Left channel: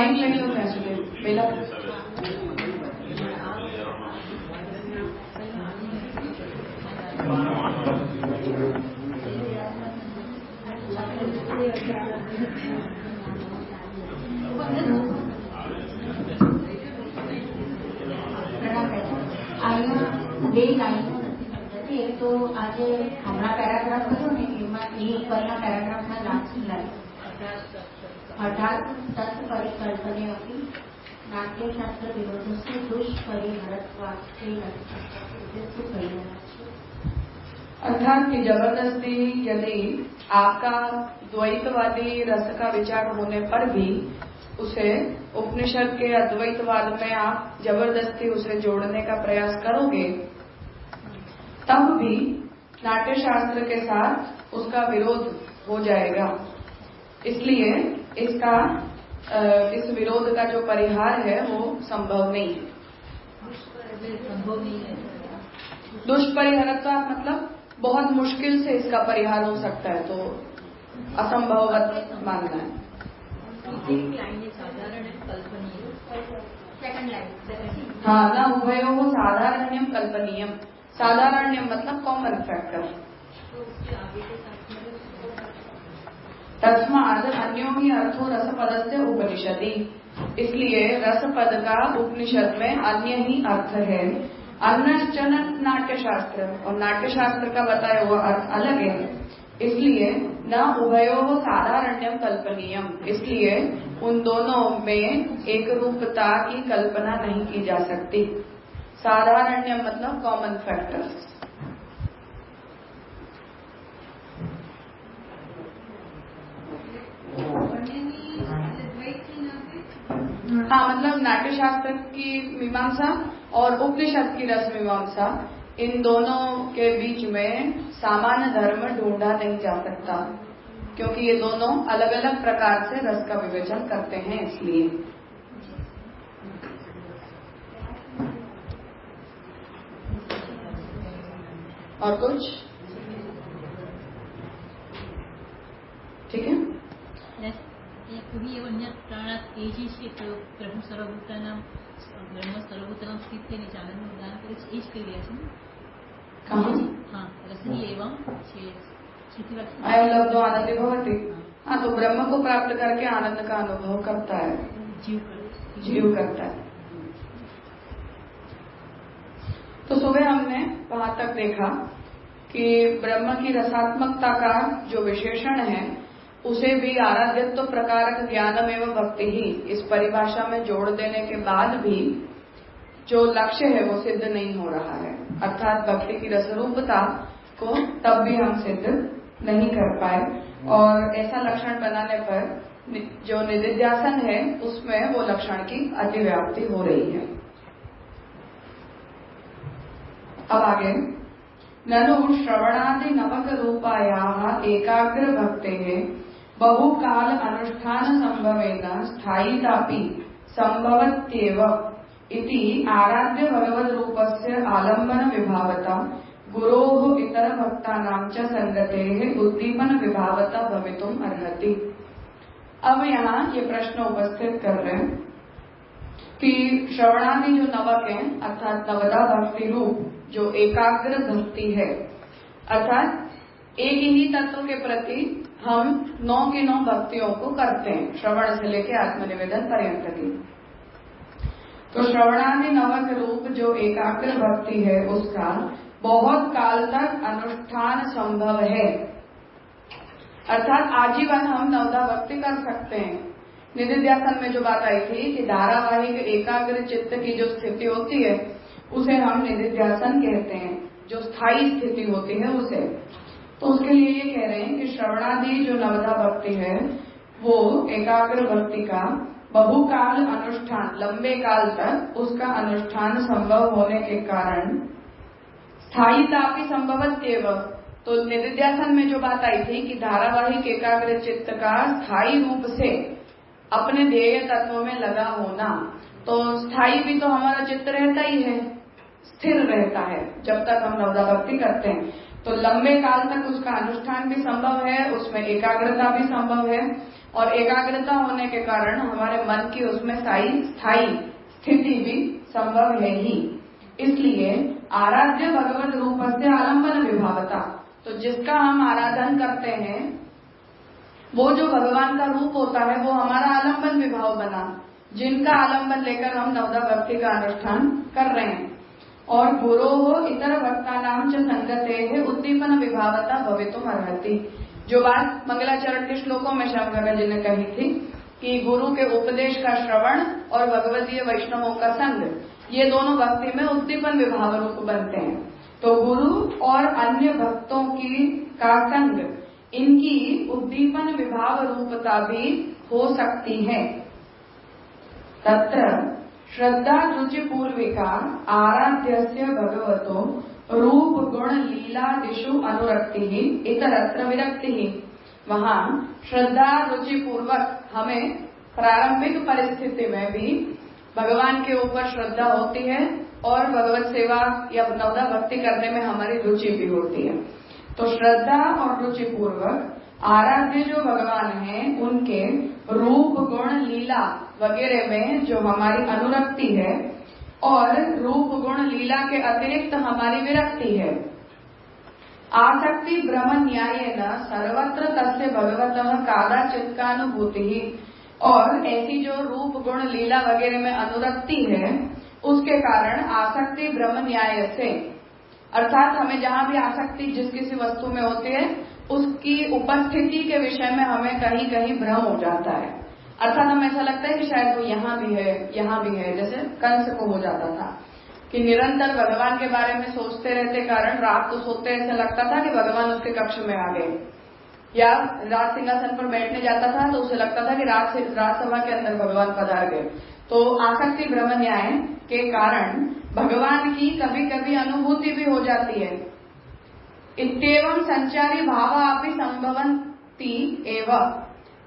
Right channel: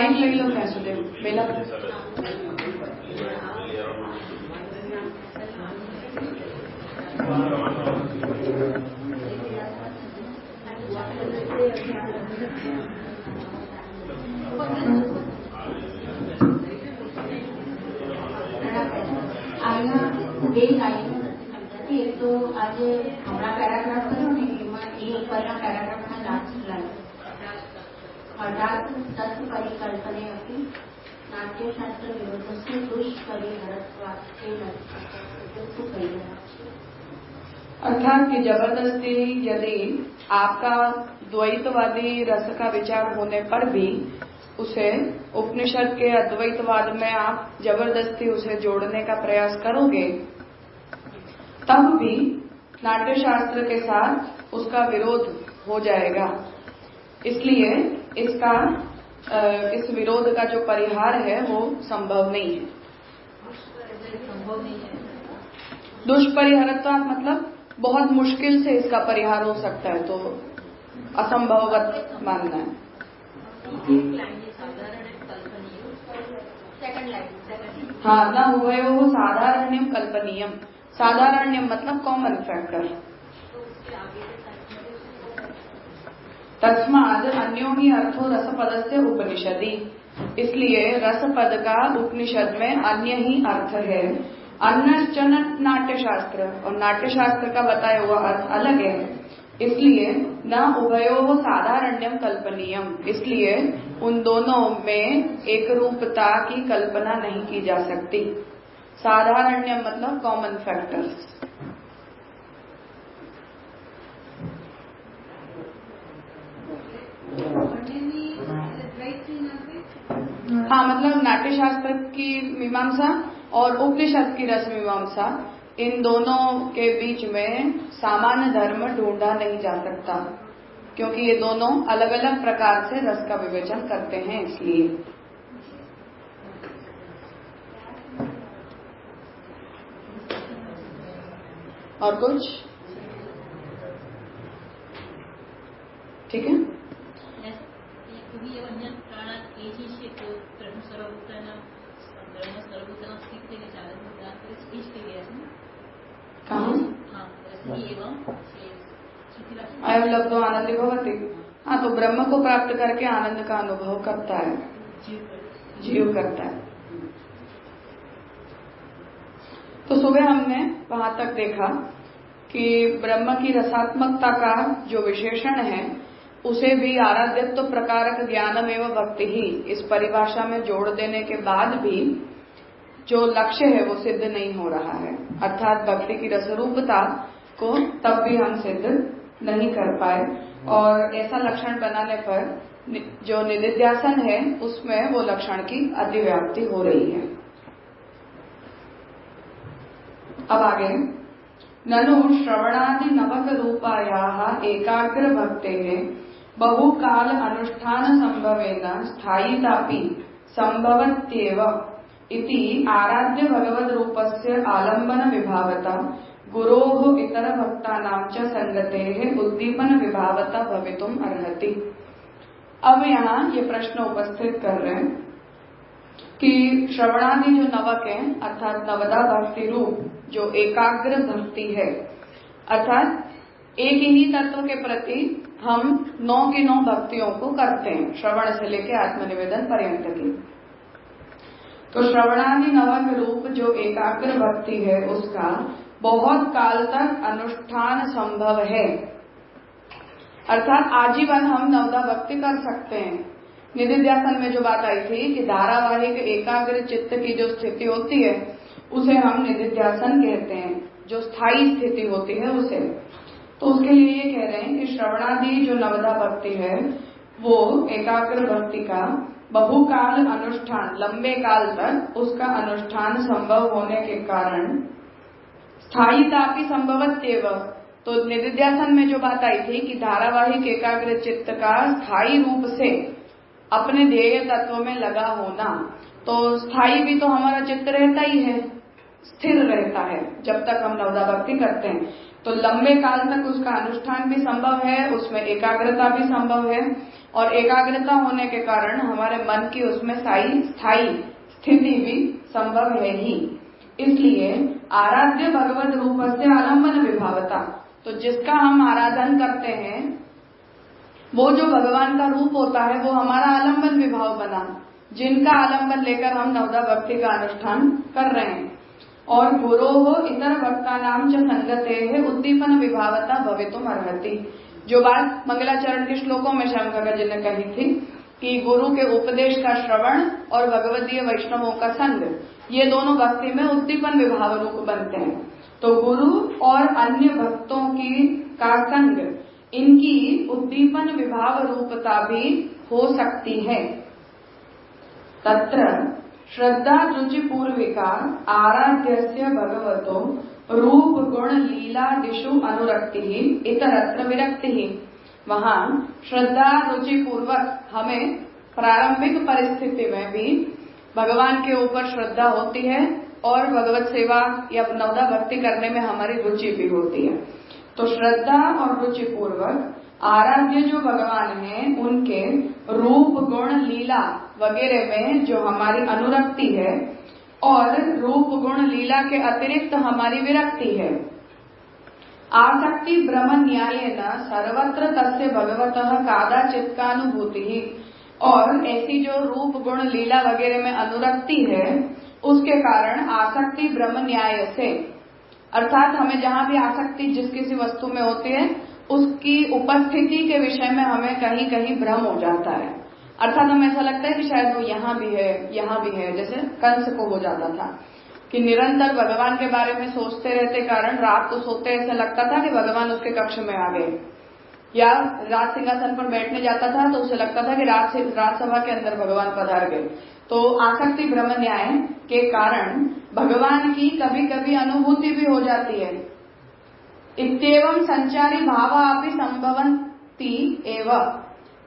Mic ले लो कैसे बेला। બે લાઈનો નથી એક તો આજે હમણાં પેરાગ્રાફ કર્યો ને એમાં એ ઉપરના પેરાગ્રાફના લાસ્ટ લાઈન અઢાર તત્વ પરિકલ્પને હતી नाट्यशास्त्र विरोधस्य दुष्परिहरत्वात् अर्थात कि जबरदस्ती यदि आपका द्वैतवादी रस का विचार होने पर भी उसे उपनिषद के अद्वैतवाद में आप जबरदस्ती उसे जोड़ने का प्रयास करोगे तब भी नाट्यशास्त्र के साथ उसका विरोध हो जाएगा। इसलिए इस विरोध का जो परिहार है वो संभव नहीं है। दुष्परिहरत्व मतलब बहुत मुश्किल से इसका परिहार हो सकता है, तो असंभववत मानना है। हाँ, न उभयो साधारण्यम कल्पनीयम। साधारण्यम मतलब कॉमन फैक्टर। तस्माद अन्यो ही अर्थो रसपद से उपनिषदि। इसलिए रसपद का उपनिषद में अन्य ही अर्थ है। अन्यश्चन नाट्यशास्त्र, और नाट्यशास्त्र का बताया हुआ अर्थ अलग है। इसलिए न उभयो साधारण्यम कल्पनीयम, इसलिए उन दोनों में एक रूपता की कल्पना नहीं की जा सकती। साधारण्यम मतलब कॉमन फैक्टर्स। हाँ, मतलब नाट्यशास्त्र की मीमांसा और उपनिषद की रस मीमांसा, इन दोनों के बीच में सामान्य धर्म ढूंढा नहीं जा सकता, क्योंकि ये दोनों अलग अलग प्रकार से रस का विवेचन करते हैं। इसलिए और कुछ ठीक है। अयम लब्धो आनंद भवति। हाँ, तो ब्रह्म को प्राप्त करके आनंद का अनुभव करता है, जीव करता है। तो सुबह हमने वहां तक देखा कि ब्रह्म की रसात्मकता का जो विशेषण है उसे भी आराध्यत्व प्रकारक ज्ञानम एवं भक्ति ही, इस परिभाषा में जोड़ देने के बाद भी जो लक्ष्य है वो सिद्ध नहीं हो रहा है। अर्थात भक्ति की रसरूपता को तब भी हम सिद्ध नहीं कर पाए, और ऐसा लक्षण बनाने पर जो निदिध्यासन है उसमें वो लक्षण की अतिव्याप्ति हो रही है। अब आगे, ननु श्रवणादि नवक रूपायाः एकाग्र भक्तेः बहुकाल अनुष्ठान संभवेन स्थायितापि संभवत्येव इति आराध्य भगवद रूपस्य आलम्बन विभावता गुरोः इतर भक्तानां च संगतेः उद्दीपन विभावता भवितुम् अर्हति। अब यहाँ ये प्रश्न उपस्थित कर रहे हैं कि श्रवणादि जो नवक है, अर्थात नवदा भक्ति रूप जो एकाग्र भक्ति है, अर्थात एक ही तत्व के प्रति हम 9 की 9 भक्तियों को करते हैं, श्रवण से लेकर आत्मनिवेदन पर्यंत की। तो श्रवणादि नवक रूप जो एकाग्र भक्ति है उसका बहुत काल तक अनुष्ठान संभव है, अर्थात आजीवन हम नवदा भक्ति कर सकते हैं। निदिध्यासन में जो बात आई थी कि धारावाहिक एकाग्र चित्त की जो स्थिति होती है उसे हम निदिध्यासन कहते हैं, जो स्थायी स्थिति होती है उसे। तो उसके लिए ये कह रहे हैं कि श्रवणादि जो नवदा भक्ति है वो एकाग्र भक्ति का बहुकाल अनुष्ठान, लंबे काल तक उसका अनुष्ठान संभव होने के कारण स्थायीता भी संभवत्येव। तो निदिध्यासन में जो बात आई थी कि धारावाहिक एकाग्र चित्त का स्थायी रूप से अपने ध्येय तत्व में लगा होना, तो स्थायी भी तो हमारा चित्त रहता ही है, स्थिर रहता है जब तक हम नवदा भक्ति करते हैं। तो लंबे काल तक उसका अनुष्ठान भी संभव है, उसमें एकाग्रता भी संभव है। और एकाग्रता होने के कारण हमारे मन की उसमें स्थायी स्थिति भी संभव है ही। इसलिए आराध्य भगवत रूप से आलम्बन विभावता, तो जिसका हम आराधन करते हैं वो जो भगवान का रूप होता है वो हमारा आलम्बन विभाव बना, जिनका आलम्बन लेकर हम नवदा भक्ति का अनुष्ठान कर रहे हैं। और गुरो हो इतर भक्ता नाम च संगते है उद्दीपन विभावता भवितुम अर्हति। जो बात मंगलाचरण के श्लोकों में श्यामकाका जी ने कही थी कि गुरु के उपदेश का श्रवण और भगवदीय वैष्णवों का संग, ये दोनों भक्ति में उद्दीपन विभाव रूप बनते हैं। तो गुरु और अन्य भक्तों की का संग, इनकी उद्दीपन विभाव रूपता भी हो सकती है। तत्र श्रद्धा रुचि पूर्विका आराध्यस्य भगवतो रूप गुण लीला दिशु अनुरक्ति इतरत्र विरक्ति। वहाँ श्रद्धा रुचि पूर्वक हमें प्रारंभिक परिस्थिति में भी भगवान के ऊपर श्रद्धा होती है और भगवत सेवा या नवदा भक्ति करने में हमारी रुचि भी होती है। तो श्रद्धा और रुचि पूर्वक आराध्य जो भगवान हैं उनके रूप गुण लीला वगैरह में जो हमारी अनुरक्ति है और रूप गुण लीला के अतिरिक्त हमारी विरक्ति है। आसक्ति ब्रह्म न्याय न सर्वत्र तस्य भगवतः कादाचित्कानुभूति। और ऐसी जो रूप गुण लीला वगैरह में अनुरक्ति है उसके कारण आसक्ति ब्रह्म न्याय से, अर्थात हमें जहाँ भी आसक्ति जिस किसी वस्तु में होती है उसकी उपस्थिति के विषय में हमें कहीं कहीं भ्रम हो जाता है। अर्थात हमें ऐसा लगता है कि शायद वो यहाँ भी है, जैसे कंस को हो जाता था कि निरंतर भगवान के बारे में सोचते रहते कारण रात को सोते ऐसा लगता था कि भगवान उसके कक्ष में आ गए, या राज सिंहासन पर बैठने जाता था तो उसे लगता था कि राजसभा के अंदर भगवान पधार गए। तो आसक्ति ब्रह्म न्याय के कारण भगवान की कभी कभी अनुभूति भी हो जाती है। इत्येवं संचारी भाव अपि संभवन्ति एव,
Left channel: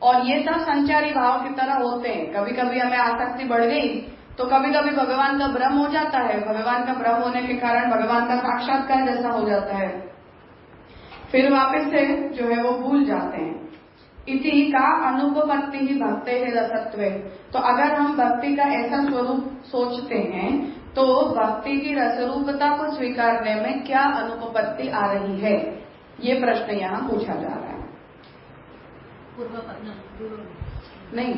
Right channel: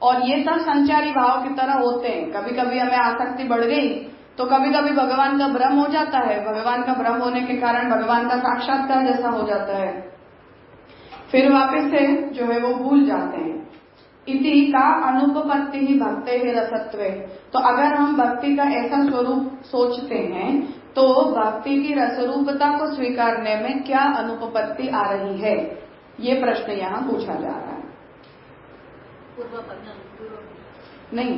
और ये सब संचारी भाव की तरह होते हैं। कभी कभी हमें आसक्ति बढ़ गई तो कभी कभी भगवान का भ्रम हो जाता है, भगवान का भ्रम होने के कारण भगवान का साक्षात्कार जैसा हो जाता है, फिर वापस से जो है वो भूल जाते हैं। इति का अनुपपत्ति ही भक्ते है रसत्वे। तो अगर हम भक्ति का ऐसा स्वरूप सोचते हैं तो भक्ति की रसरूपता को स्वीकारने में क्या अनुपपत्ति आ रही है, ये प्रश्न यहाँ पूछा जा रहा है। नहीं,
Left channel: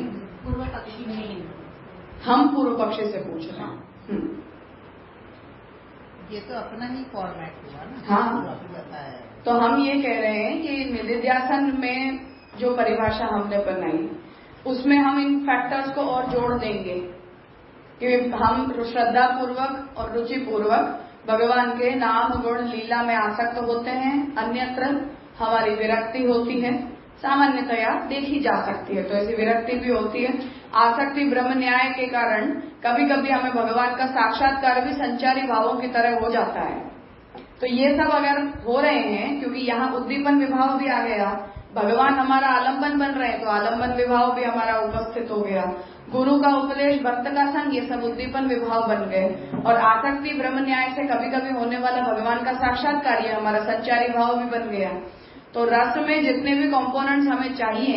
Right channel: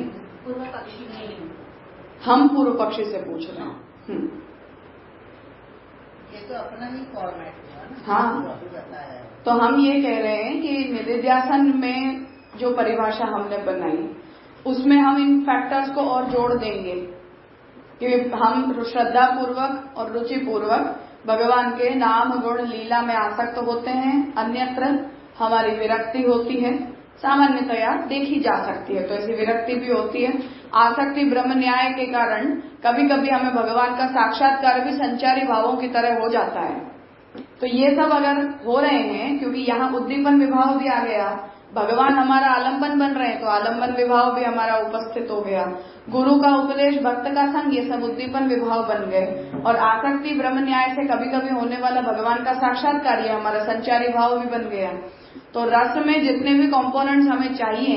हम पूर्व पक्षी से पूछ रहे हैं। ये तो अपना ही फॉर्मेट हुआ ना। हाँ, तो हम ये कह रहे हैं कि निधिध्यासन में जो परिभाषा हमने बनाई उसमें हम इन फैक्टर्स को और जोड़ देंगे कि हम श्रद्धा पूर्वक और रुचि पूर्वक भगवान के नाम गुण लीला में आसक्त होते हैं, अन्यत्र हमारी विरक्ति होती है, सामान्यतया देखी जा सकती है। तो ऐसी विरक्ति भी होती है। आसक्ति ब्रह्म न्याय के कारण कभी कभी हमें भगवान का साक्षात्कार भी संचारी भावों की तरह हो जाता है। तो ये सब अगर हो रहे हैं, क्योंकि यहाँ उद्दीपन विभाव भी आ गया, भगवान हमारा आलम्बन बन रहे हैं तो आलम्बन विभाव भी हमारा उपस्थित हो गया, गुरु का उपदेश भक्त का संग, ये सब उद्दीपन विभाव बन गए, और आसक्ति ब्रह्म न्याय से कभी कभी होने वाला भगवान का साक्षात्कार ये हमारा संचारी भाव भी बन गया। तो रस में जितने भी कंपोनेंट्स हमें चाहिए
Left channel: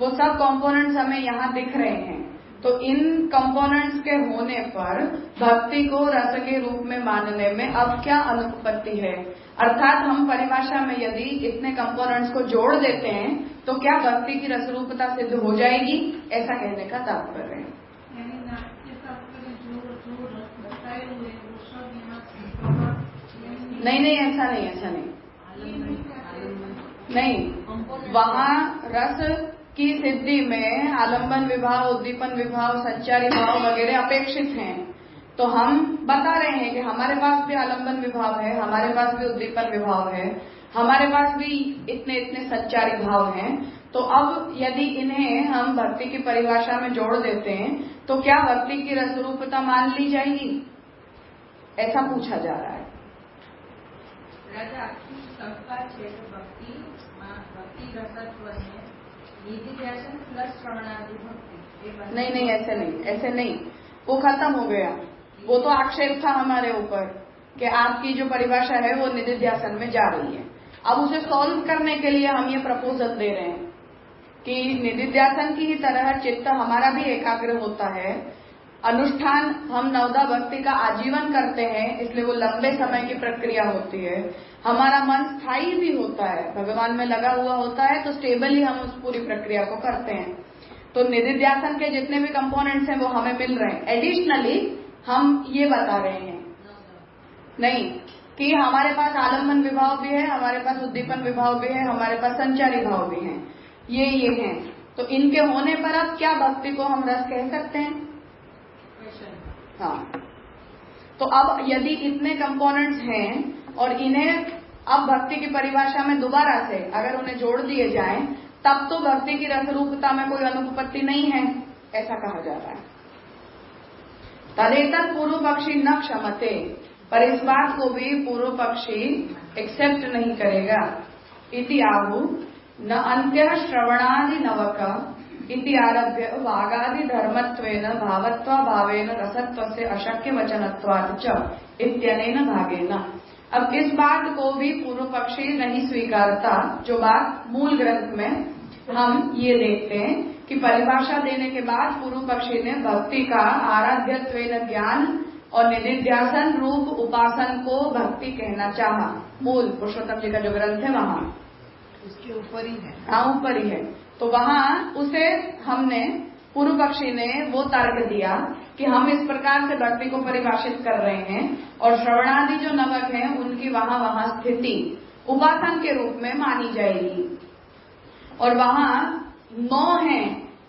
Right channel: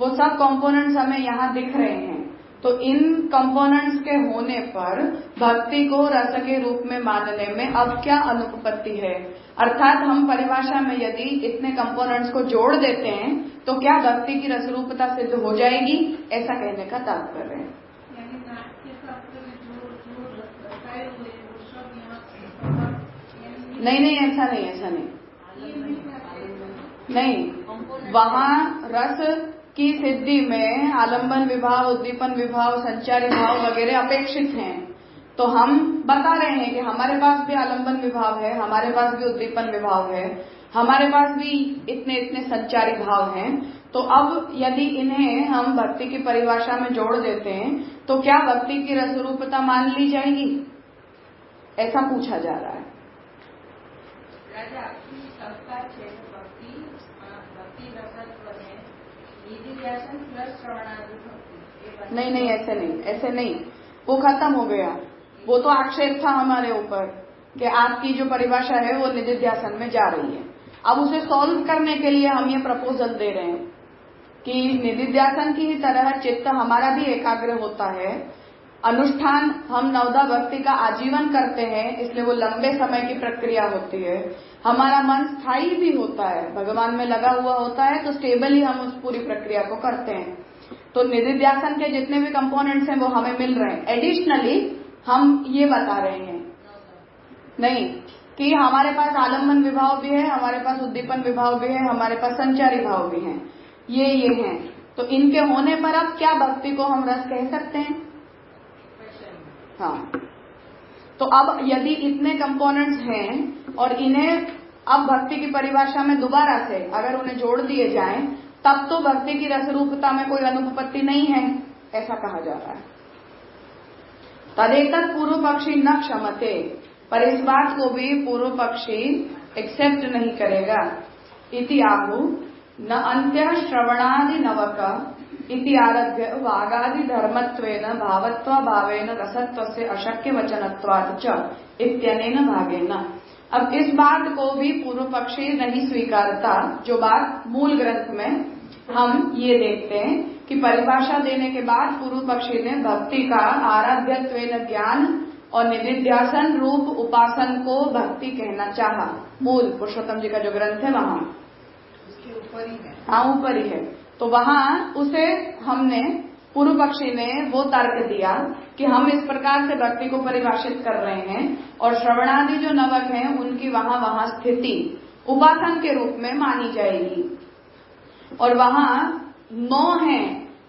वो सब कंपोनेंट्स हमें यहाँ दिख रहे हैं। तो इन कंपोनेंट्स के होने पर भक्ति को रस के रूप में मानने में अब क्या अनुपपत्ति है, अर्थात हम परिभाषा में यदि इतने कंपोनेंट्स को जोड़ देते हैं तो क्या भक्ति की रसरूपता सिद्ध हो जाएगी, ऐसा कहने का तात्पर्य है। नहीं, ऐसा नहीं, वहाँ रस की सिद्धि में आलम्बन विभाव, उद्दीपन विभाव, संचारी भाव वगैरह अपेक्षित हैं। तो हम बता रहे हैं कि हमारे पास भी आलम्बन विभाव है, हमारे पास भी उद्दीपन विभाव है, हमारे पास भी इतने संचारी भाव हैं। तो अब यदि इन्हें हम भक्ति की परिभाषा में जोड़ देते हैं तो क्या भक्ति की रसरूपता मान ली जाएगी, ऐसा पूछा जा रहा है। नहीं, ऐसे नहीं, वो खत्म हो गया। वो तो आक्षेप था हमारे ऊपर कि आपकी जो परिभाषा है वो निधिध्यासन में जा रही है। अब उसे सॉल्व करने के लिए हम ये प्रपोजल दे रहे हैं कि निधिध्यासन की ही तरह चित्त हमारा भी एकाग्र होता है। अनुष्ठान हम नवदा भक्ति का आजीवन करते हैं, इसलिए वो लंबे समय की प्रक्रिया होती है। हमारा मन स्थायी भी होता है, भगवान में लगा हुआ होता है, तो स्टेबली हम उस पूरी प्रक्रिया को करते हैं। तो निधिध्यासन के जितने भी कंपोनेंट्स हैं वो हमें मिल रहे हैं। एडिशनली हम ये बता रहे हैं नहीं कि हमारे पास आलम्बन विभाव भी है, हमारे पास उद्दीपन विभाव भी है, हमारे पास संचारी भाव भी है, ये हैं। तो इनके होने पर अब क्या भक्ति को हम रस कह सकते हैं? हाँ, तो अब यदि इतने कंपोनेंट्स हैं और इन्हें अब भक्ति की परिभाषा में दोबारा से अगर उन्हें जोड़ दिए जाएं, तब तो भक्ति की रसरूपता में कोई अनुपपत्ति नहीं है, ऐसा कहा जा रहा है। तदेतत् पूर्व पक्षी न क्षमते, पर इस बात को भी पूर्व पक्षी एक्सेप्ट नहीं करेगा। इति आहु न अंत्य श्रवणादि नवक इति आरभ्य वागादि धर्मत्वेन भावत्वा भावेन रसत्वस्य अशक्य वचनत्वात् च इत्यनेन भागेन। अब इस बात को भी पूर्व पक्षी नहीं स्वीकारता, जो बात मूल ग्रंथ में हम ये देखते हैं कि परिभाषा देने के बाद पूर्व पक्षी ने भक्ति का आराध्यत्वेन ज्ञान और निधिध्यासन रूप उपासन को भक्ति कहना चाहा। मूल पुरुषोत्तम जी का जो ग्रंथ है वहां उसके ऊपर ही है। हाँ, ऊपर ही है। तो वहां उसे हमने पूर्व पक्षी ने वो तर्क दिया कि हम इस प्रकार से भक्ति को परिभाषित कर रहे हैं और श्रवणादि जो नवक हैं उनकी वहां स्थिति उपासन के रूप में मानी जाएगी। और वहां 9 है,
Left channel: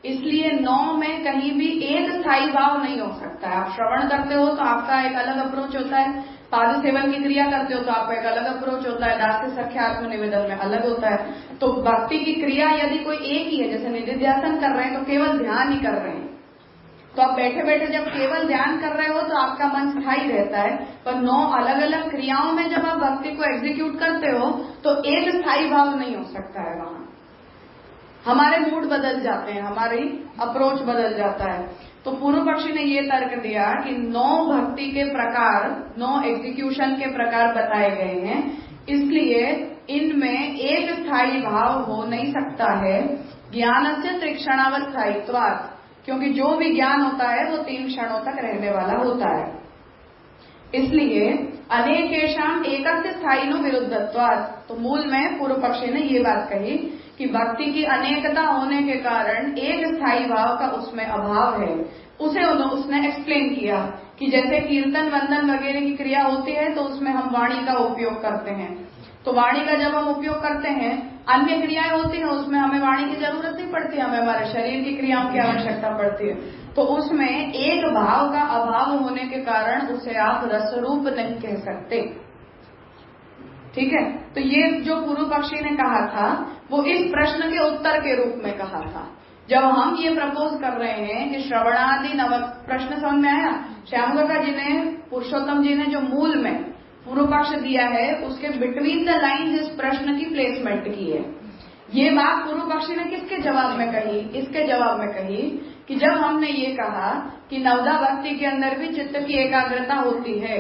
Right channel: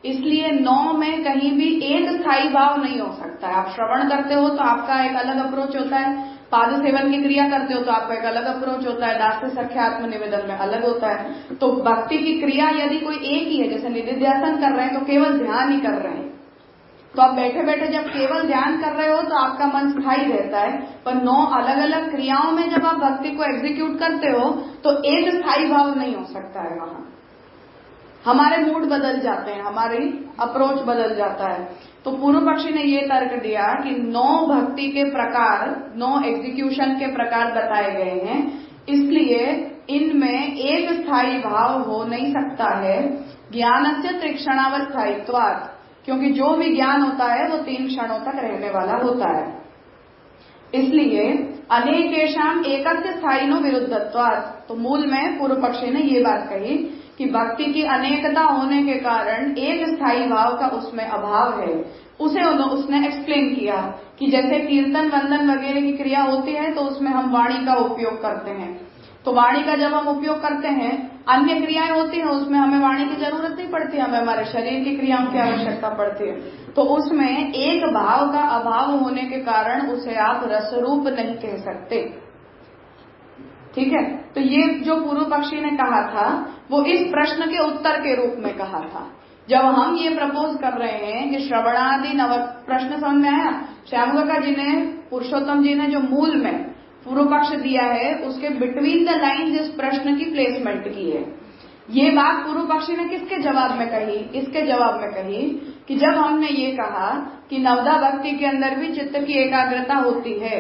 इसलिए 9 में कहीं भी एक स्थायी भाव नहीं हो सकता है। आप श्रवण करते हो तो आपका एक अलग अप्रोच होता है, पाद सेवन की क्रिया करते हो तो आपका एक अलग अप्रोच होता है, दास्य सख्य आत्म निवेदन में अलग होता है। तो भक्ति की क्रिया यदि कोई एक ही है, जैसे निधिध्यासन कर रहे हैं तो केवल ध्यान ही कर रहे हैं, तो आप बैठे बैठे जब केवल ध्यान कर रहे हो तो आपका मन स्थायी रहता है। पर 9 अलग अलग क्रियाओं में जब आप भक्ति को एग्जीक्यूट करते हो तो एक स्थायी भाव नहीं हो सकता है। वहां हमारे मूड बदल जाते हैं, हमारी अप्रोच बदल जाता है। तो पूर्व पक्षी ने ये तर्क दिया कि 9 भक्ति के प्रकार, 9 एग्जीक्यूशन के प्रकार बताए गए हैं, इसलिए इनमें एक स्थायी भाव हो नहीं सकता है। ज्ञानस्य त्रिक्षणावस्थायित्वात्, क्योंकि जो भी ज्ञान होता है वो 3 क्षणों तक रहने वाला होता है। इसलिए अनेकेषाम एकस्य स्थायिनो विरुद्धत्वात्, तो मूल में पूर्व पक्षी ने ये बात कही कि भक्ति की अनेकता होने के कारण एक स्थायी भाव का उसमें अभाव है। उसे उसने एक्सप्लेन किया कि जैसे कीर्तन वंदन वगैरह की क्रिया होती है तो उसमें हम वाणी का उपयोग करते हैं, तो वाणी का जब हम उपयोग करते हैं, अन्य क्रियाएं होती हैं उसमें हमें वाणी की जरूरत नहीं पड़ती, हमें हमारे शरीर की क्रियाओं की आवश्यकता पड़ती है। तो उसमें एक भाव का अभाव होने के कारण उसे आप रसरूप नहीं कह सकते। ठीक है, तो ये जो पूर्व पक्षी ने कहा था वो इस प्रश्न के उत्तर के रूप में कहा था। जब हम ये प्रपोज कर रहे हैं कि श्रवणादि नव, प्रश्न समझ में आया? श्यामकाका जी ने, पुरुषोत्तम जी ने जो मूल में पूर्व पक्ष दिया है उसके बिटवीन द लाइन्स इस प्रश्न की प्लेसमेंट की है। ये बात पूर्व पक्षी ने किसके जवाब में कही? इसके जवाब में कही कि जब हमने ये कहा कि नवदा भक्ति के अंदर भी चित्त की एकाग्रता होती है,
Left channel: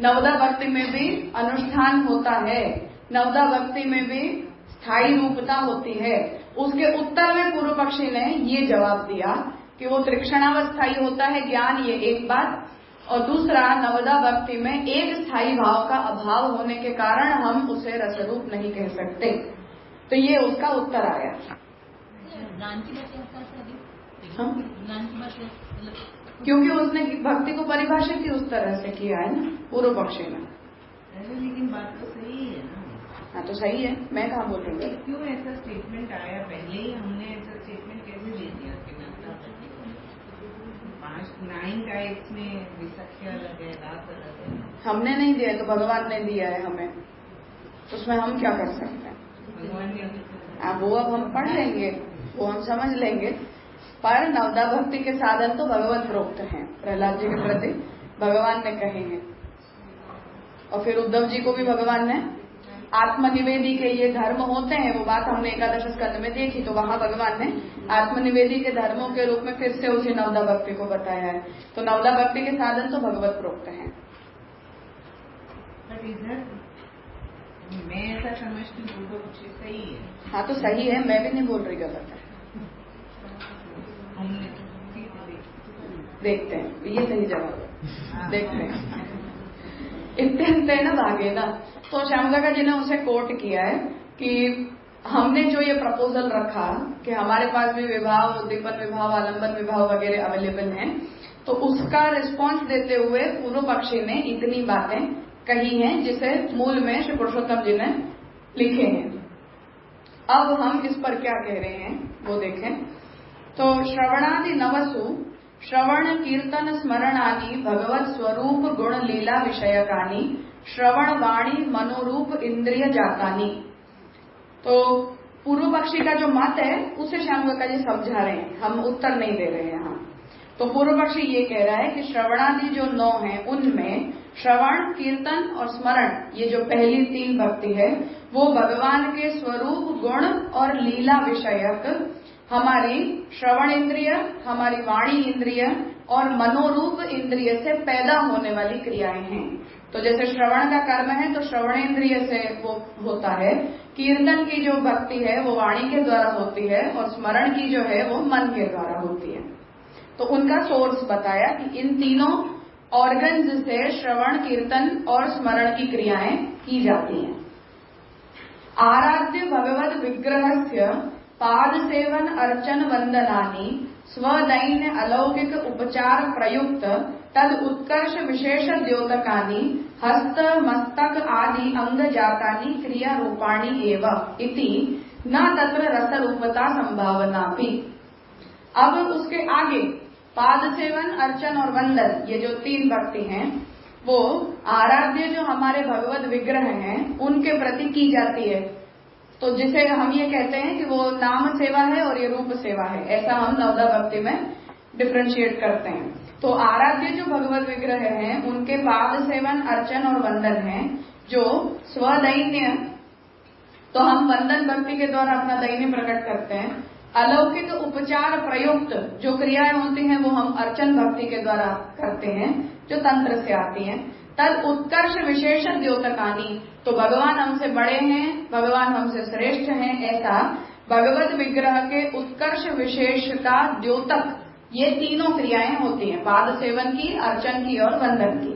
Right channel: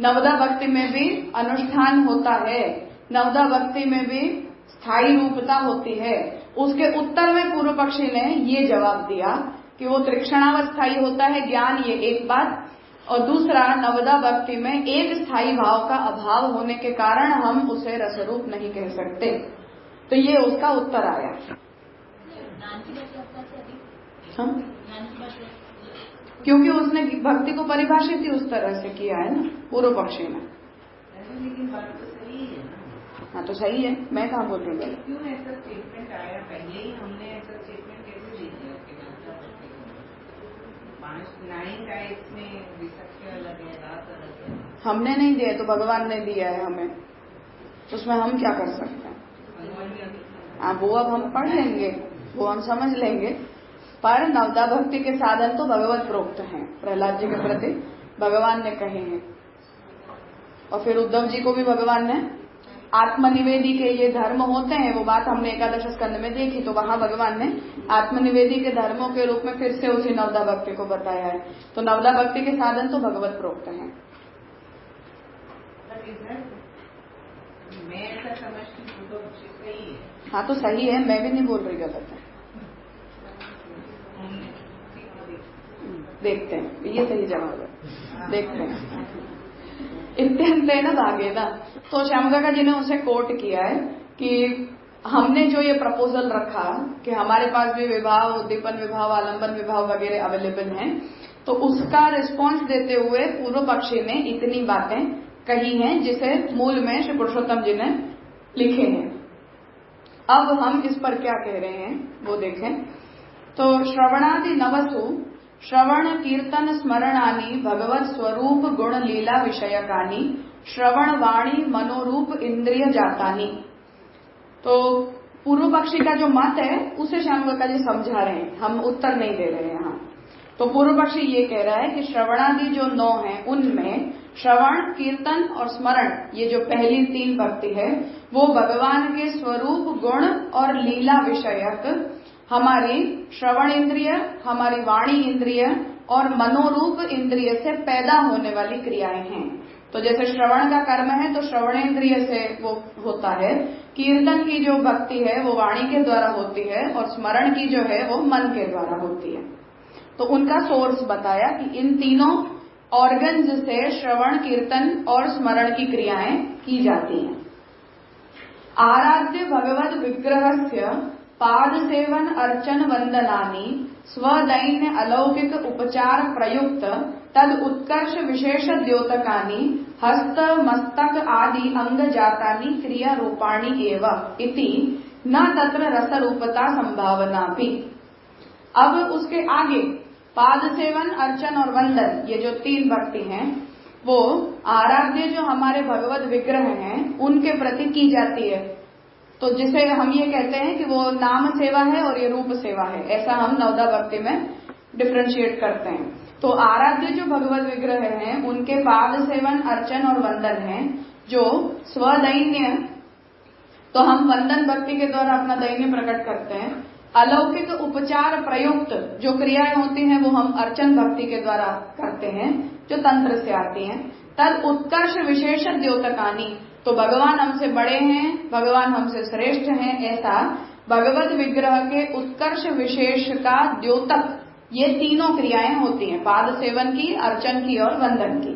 नवदा भक्ति में भी अनुष्ठान होता है, नवदा भक्ति में भी स्थायी रूपता होती है, उसके उत्तर में पूर्व पक्षी ने ये जवाब दिया कि वो त्रिक्षणावस्थायी होता है ज्ञान, ये एक बात, और दूसरा नवदा भक्ति में एक स्थायी भाव का अभाव होने के कारण हम उसे रसरूप नहीं कह सकते। तो ये उसका उत्तर आया। हाँ? क्योंकि उसने भक्ति को परिभाषित ही उस तरह से किया है ना पूर्व पक्षी ने। लेकिन बात तो सही है ना। हाँ तो सही है, मैं कहाँ बोल रही हूँ? क्यों ऐसा स्टेटमेंट आया? पहले ही हमने ऐसा स्टेटमेंट कैसे दे दिया? 5-9 का इसमें विसक्ष्य अलग है, रात अलग है। हमने नहीं दिया, तो भगवान ने दिया है हमें, उसमें हम क्या कर सकते हैं? भगवान ने हाँ, वो अब हम पढ़ लेंगे, वो हम समझ लेंगे। पर नवदा भक्ति के साधन तो भगवत प्रोक्त हैं, प्रहलाद जी के प्रति भगवान ने कहे हैं, और फिर उद्धव जी को भी भगवान ने आत्मनिवेदी के ये धर्म होते हैं, वो बात हमने एकादश स्कंद में देखी, तो वहां भगवान ने आत्मनिवेदी के धर्मों के रूप में फिर से उसी नवदा भक्ति को बताया है। तो नवदा भक्ति के साधन तो भगवत प्रोक्त हैं। मैं ऐसा समझती हूँ तो सही है। हाँ तो सही है, मैं भी नहीं बोल रही गलत है। देखते हैं ये सही जवाब है, देखते हैं। इत्यंतेन भागेन, तो श्यामकाका जी ने उसे कोट किया है कि हमने जो ये प्रपोजल रखा कि हमारे पास भी विभाव, उद्दीपन विभाव, आलंबन विभाव वगैरह अवेलेबल हैं, तो उसका रिस्पॉन्स देते हुए पूर्व पक्षी ने इतनी बातें कही हैं जिसे मूल में श्री पुरुषोत्तम जी ने लिखे हैं। अब हम इस पर क्या कह रहे हैं वो देखें। तो श्रवणादि नवसु श्रवण कीर्तन स्मरणानि भगवत स्वरूप गुण लीला विषयकानि श्रवण वाणी मनोरूप इंद्रिय जातानि। तो पूर्व पक्षी का जो मत है उसे श्यामकाका जी समझा रहे हैं, हम उत्तर नहीं दे रहे हैं यहाँ। तो पूर्व पक्षी ये कह रहा है कि श्रवणादि जो 9 हैं उनमें श्रवण कीर्तन और स्मरण, ये जो पहली 3 भक्ति है, वो भगवान के स्वरूप गुण और लीला विषयक हमारी श्रवण इंद्रिय, हमारी वाणी इंद्रिय और मनोरूप इंद्रिय से पैदा होने वाली क्रियाएं हैं। तो जैसे श्रवण का कर्म है तो श्रवणेन्द्रिय से वो होता है, कीर्तन की जो भक्ति है वो वाणी के द्वारा होती है और स्मरण की जो है वो मन के द्वारा होती है। तो उनका सोर्स बताया कि इन तीनों ऑर्गन्स से श्रवण कीर्तन और स्मरण की क्रियाएं की जाती हैं। आराध्य भगवत विग्रहस्य पाद सेवन अर्चन वंदनानि स्वदैन्य अलौकिक उपचार प्रयुक्त तद उत्कर्ष विशेष द्योतकानि हस्त मस्तक आदि अंग जातानि क्रिया रूपाणि एव इति न तत्र रस रूपता संभावना भी। अब उसके आगे पाद सेवन अर्चन और वंदन, ये जो 3 भक्ति हैं वो आराध्य जो हमारे भगवत विग्रह हैं उनके प्रति की जाती है। तो जिसे हम ये कहते हैं कि वो नाम सेवा है और ये रूप सेवा है, ऐसा हम नवदा भक्ति में डिफरेंशिएट करते हैं। तो आराध्य जो भगवत विग्रह हैं उनके पाद सेवन अर्चन और वंदन है जो स्वदैन्य, तो हम वंदन भक्ति के द्वारा अपना दैन्य प्रकट करते हैं। अलौकिक उपचार प्रयुक्त जो क्रियाएं होती हैं वो हम अर्चन भक्ति के द्वारा करते हैं जो तंत्र से आती हैं। तद उत्कर्ष विशेष द्योतकानि, तो भगवान हमसे बड़े हैं, भगवान हमसे श्रेष्ठ हैं, ऐसा भगवत विग्रह के उत्कर्ष विशेष का द्योतक ये तीनों क्रियाएं होती हैं, पाद सेवन की, अर्चन की और वंदन की।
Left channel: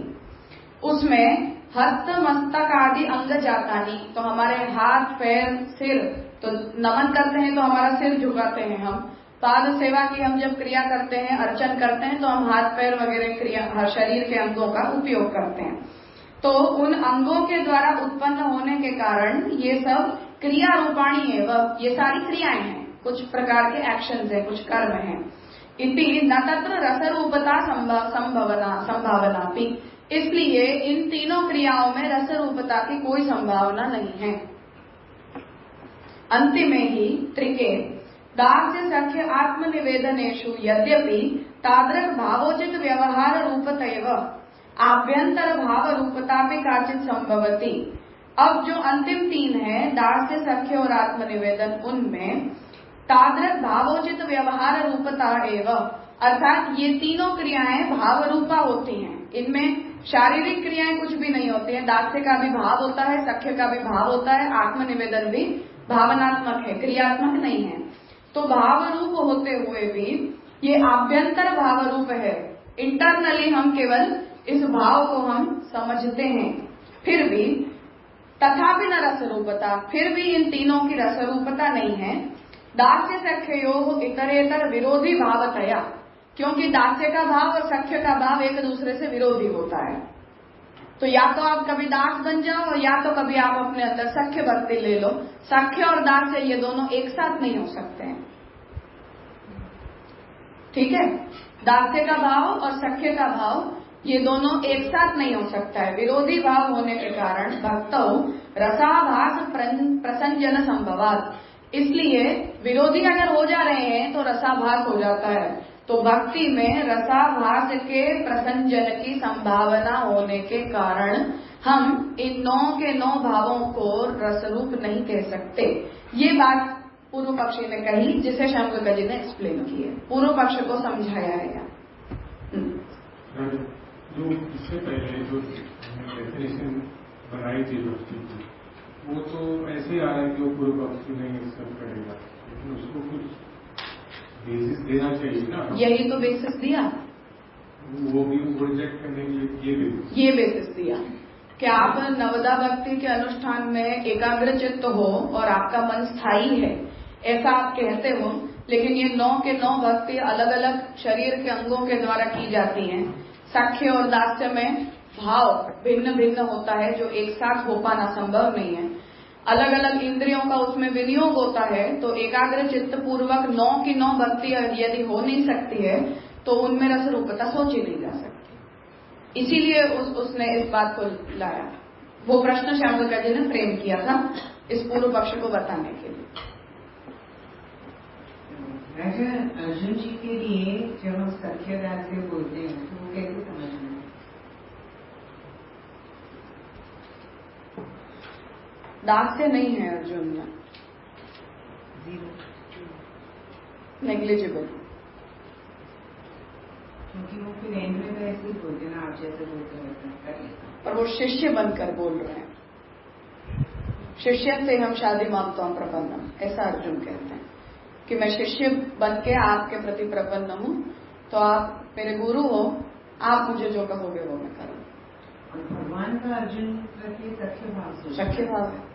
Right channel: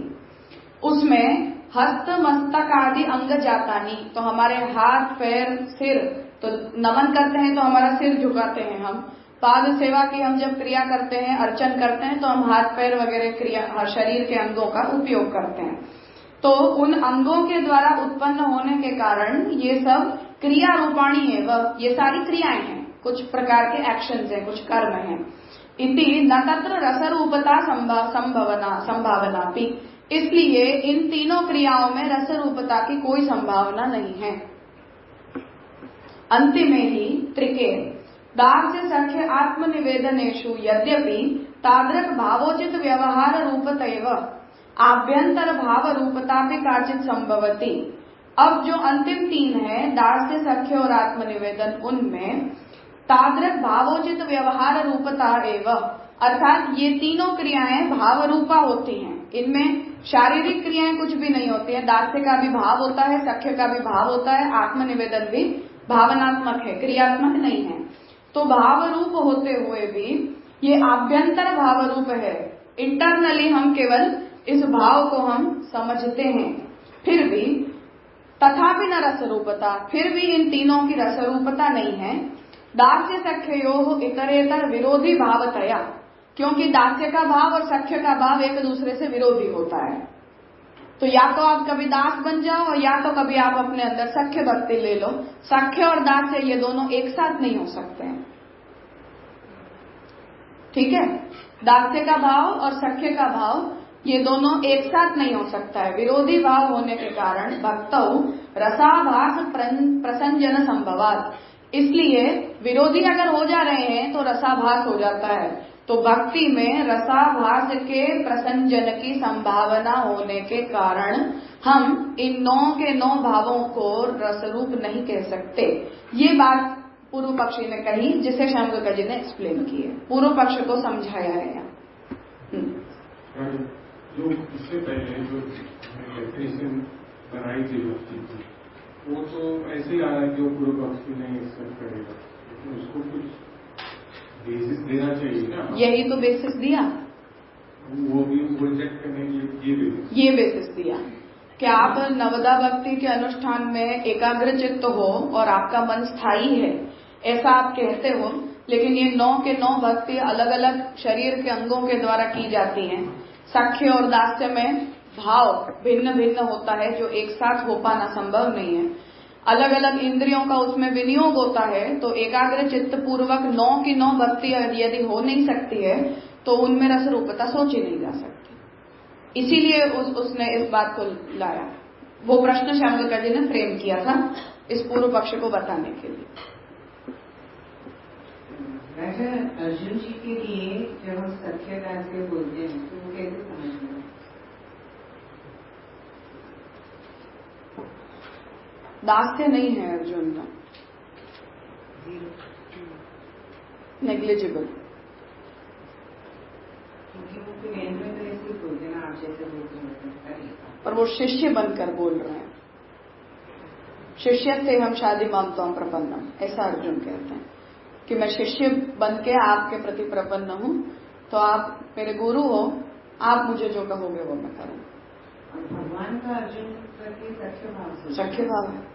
उसमें हस्त मस्तक आदि अंग जातानी, तो हमारे हाथ पैर सिर, तो नमन करते हैं तो हमारा सिर झुकाते हैं हम। पाद सेवा की हम जब क्रिया करते हैं, अर्चन करते हैं तो हम हाथ पैर वगैरह क्रिया शरीर के अंगों का उपयोग करते हैं। तो उन अंगों के द्वारा उत्पन्न होने के कारण ये सब क्रिया रूपाणी है, वह ये सारी क्रियाएं हैं, कुछ प्रकार के एक्शंस हैं, कुछ कर्म हैं। इति न तत्र रस रूपता संभावना भी, इसलिए इन तीनों क्रियाओं में रस रूपता की कोई संभावना नहीं है। अंतिम ही त्रिके दास्य सख्य आत्मनिवेदनेषु यद्यपि तादृक भावोचित व्यवहार रूपतैव आभ्यंतर भाव रूपता भी काचित संभवती। अब जो अंतिम 3 है दास्य सख्य और आत्मनिवेदन, उनमें तादृक भावोचित व्यवहार रूपता एवं, अर्थात ये तीनों क्रियाएं भाव रूपा होती हैं, इनमें शारीरिक क्रियाएं कुछ भी नहीं होती है। दास्य का भी भाव होता है, सख्य का भी भाव होता है, आत्मनिवेदन भी भावनात्मक है, क्रियात्मक नहीं है। तो भाव रूप होते हुए भी ये आभ्यंतर भाव रूप है, इंटरनली हम केवल इस भाव को हम समझते हैं। फिर भी तथापि न रस रूपता, फिर भी इन तीनों की रस रूपता नहीं है। दास्य सख्ययोः इतरेतर विरोधी भावतया, क्योंकि दास्य का भाव और सख्य का भाव एक दूसरे से विरोधी होता है। तो या तो आप कभी दास बन जाओ या तो कभी आप अपने अंदर सख्य भक्ति ले लो। सख्य और दास्य ये दोनों एक साथ नहीं हो सकते हैं, ठीक है। दास्य का भाव और सख्य का भाव ये दोनों एक साथ नहीं हो सकता है, विरोधी भाव होने के कारण भक्तौ रसाभास प्रसंजन संभवात, इसलिए विरोधी अगर हो जा रहे हैं तो रसाभास हो जाता है। तो भक्ति में रसाभास के प्रसंजन की संभावना होने के कारण हम इन 9 के 9 भावों को रसरूप नहीं कह सकते। ये बात पूर्व पक्षी ने कही जिसे श्यामकाका जी ने एक्सप्लेन की है, पूर्व पक्ष को समझाया है। जो इससे पहले जो डेफिनेशन बनाई थी भक्ति, वो तो ऐसे ही आ रहा है कि वो पूर्व पक्षी ने एक्सेप्ट करेगा, लेकिन उसको कुछ बेसिस देना चाहिए ना। यही तो बेसिस दिया, वो भी रिजेक्ट करने के लिए ये बेसिस दिया कि आप नवदा भक्ति के अनुष्ठान में एकाग्र चित्त हो और आपका मन स्थायी है, ऐसा आप कहते हो, लेकिन ये 9 के 9 भक्ति अलग अलग शरीर के अंगों के द्वारा की जाती हैं। सख्य और दास्य में भाव भिन्न भिन्न होता है, जो एक साथ हो पाना संभव नहीं है। अलग अलग इंद्रियों का उसमें विनियोग होता है, तो एकाग्र चित्त पूर्वक 9 की 9 भक्ति यदि हो नहीं सकती है तो उनमें रस रूपता सोची नहीं जा सकती। इसीलिए उसने इस बात को लाया। वो प्रश्न श्यामका जी ने फ्रेम किया था इस पूर्व पक्ष को बताने के लिए। अर्जुन जी के लिए जब हम सख्य दास्य बोलते हैं तो वो कैसे समझना है? दास्य नहीं है अर्जुन में, नेग्लिजिबल। क्योंकि वो फिर एंड में तो ऐसे ही बोलते हैं ना, आप जैसे बोलते हैं। और वो शिष्य बनकर बोल रहे हैं, शिष्य से हम शादी मांगता हूं प्रपन्नम, ऐसा अर्जुन कहते हैं कि मैं शिष्य बन के आपके प्रति प्रपन्न हूं, तो आप मेरे गुरु हो, आप मुझे जो कहोगे वो मैं करूं। और भगवान का अर्जुन प्रति सख्य भाव, सख्य भाव है।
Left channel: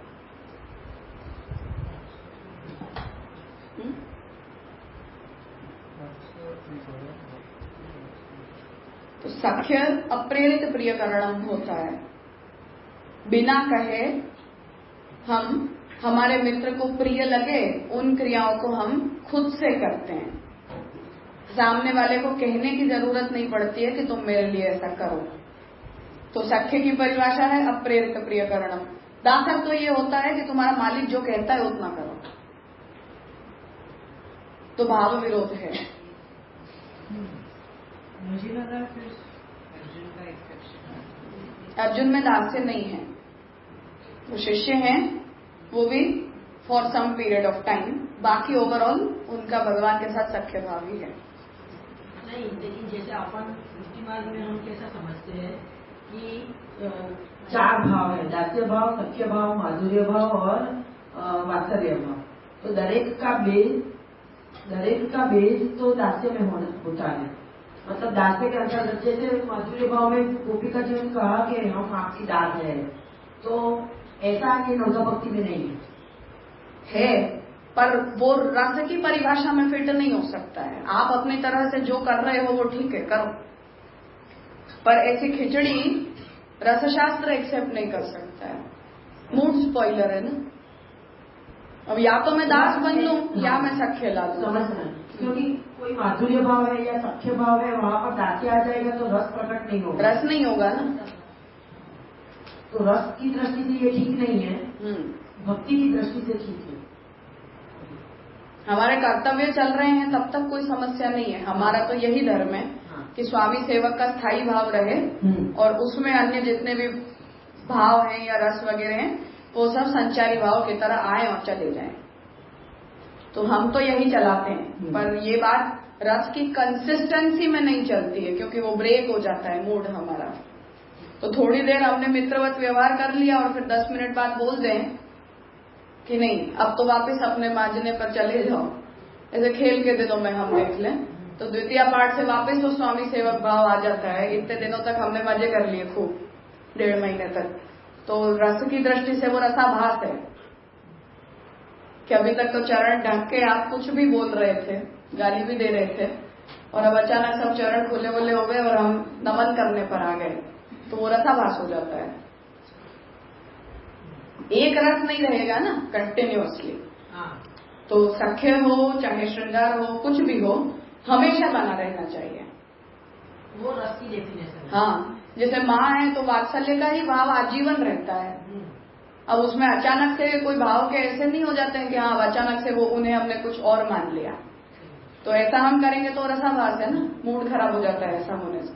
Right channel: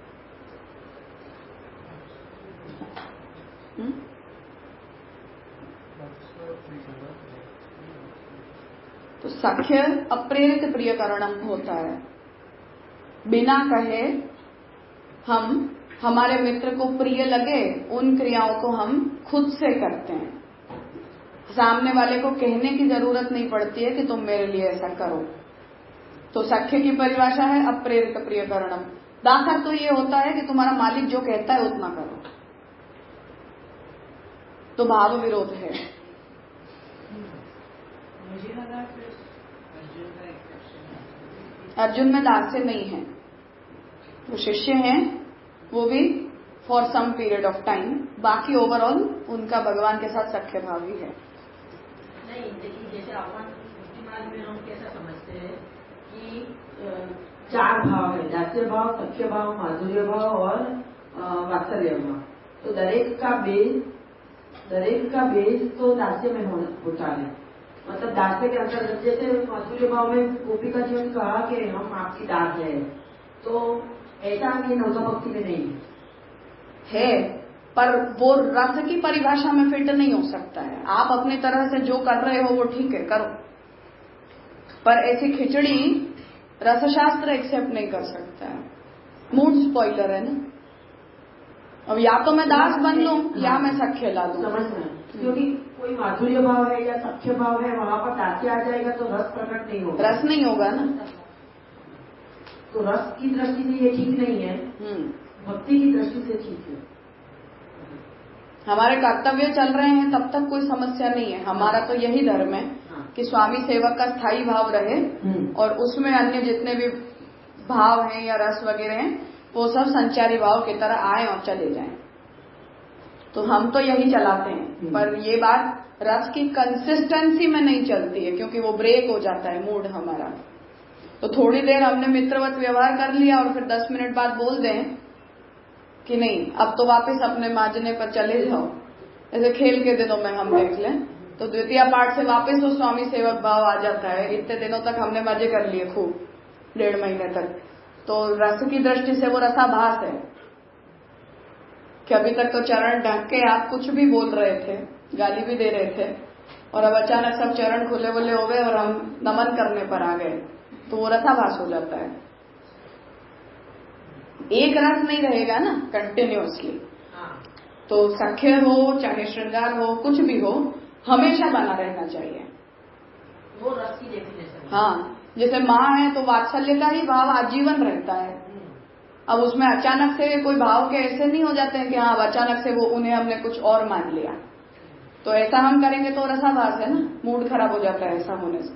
तो सख्य अप्रेरित प्रियकरणम होता है, बिना कहे हम हमारे मित्र को प्रिय लगे उन क्रियाओं को हम खुद से करते हैं। सामने वाले को कहने की जरूरत नहीं पड़ती है कि तुम मेरे लिए ऐसा करो। तो सख्य की परिभाषा है अप्रेरित प्रियकरणम। दासक तो ये होता है कि तुम्हारा मालिक जो कहता है उतना करो, तो भाव विरोध है। मुझे लगा अर्जुन में दास्य नहीं है, वो शिष्य हैं, वो भी for some period of time, बाकी ओवरऑल उनका भगवान के साथ सख्य भाव ही है। नहीं, लेकिन जैसे अपन समाज में हम कैसा समझते हैं कि 4 भाव है, दास्य भाव, सख्य भाव, माधुर्य भाव और वात्सल्य भाव। तो दरेक का बेस तो दास्य में होता है। मतलब दास्य के अंतर्गत जैसे माधुर्य भाव में गोपिका जी ने कहा कि हम आपकी दास है, तो ऐसा ये नवदा भक्ति में नहीं है, पर वो रस की परिभाषा में फिट नहीं हो सकता है। आप अपनी तरह से जो कर रहे हो वो ठीक है, करो, पर ऐसी खिचड़ी रसशास्त्र एक्सेप्ट नहीं कर सकता है। मूड स्पॉइलर है ना। अब या तो मैं दास बन लूं या मैं सख्य ला दूं। समझ रहे हैं, क्योंकि कोई माधुर्य भाव है या सख्य भाव है, वहां पर दास्य आ जाएगा तो रस प्रकट नहीं होगा, रस नहीं होगा ना। तो रस की दृष्टि से ये ठीक नहीं है, भक्ति की दृष्टि से ठीक है। हमारे कर्तव्य चल रहे हैं तब तक कोई समस्या नहीं है। हमारा तो यही धर्म है कि स्वामी सेवक का स्थायी भाव रहे और उसमें अन्य जितने भी भाव हैं या रस वगैरह हैं वो सब संचारी भाव की तरह आए और चले जाएं। तो हम तो यही चलाते हैं, पर ये बात रस की कंसिस्टेंसी में नहीं चलती है, क्योंकि वो ब्रेक हो जाता है मूड हमारा। तो थोड़ी देर हमने मित्रवत व्यवहार कर लिया और फिर 10 मिनट बाद बोल दें कि नहीं अब तो वापस अपने मांझने पर चले जाओ, ऐसे खेल के दिनों में हम देख लें तो द्वितीय पाठ से वापस वो स्वामी सेवक भाव आ जाता है। इतने दिनों तक हमने मजे कर लिए खूब, 1.5 महीने तक। तो रस की दृष्टि से वो रसाभास है कि अभी तक तो चरण ढक के आप कुछ भी बोल रहे थे, गाली भी दे रहे थे, और अब अचानक सब चरण खुले खुले हो गए और हम नमन करने पर आ गए, तो वो रसाभास हो जाता है। एक रस नहीं रहेगा ना कंटिन्यूअसली। तो सख्य हो चाहे श्रृंगार हो कुछ भी हो, हमेशा बना रहना चाहिए वो रस की डेफिनेशन। हाँ, जैसे माँ है तो वात्सल्य का ही भाव आजीवन रहता है। अब उसमें अचानक से कोई भाव के ऐसे नहीं हो जाते हैं कि हाँ अचानक से वो उन्हें हमने कुछ और मान लिया, तो ऐसा हम करेंगे तो रसाभास है ना, मूड खराब हो जाता है ऐसा होने से।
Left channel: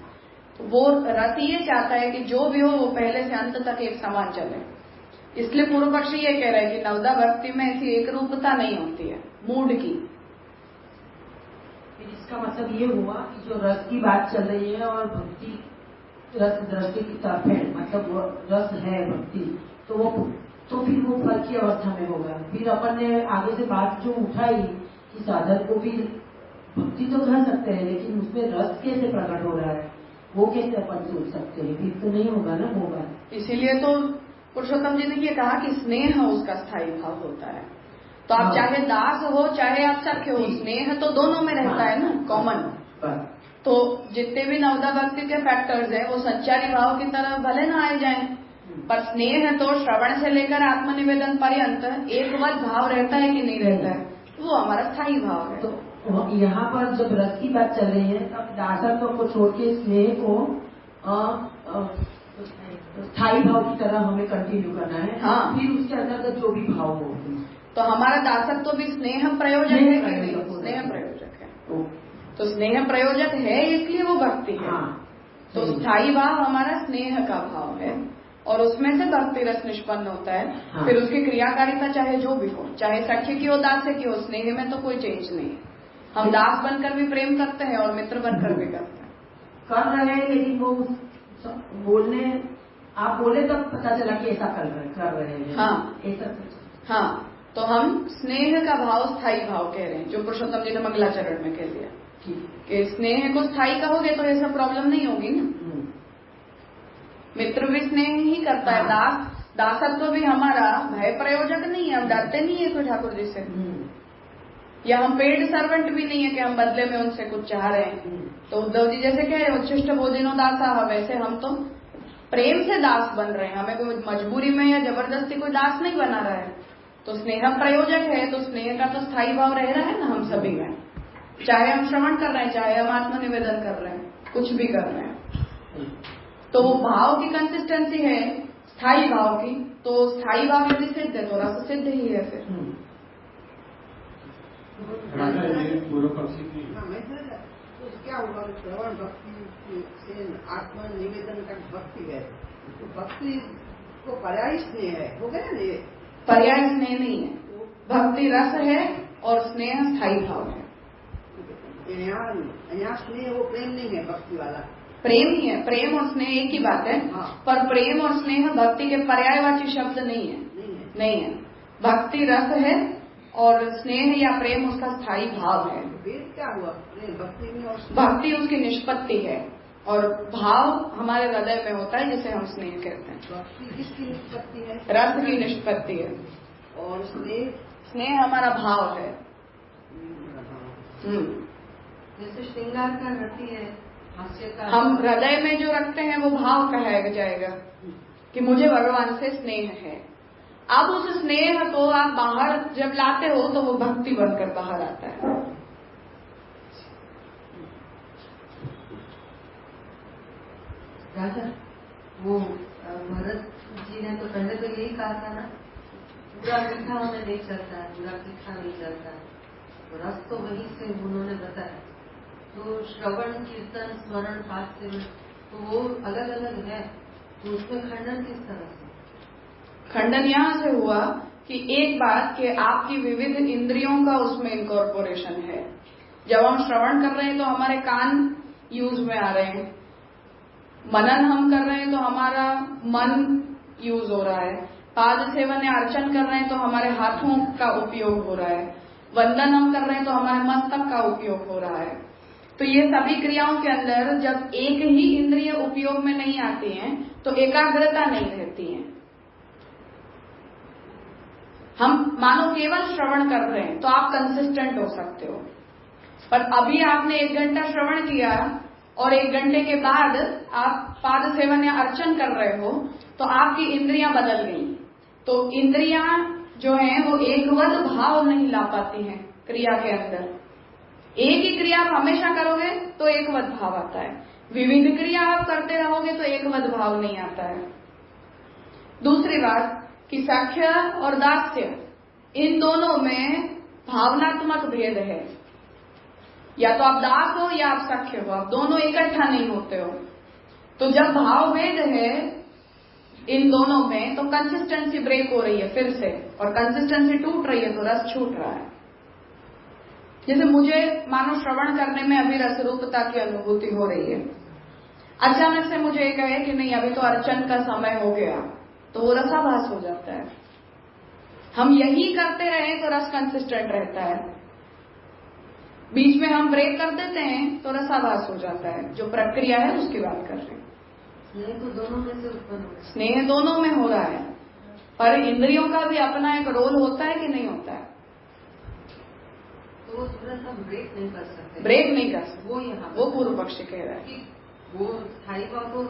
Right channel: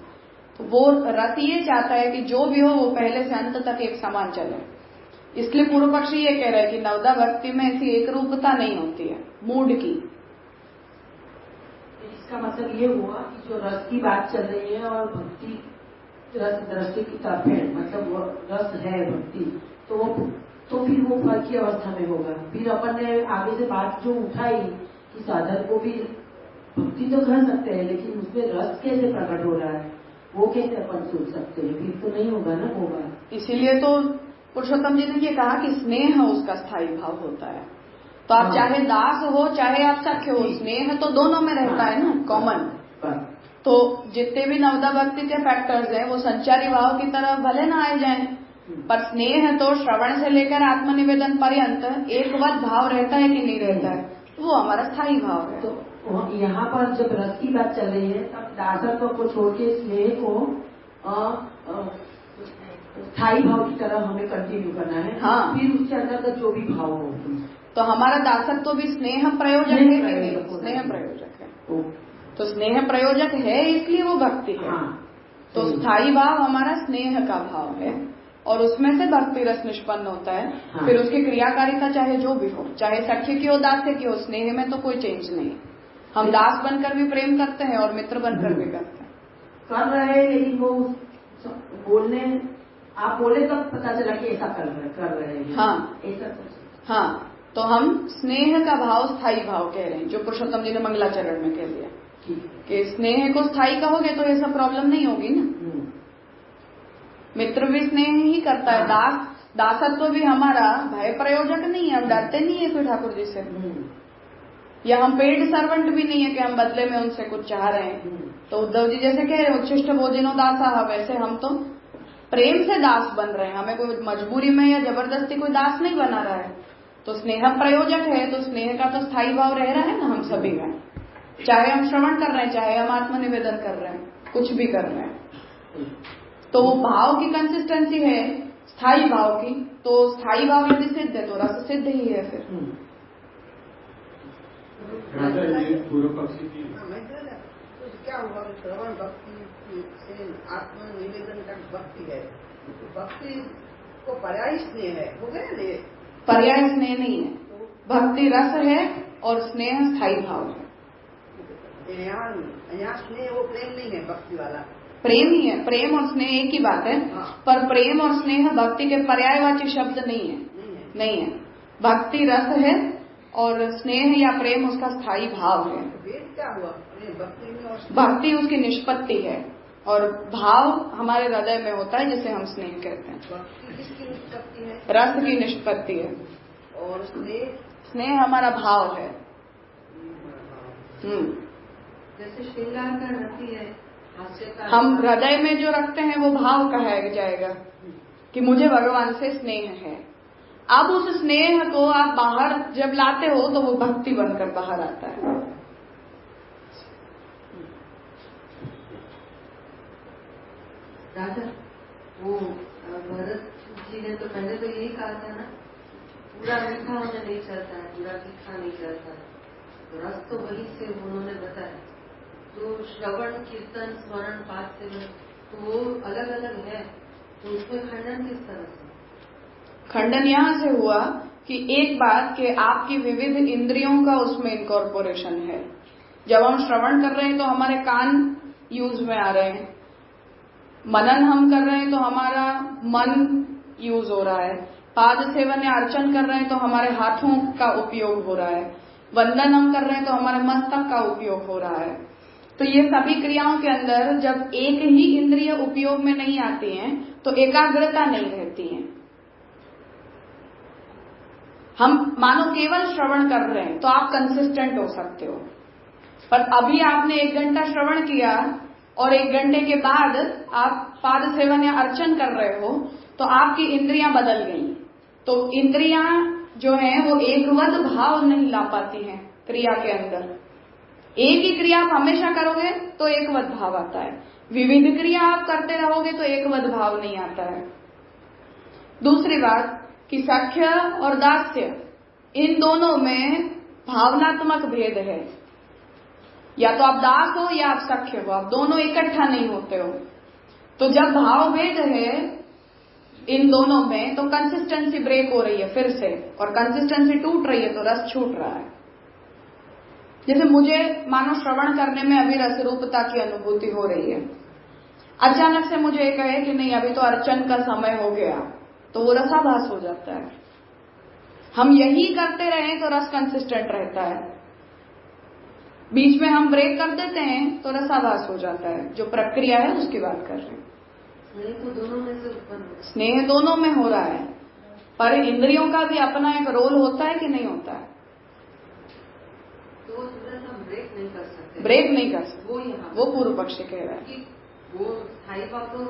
तो वो रस ये चाहता है कि जो भी हो वो पहले से अंत तक एक समान चले। इसलिए पूर्व पक्षी ये कह रहे हैं कि नवदा भक्ति में ऐसी एक रूपता नहीं होती है मूड की। इसका मतलब ये हुआ कि जो रस की बात चल रही है और भक्ति रस दृष्टि की तरफ है, मतलब वो रस है भक्ति, तो फिर वो फल की अवस्था में होगा। फिर अपन ने आगे से बात जो उठाई कि साधक को भी भक्ति तो कर सकते हैं, लेकिन उसमें रस कैसे प्रकट हो रहा है, वो कैसे अपन सोच सकते हैं? फिर तो नहीं होगा ना वो बात। इसीलिए तो पुरुषोत्तम जी ने ये कहा कि स्नेह उसका स्थायी भाव होता है। तो आप चाहे दास हो चाहे आप सख्य हो, स्नेह तो दोनों में रहता है ना, कॉमन। तो जितने भी नवदा भक्ति के फैक्टर्स हैं वो संचारी भाव की तरफ भले ना आए जाएं, पर स्नेह तो श्रवण से लेकर आत्मनिवेदन पर्यंत एकवत भाव रहता है कि नहीं रहता है, वो हमारा स्थायी भाव है। तो यहाँ पर जब रस की बात चल रही है, अब दासत्व को छोड़ के स्नेह को स्थायी भाव की तरह हमें कंटिन्यू करना है। हाँ। फिर उसके अंदर जो भी भाव हो, तो हमारा दासत्व भी स्नेह प्रयोजक है कि नहीं? स्नेह प्रयोजक है। तो स्नेह प्रयोजक है इसलिए वो भक्ति है। तो स्थायी भाव हमारा स्नेह का भाव है और उसमें से भक्ति रस निष्पन्न होता है। फिर उसकी क्रियाकारिता चाहे जो भी हो, चाहे सख्य की हो दास्य की हो, स्नेह में तो कोई चेंज नहीं। हम दास बनकर भी प्रेम करते हैं और मित्र बनकर भी करते हैं। कर रहे हैं लेकिन वो बोलने, आप बोले तब पता चला कि ऐसा कर रहे हैं। हाँ, ऐसा। हाँ, तो हम स्नेह का भाव स्थायी भाव कह रहे हैं, जो पुरुषोत्तम जी ने मंगलाचरण में कह दिया कि स्नेह को स्थायी कहोगे तो ऐसा प्रॉब्लम नहीं होगी ना। मित्र भी स्नेह ही करता है। दासत्व भी हमारा भय प्रयोजक नहीं है, हम डरते नहीं है कोई ठाकुर जी से, या हम पेड सर्वेंट भी नहीं है कि हम बदले में उनसे कुछ चाह रहे हैं। तो उद्धव जी जैसे कह रहे उच्छिष्ट भोजनो दासा, वैसे हम तो प्रेम से दास बन रहे हैं, हमें कोई मजबूरी में या जबरदस्ती कोई दास नहीं बना रहा है। तो स्नेह प्रयोजक है, तो स्नेह का तो स्थायी भाव रह रहा है ना हम सभी में, चाहे हम श्रवण कर रहे हैं चाहे हम आत्मनिवेदन कर रहे हैं, कुछ भी कर रहे हैं। तो भाव की कंसिस्टेंसी है स्थायी भाव की, तो स्थायी भाव यदि सिद्ध है तो रस सिद्ध ही है। फिर पूर्व पक्षी की क्या होगा? श्रवण भक्ति से आत्मनिवेदन का भक्ति है, तो भक्ति को पर्याय स्नेह है, हो गया ना? पर्याय स्नेह नहीं है, भक्ति रस है और स्नेह स्थायी भाव है। यहाँ स्नेह वो प्रेम नहीं है, भक्ति वाला प्रेम ही है। प्रेम और स्नेह एक ही बात है। पर प्रेम और स्नेह भक्ति के पर्यायवाची शब्द नहीं है, नहीं है। भक्ति रस है और स्नेह या प्रेम उसका स्थायी भाव है। क्या हुआ? भक्ति उसकी निष्पत्ति है और भाव हमारे हृदय में होता है जिसे हम स्नेह कहते हैं। भक्ति किसकी निष्पत्ति है? रस की निष्पत्ति है। और स्नेह हमारा भाव है। जैसे श्रृंगार का रति है, हम हृदय में जो रखते हैं वो भाव कहा जाएगा कि मुझे भगवान से स्नेह है। अब उस स्नेह को आप बाहर जब लाते हो तो वो भक्ति बनकर बाहर आता है। राजा, वो भरत जी ने तो पहले तो यही कहा था ना, पूरा मीठा हमें नहीं चलता है, पूरा तीखा नहीं चलता है, तो रस तो वही से उन्होंने बताया। तो श्रवण कीर्तन स्मरण पाठ से तो वो अलग अलग है, तो उसमें खंडन किस तरह से? खंडन यहाँ से हुआ कि एक बात कि आपकी विविध इंद्रियों का उसमें इनकॉर्पोरेशन है। जब हम श्रवण कर रहे हैं तो हमारे कान यूज में आ रहे हैं, मनन हम कर रहे हैं तो हमारा मन यूज हो रहा है, पाद सेवन या अर्चन कर रहे हैं तो हमारे हाथों का उपयोग हो रहा है, वंदन हम कर रहे हैं तो हमारे मस्तक का उपयोग हो रहा है। तो ये सभी क्रियाओं के अंदर जब एक ही इंद्रिय उपयोग में नहीं आती हैं तो एकाग्रता नहीं रहती है। हम मानो केवल श्रवण कर रहे हैं तो आप कंसिस्टेंट हो सकते हो, पर अभी आपने 1 घंटा श्रवण किया और 1 घंटे के बाद आप पाद सेवन या अर्चन कर रहे हो तो आपकी इंद्रियां बदल गई। तो इंद्रियां जो हैं वो एकवत भाव नहीं ला पाती हैं क्रिया के अंदर। एक ही क्रिया आप हमेशा करोगे तो एकवत भाव आता है, विविध क्रिया आप करते रहोगे तो एकवत भाव नहीं आता है। दूसरी बात कि सख्य और दास्य इन दोनों में भावनात्मक भेद है। या तो आप दास हो या आप सख्य हो, आप दोनों इकट्ठा नहीं होते हो। तो जब भाव भेद है इन दोनों में तो कंसिस्टेंसी ब्रेक हो रही है फिर से, और कंसिस्टेंसी टूट रही है तो रस छूट रहा है। जैसे मुझे मानो श्रवण करने में अभी रसरूपता की अनुभूति हो रही है, अचानक से मुझे ये कहे कि नहीं अभी तो अर्चन का समय हो गया, तो वो रसाभास हो जाता है। हम यही करते रहें तो रस कंसिस्टेंट रहता है। बीच में हम ब्रेक कर देते हैं तो रसाभास हो जाता है। जो प्रक्रिया है उसकी बात कर रहे हैं। स्नेह तो दोनों में से उत्पन्न होता है। स्नेह दोनों में हो रहा है, पर इंद्रियों का भी अपना एक रोल होता है कि नहीं होता है? तो वो तुरंत हम ब्रेक नहीं कर सकते। ब्रेक नहीं कर सकते, वो यहाँ वो पूर्व पक्ष कह रहा है कि वो स्थायी भाव तो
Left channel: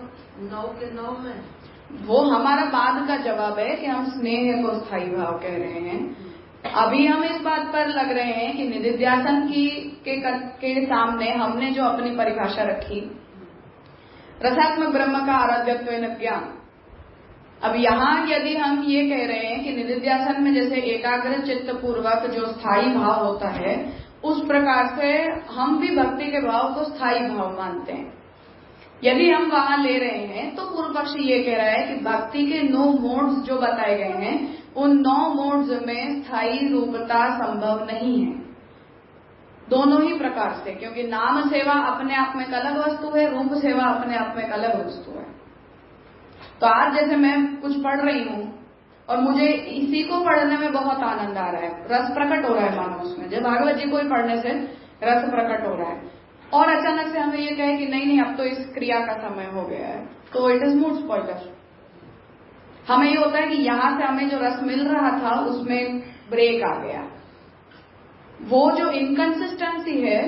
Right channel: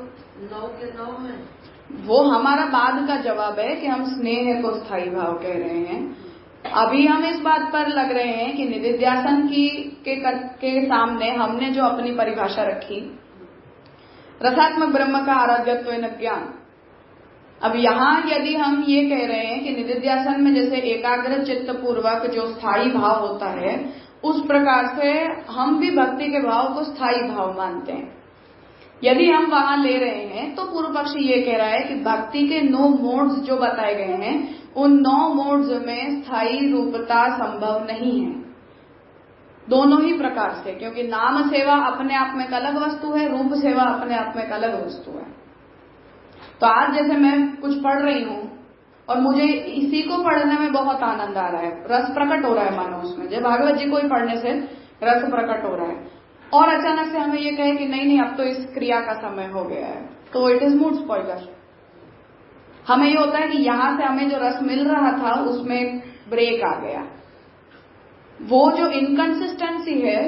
9 के 9 में। वो हमारा बाद का जवाब है कि हम स्नेह को स्थायी भाव कह रहे हैं। अभी हम इस बात पर लग रहे हैं कि निदिध्यासन के सामने हमने जो अपनी परिभाषा रखी, रसात्मक ब्रह्म का आराध्यत्व नित्यान। अब यहाँ यदि हम ये कह रहे हैं कि निदिध्यासन में जैसे एकाग्र चित्त पूर्वक जो स्थायी भाव होता है, उस प्रकार से हम भी भक्ति के भाव को स्थायी भाव मानते हैं। यदि हम वहां ले रहे हैं तो पूर्व पक्ष ये कह रहा है कि भक्ति के 9 मोड्स जो बताए गए हैं, उन 9 मोड्स में स्थायी रूपता संभव नहीं है, दोनों ही प्रकार से। क्योंकि नाम सेवा अपने आप में एक अलग वस्तु है, रूप सेवा अपने आप में एक अलग वस्तु है। तो आज जैसे मैं कुछ पढ़ रही हूं और मुझे इसी को पढ़ने में बहुत आनंद आ रहा है, रस प्रकट हो रहा है मानो उसमें, जब भागवत जी को ही पढ़ने से रस प्रकट हो रहा है, और अचानक से हमें ये कहे कि नहीं नहीं अब तो इस क्रिया का समय हो गया है, तो इट इज मूड स्पॉइलर। हमें ये होता है कि यहां से हमें जो रस मिल रहा था उसमें ब्रेक आ गया। वो जो इनकंसिस्टेंसी है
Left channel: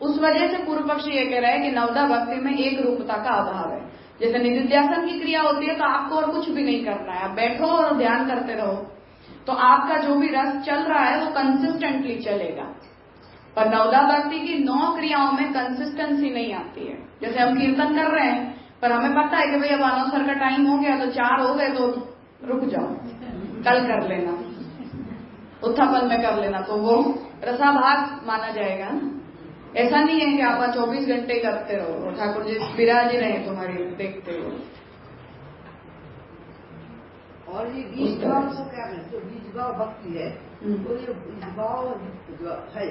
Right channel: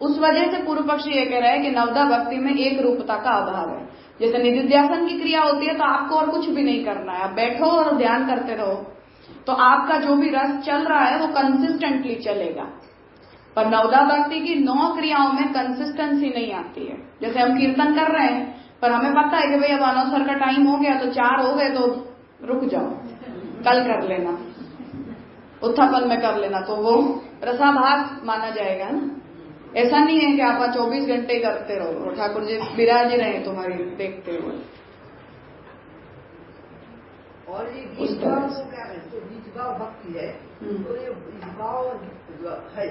उस वजह से पूर्व पक्षी ये कह रहा है कि नवदा भक्ति में एक रूपता का अभाव है। जैसे निदिध्यासन की क्रिया होती है तो आपको और कुछ भी नहीं करना है, आप बैठो और ध्यान करते रहो, तो आपका जो भी रस चल रहा है वो कंसिस्टेंटली चलेगा। पर नवदा भक्ति की 9 क्रियाओं में कंसिस्टेंसी नहीं आती है। जैसे हम कीर्तन कर रहे हैं पर हमें पता है कि भाई अब अनवसर का टाइम हो गया तो 4 हो गए तो रुक जाओ, कल कर लेना, उत्थापन में कर लेना, तो वो रसाभास माना जाएगा ना। ऐसा नहीं है कि आप 24 घंटे ही करते रहो, ठाकुर जी विराज ही रहे तुम्हारी देखते हुए। और ये बीज भाव को क्या है, जो बीज भाव भक्ति है, तो ये बीज भाव जो है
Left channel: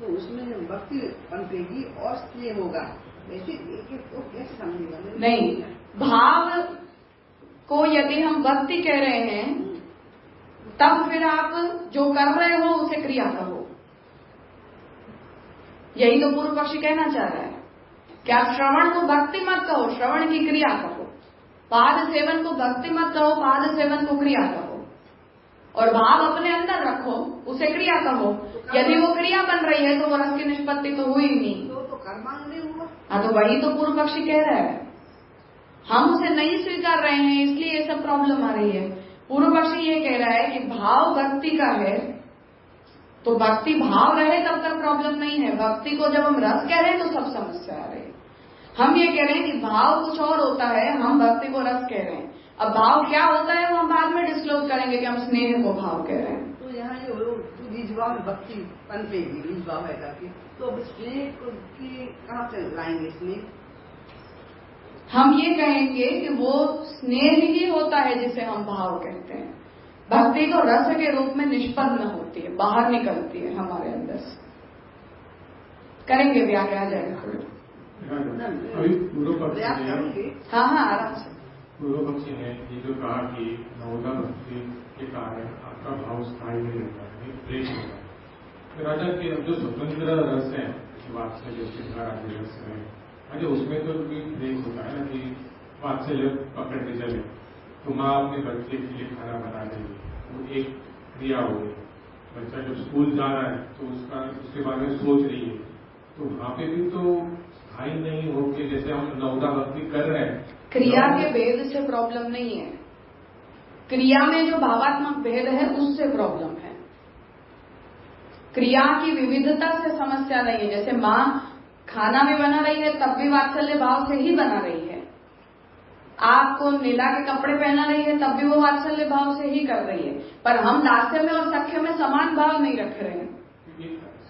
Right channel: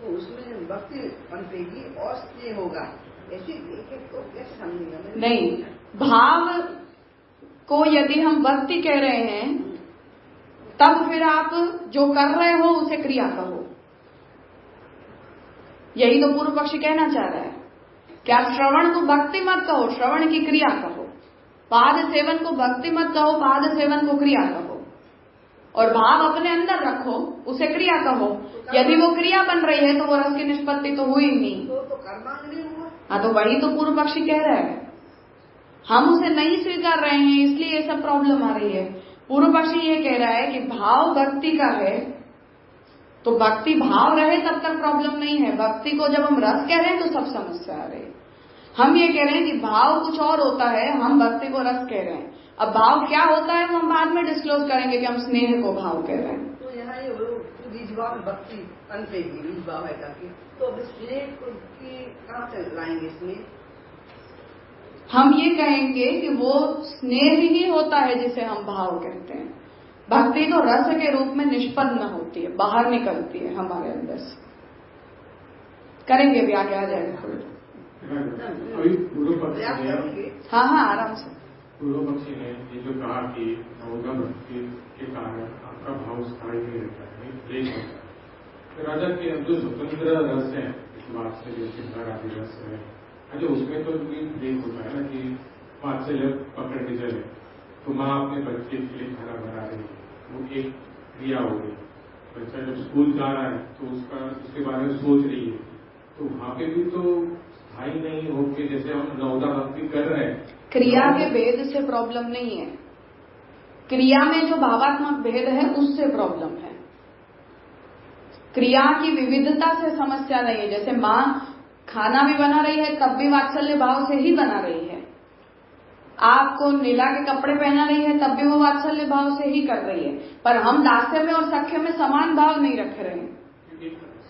तो उसमें भक्ति पनपेगी और स्नेह होगा। ऐसे एक तो कैसे समझेगा? नहीं, भाव को यदि हम भक्ति कह रहे हैं तब फिर आप जो कर रहे हो उसे क्रिया कहो। यही तो पूर्व पक्षी कहना चाह रहा है कि आप श्रवण को भक्ति मत कहो, श्रवण की क्रिया कहो। पाद सेवन को भक्ति मत कहो, पाद सेवन को क्रिया कहो। और भाव अपने अंदर रखो, उसे क्रिया कहो। यदि वो क्रिया बन रही है तो वो रस की निष्पत्ति तो हुई नहीं। तो कर्मांग हुआ। हाँ, तो वही तो पूर्व पक्षी कह रहा है, हम उसे नहीं स्वीकार रहे हैं इसलिए ये सब प्रॉब्लम आ रही है। पूर्व पक्षी ये कह रहा है कि भाव भक्ति का है तो भक्ति भाव रहे तब तक प्रॉब्लम नहीं है। भक्ति को जब हम रस कह रहे हैं तो सब समस्या आ रही है। हम ये कह रहे हैं कि भाव कुछ और होता है, हम भक्ति को रस कह रहे हैं। अब भाव क्या होता है वो हम बाद में डिस्क्लोज करेंगे कि हम स्नेह को भाव कह रहे हैं। तो यहाँ ये बीज भाव भक्ति कनपेगी, बीज भाव है काफी, तो अब स्नेह को कहाँ से लाएंगे? स्नेह हम ये कहेंगे कि वो स्नेह ही होता है जिसे हम भाव कहते हैं। भक्ति तो रस के रूप में निष्पन्न होती है, बाहर निकलती है हमारे अंदर से। करेंगे भी आगे आ जाएगा अभी पूर्व पक्षी, हाँ हाँ आराम से। पूर्व पक्षी ने ये जो कहा कि नवदा भक्ति के कारण आपका भाव स्थायी नहीं रहता है, ब्रेक होता है। फिर राजा के जो स्वतंत्र रस है, वात्सल्य श्रृंगार आदि रस है, अरे उसमें तो ब्रेक होता है ना कि वात्सल्य पकड़ के चले, तो माँ अपने बच्चे के लिए खाना बना रही है, वो एक क्रिया हो गई। बच्चा जब स्कूल जा रहा है तो उसके बारे में सोच रही है, तो वहाँ पे भी तो स्थायी नहीं हो के जैसे हम नवदा भक्ति कर रहे हैं। क्रिया के भेद से प्रॉब्लम नहीं है, क्रिया में जो भावात्मक भेद है उससे प्रॉब्लम है। क्रिया की विविधता से समस्या नहीं है। जैसे माँ खाना भी बना रही है तब भी वात्सल्य भाव से ही बना रही है, आपको नीला के कपड़े पहना रही है तब भी वो वात्सल्य भाव से ही कर रही है। पर हम दास्य में और सख्य में समान भाव नहीं रख रहे हैं।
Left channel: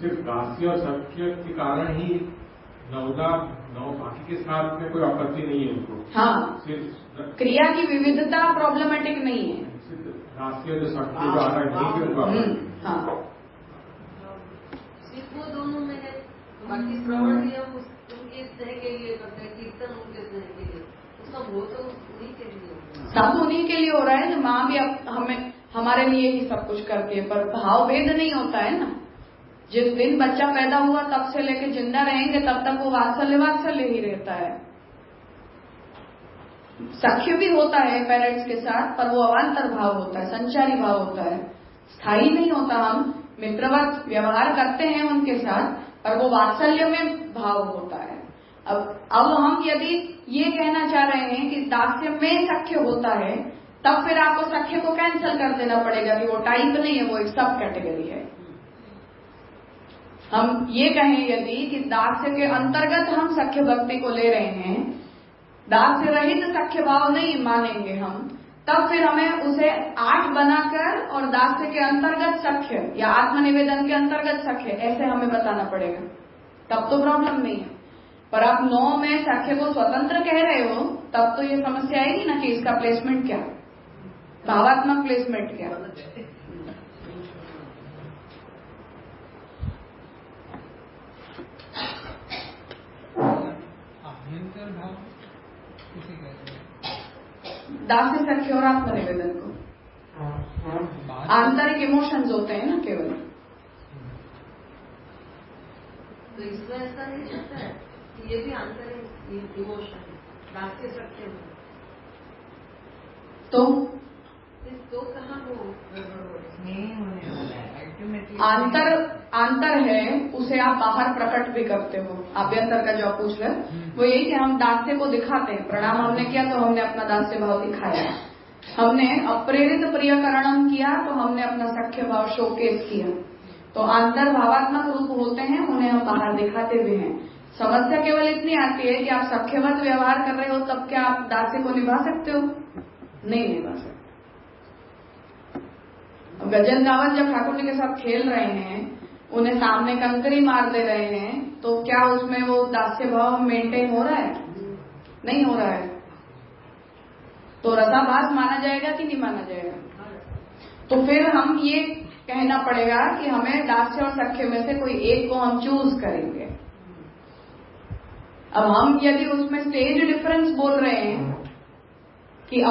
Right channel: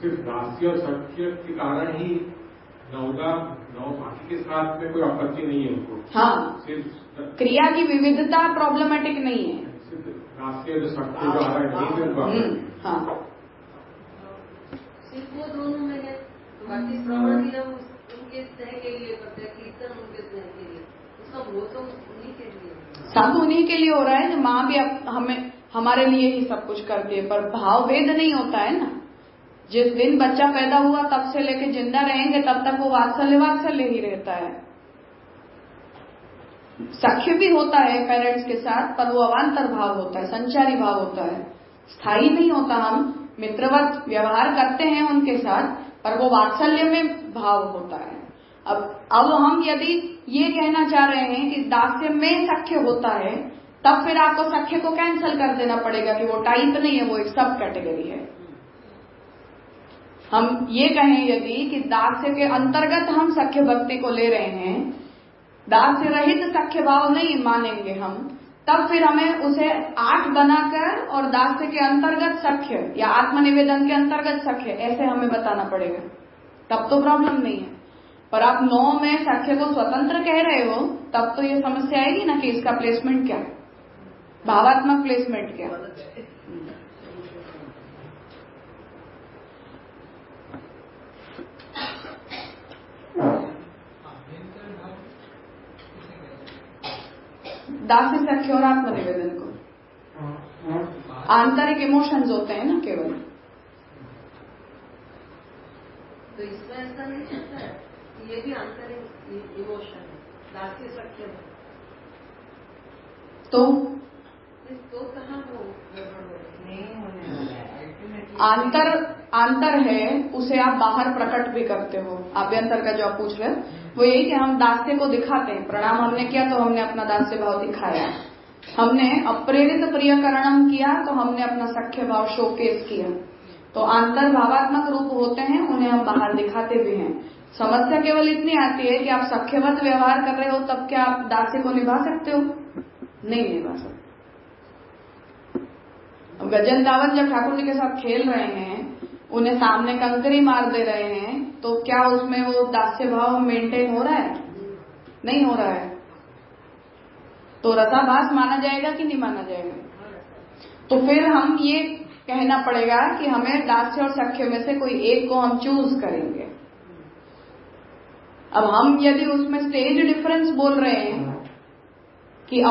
सिर्फ दास्य और सख्य के कारण ही नवदा बाकी के साथ में कोई आपत्ति नहीं है उनको। हाँ, सिर्फ क्रिया की विविधता प्रॉब्लमेटिक नहीं है। दास्य जो सख्य जो आ रहा है, हाँ, सिर्फ वो दोनों में है। बाकी श्रवण भी हम उनके स्नेह के लिए करते हैं, कीर्तन उनके स्नेह के लिए, सब वो तो उन्हीं के लिए, सब उन्हीं के लिए हो रहा है। माँ भी हमें हमारे लिए ही सब कुछ करती है, पर भाव भेद नहीं होता है ना। जिस दिन बच्चा पैदा हुआ तब से लेके जिंदा रहेंगे तब तक वो वात्सल्य ही रहता है। सख्य भी होता है पेरेंट्स के साथ, पर वो अवान्तर भाव होता है, संचारी भाव होता है, स्थायी नहीं होता। हम मित्रवत व्यवहार करते हैं उनके साथ, पर वो वात्सल्य में भाव होता है। अब हम यदि ये कहना चाह रहे हैं कि दास्य में सख्य होता है, तब फिर आपको सख्य को कैंसिल कर देना पड़ेगा कि वो टाइप नहीं है, वो एक सब कैटेगरी है। हम ये कहें यदि कि दास्य के अंतर्गत हम सख्य भक्ति को ले रहे हैं, दास्य रहित सख्य भाव नहीं मानेंगे हम, तब फिर हमें उसे 8 बनाकर और दास्य के अंतर्गत सख्य या आत्मनिवेदन के अंतर्गत सख्य ऐसे हमें बताना पड़ेगा, तब तो प्रॉब्लम नहीं है। पर आप 9 में सख्य को स्वतंत्र कह रहे हो, तब तो ये समस्या आएगी ना कि इसका प्लेसमेंट क्या, भावात्मक प्लेसमेंट क्या। दास्य सख्य और आत्मनिवेदन को आंतरिक इमोशंस होते हैं ना केवल। तो इसमें ऐसा नहीं होता है, ये भी आंतरिक इमोशन है, दास्य सख्य में तो कहाँ वो नहीं होने वाला है। अंतर है, उसे आप बाहर प्रकट भी करते हो। आभ्यंतर का जो आप पूछ रहे वो यही कि हम दास्य को दिखाते हैं। प्रणाम हमने किया तो हमने अपना दास्य भाव दिखाया, हमने अप्रेरित प्रियकरणम किया तो हमने अपना सख्य भाव शोकेस किया। तो अंतर भावात्मक रूप होते हैं, उन्हें हम बाहर दिखाते भी हैं। समस्या केवल इतनी आती है कि आप सख्यवत व्यवहार कर रहे हो, तब क्या आप दास्य को निभा सकते हो? नहीं निभा सकते। अब गजन गावन जब ठाकुर जी के साथ खेल रहे हैं, उन्हें सामने कंकरी मार दे रहे हैं, तो क्या उसमें वो दास्य भाव मेंटेन हो रहा है? नहीं हो रहा है। तो रसाभास माना जाएगा कि नहीं माना जाएगा? तो फिर हम ये कहना पड़ेगा कि हमें दास्य और सख्य में से कोई एक को हम चूज करेंगे। अब हम यदि उसमें स्टेज डिफरेंस बोल रहे हैं कि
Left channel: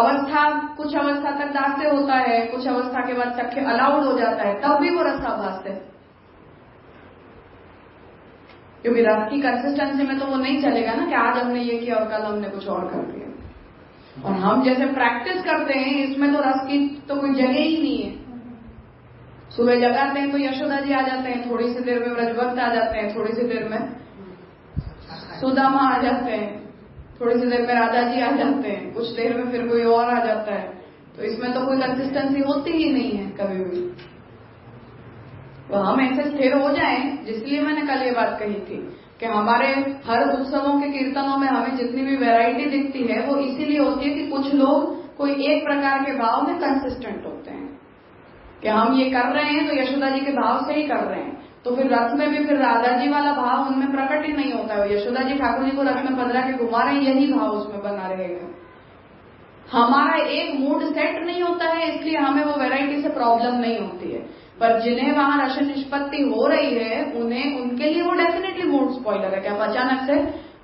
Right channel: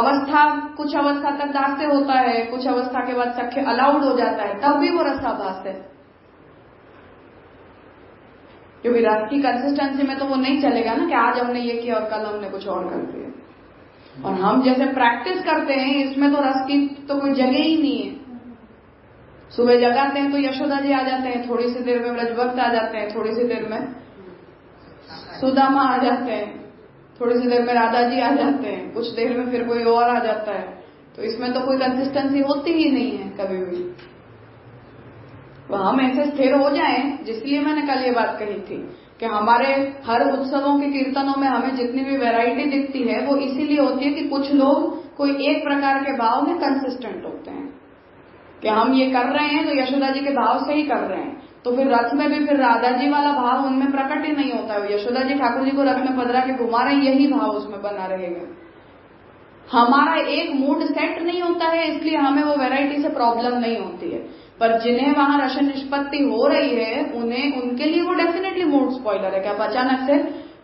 कुछ अवस्था तक दास्य होता है, कुछ अवस्था के बाद सख्य अलाउड हो जाता है, तब भी वो रसाभास है। क्योंकि रस की कंसिस्टेंसी में तो वो नहीं चलेगा ना कि आज हमने ये किया और कल हमने कुछ और कर दिया। और हम जैसे प्रैक्टिस करते हैं, इसमें तो रस की तो कोई जगह ही नहीं है। सुबह जगाते हैं तो यशोदा जी आ जाते हैं, थोड़ी सी देर में ब्रजभक्त आ जाते हैं, थोड़ी सी देर में सुदामा आ जाते हैं, थोड़ी सी देर में राधा जी आ जाते हैं, कुछ देर में फिर कोई और आ जाता है। तो इसमें तो कोई कंसिस्टेंसी होती ही नहीं है कभी भी। तो हम ऐसे स्थिर हो जाएं, जिसलिए मैंने कल ये बात कही थी कि हमारे हर उत्सवों के कीर्तनों में हमें जितनी भी वैरायटी दिखती है, वो इसीलिए होती है कि कुछ लोग कोई एक प्रकार के भाव में कंसिस्टेंट होते हैं कि हम ये कर रहे हैं तो यशोदा जी के भाव से ही कर रहे हैं। तो फिर रथ में भी फिर राधा जी वाला भाव उनमें प्रकट ही नहीं होता है। यशोदा जी ठाकुर जी को रथ में पधरा के घुमा रहे हैं, यही भाव उसमें बना रहेगा। हमारा एक मूड सेट नहीं होता है, इसलिए हमें वो वैरायटी से प्रॉब्लम नहीं होती है। पर जिन्हें वहां रस निष्पत्ति हो रही है, उनके लिए वो डेफिनेटली मूड स्पॉइलर है। क्या आप अचानक से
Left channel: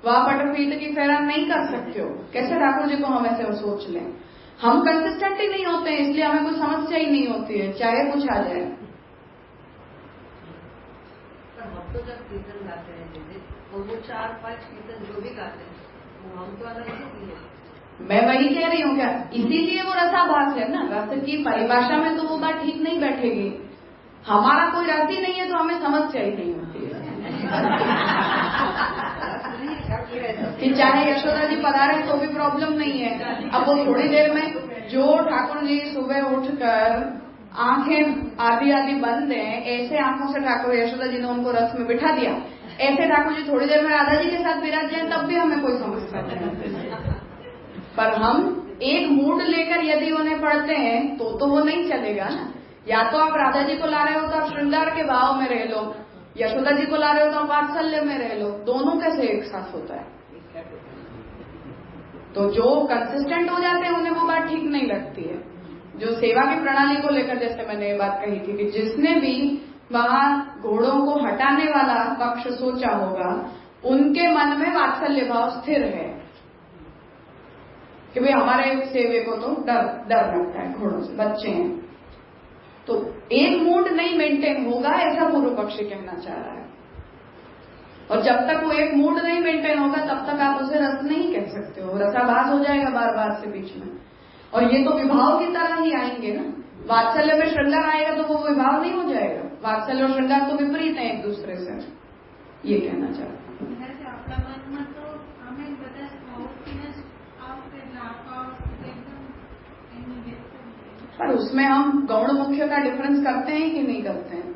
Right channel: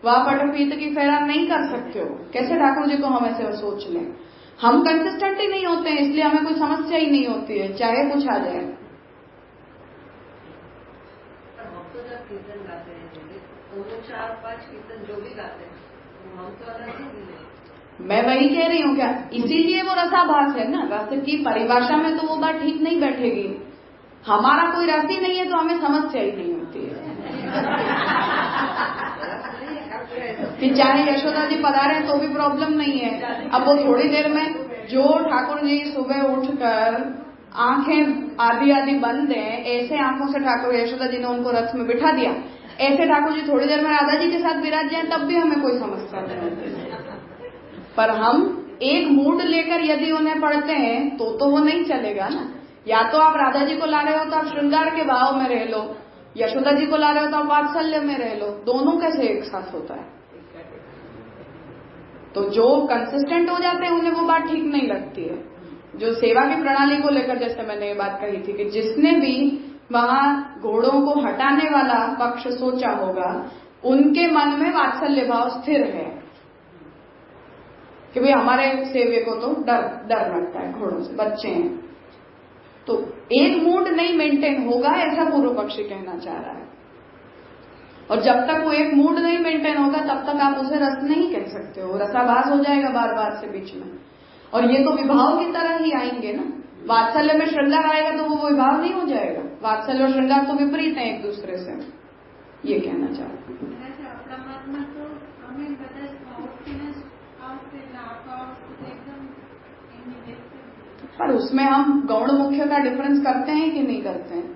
वह पटपीत की फेरा नहीं कर सकते हो? कैसे ठाकुर जी को हम ऐसे सोच लें? हम कंसिस्टेंट ही नहीं होते हैं, इसलिए हमें कोई समस्या ही नहीं होती है, चाहे कुछ आ जाए। तो जब कीर्तन गाते हैं तो वो 4-5 कीर्तन जो भी गाते हैं हम तो अलग ही है। मैं वही कह रही हूँ, क्या इसीलिए वो रसाभास है ना। रस की परिभाषा में तो वो बात ठीक नहीं बैठेगी। हमारा कोई रस ही नहीं है तो हमें समस्या ही नहीं होती है कि चाहे यशोदा जी पधारे तो भी प्रॉब्लम नहीं है। अब वो थोड़ी देर में जो ठाकुर जी सुबह उठकर आंखें आधी बंद हैं, ऐसे आंखों से ठाकुर यशोदा जी ने उनको रथ में बिठा दिया, ऐसे ठाकुर जी थोड़ी देर में राधा जी के साथ विराज जाए, तब भी हमें कोई समस्या नहीं होती। पर हम एक मूड लेकर यदि उन्हें पढ़ते हैं तो वो नहीं चलेगा ना। या तो आप राधा जी को ला रहे हो तो आप श्रृंगार के भाव में रह लो, यशोदा जी को ला रहे हो तो आप वात्सल्य में रह लो। दोनों कैसे एक साथ होता है? तो जो कंसिस्टेंट हो जाते हैं उन्हें वो बात ठीक नहीं लगती है। जो सेवा की प्रणाली को लेकर जैसे मैंने ये बात कही थी कि जिसने भी वहां घोड़ों को हटाने वाला पक्ष सोचा होगा, उनके मन में वात्सल्य भाव स्थिर है कि भाई हमारे सेवे को तो डर लगता है घोड़ों से, बच्चे हैं। तो एक मूड नहीं मेंटेन होगा, ऐसा पूर्व पक्षी कहना चाह रहा है। और जब तक वो एक मूड नहीं मेंटेन होगा तब तक आप उसे रस नहीं कह सकते हो, रसाभास हो जाएगा बार बार से बीच में। और ये तो विभाव की तरह ही आएंगे ना। वात्सल्य में श्रृंगार आएगा तो वो विभाव नहीं हो जाएगा। वात्सल्य और श्रृंगार तो विपरीत है एक दूसरे से, ये कहना चाह रहा हूं। पर उसमें हम गौण मुख्य का डिफरेंस करते हैं कि नहीं करते हैं?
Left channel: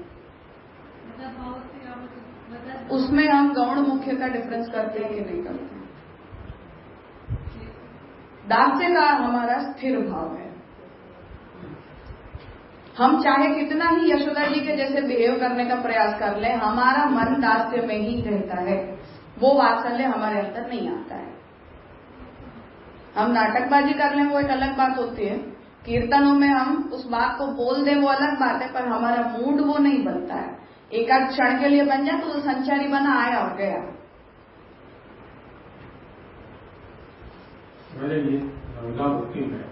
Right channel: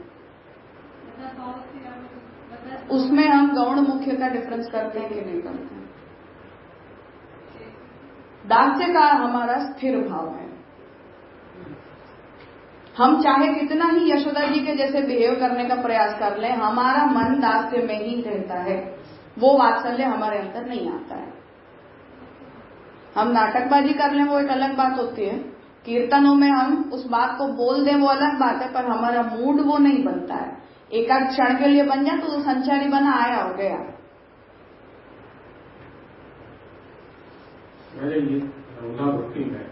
उसमें हम गौण मुख्य का डिफरेंस करते हैं कि नहीं करते हैं? दास्य का हमारा स्थिर भाव है। हम चाहे कितना ही यशोदा जी के जैसे बिहेव करने का प्रयास कर लें, हमारा मन दास्य में ही रहता है, वो वात्सल्य हमारे अंदर नहीं आता है। हम नाटकबाजी कर लें वो एक अलग बात होती है, कीर्तनों में हम उस बात को बोल दें वो अलग बात है, पर हमारा मूड वो नहीं बनता है। एक आध क्षण के लिए बन जाए तो संचारी बना, आया और गया। मेरे लिए रंगा भक्ति है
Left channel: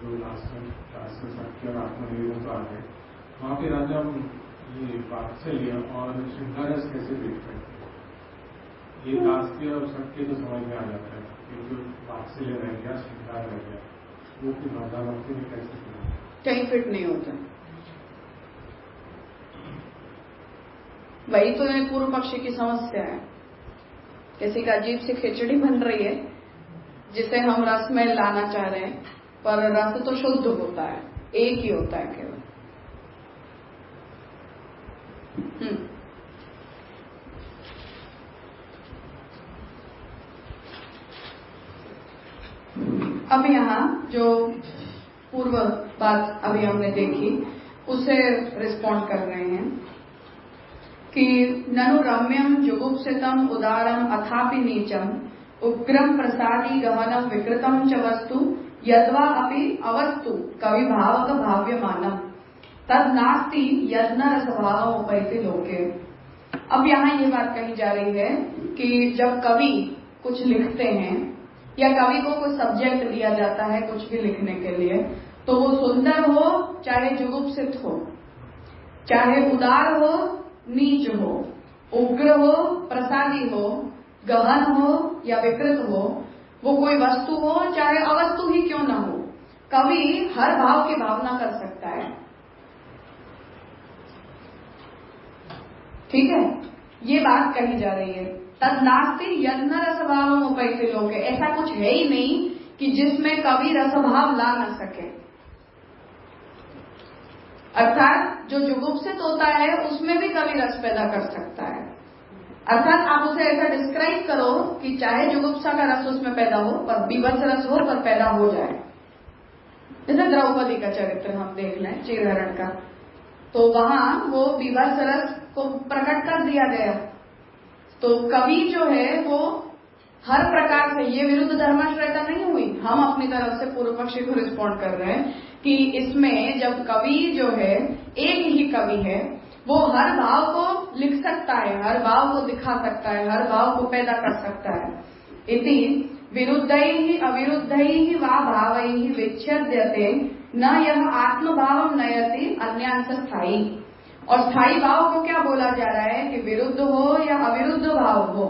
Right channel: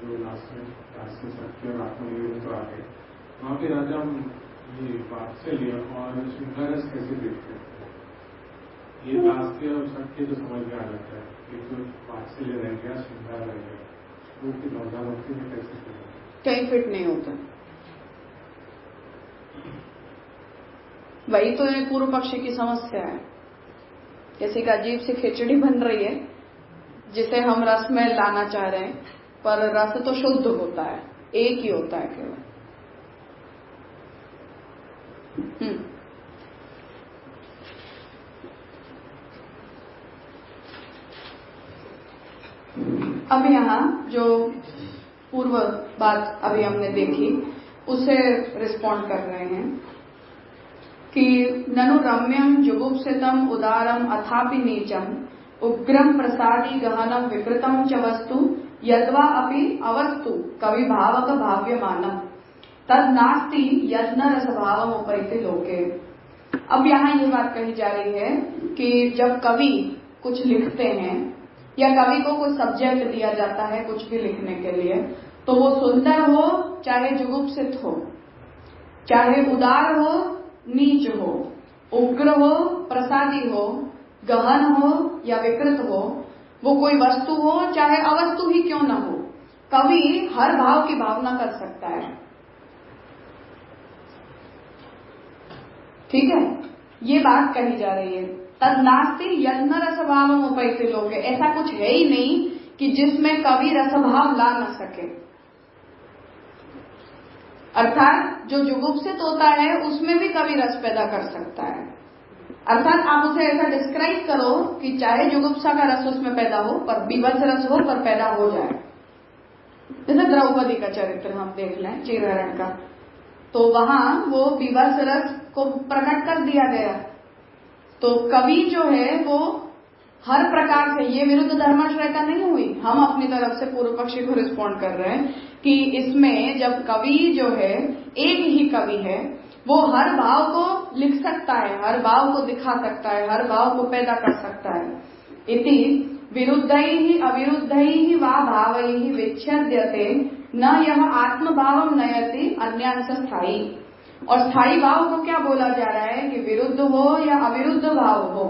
जो लास्ट में सत्य और आत्मनिवेदन तो आ गए, वहाँ पे राजा ये वात्सल्य और श्रृंगारस कैसे देखते हैं? ये दास्य और सत्य तो समझ में आ जाता है, एक जो वात्सल्य रह गया, श्रृंगार रह गया, वो तो रंगा भक्ति में कैसे कहीं फिट नहीं होता। वही तो ये पूर्व पक्षी की समस्या है। जैसे कि अजीब सी खिचड़ी बन रही है जिसे हम रस में लाना चाह रहे हैं, पर रस तो शुद्ध होता है, एक ही होता है केवल। अब यहाँ जो पूर्व बात अभी हमने देखी उसे रिस्पॉन्ड कर रहे हैं कि ननु रम्यम जुगुप्सितम उदारम अथापि नीचम उग्रम प्रसादी गहनम विकृतम च वस्तु यद्वा अपि अवस्तु कवि भावक भाव्यमानम तद नास्ति यज्ञ रसभावम उपैति लोके। अब यहाँ ये बात कही जा रही है कि जब कवि कुछ लिखते हैं या कवि को कोई सब्जेक्ट दिया जाता है कुछ भी लिखने के लिए, तो वो सुंदर हो चाहे जुगुप्सित हो, चाहे उदार हो नीच हो, उग्र हो प्रसादी हो, गहन हो या विकृत हो, वो कोई वस्तु हो चाहे अवस्तु ही क्यों न हो, कवि हर भाव की भावना कर सकता है। ठीक है, ये बात कही जा रही है। तद नास्ति यज्ञ रसभाव उपैति लोके, ऐसा कुछ है ही नहीं कि जिसमें कवि रसभाव ला न सके। अर्थात जो जुगुप्सित होता है उसमें भी कवि रस पैदा कर सकता है। अर्थात आप उसे ऐसा डिस्क्राइब करो कि चाहे जुगुप्सा का रस उसमें पैदा हो पर बीभत्स रस हो पर पैदा हो जाए। जैसे द्रौपदी का चरित्र हम देख लें, चीरहरण का, तो वहां वो बीभत्स रस को प्रकट कर दिया गया। तो कवि जो है वो हर प्रकार से, ये विरुद्ध धर्माश्रयता नहीं हुई, हम अपनी तरफ से पूर्व पक्षी को रिस्पॉन्ड कर रहे हैं कि इसमें जब कवि जो है एक ही कवि है, वो हर भाव को लिख सकता है, हर भाव को दिखा सकता है, हर भाव को पैदा कर सकता है। इति विरुद्धैः अविरुद्धैः वा भावैः विच्छेद्यते न यह आत्मभावम नयति अन्यांश स्थायी। और स्थायी भाव को क्या बोला जा रहा है कि विरुद्ध हो या अविरुद्ध भाव हो,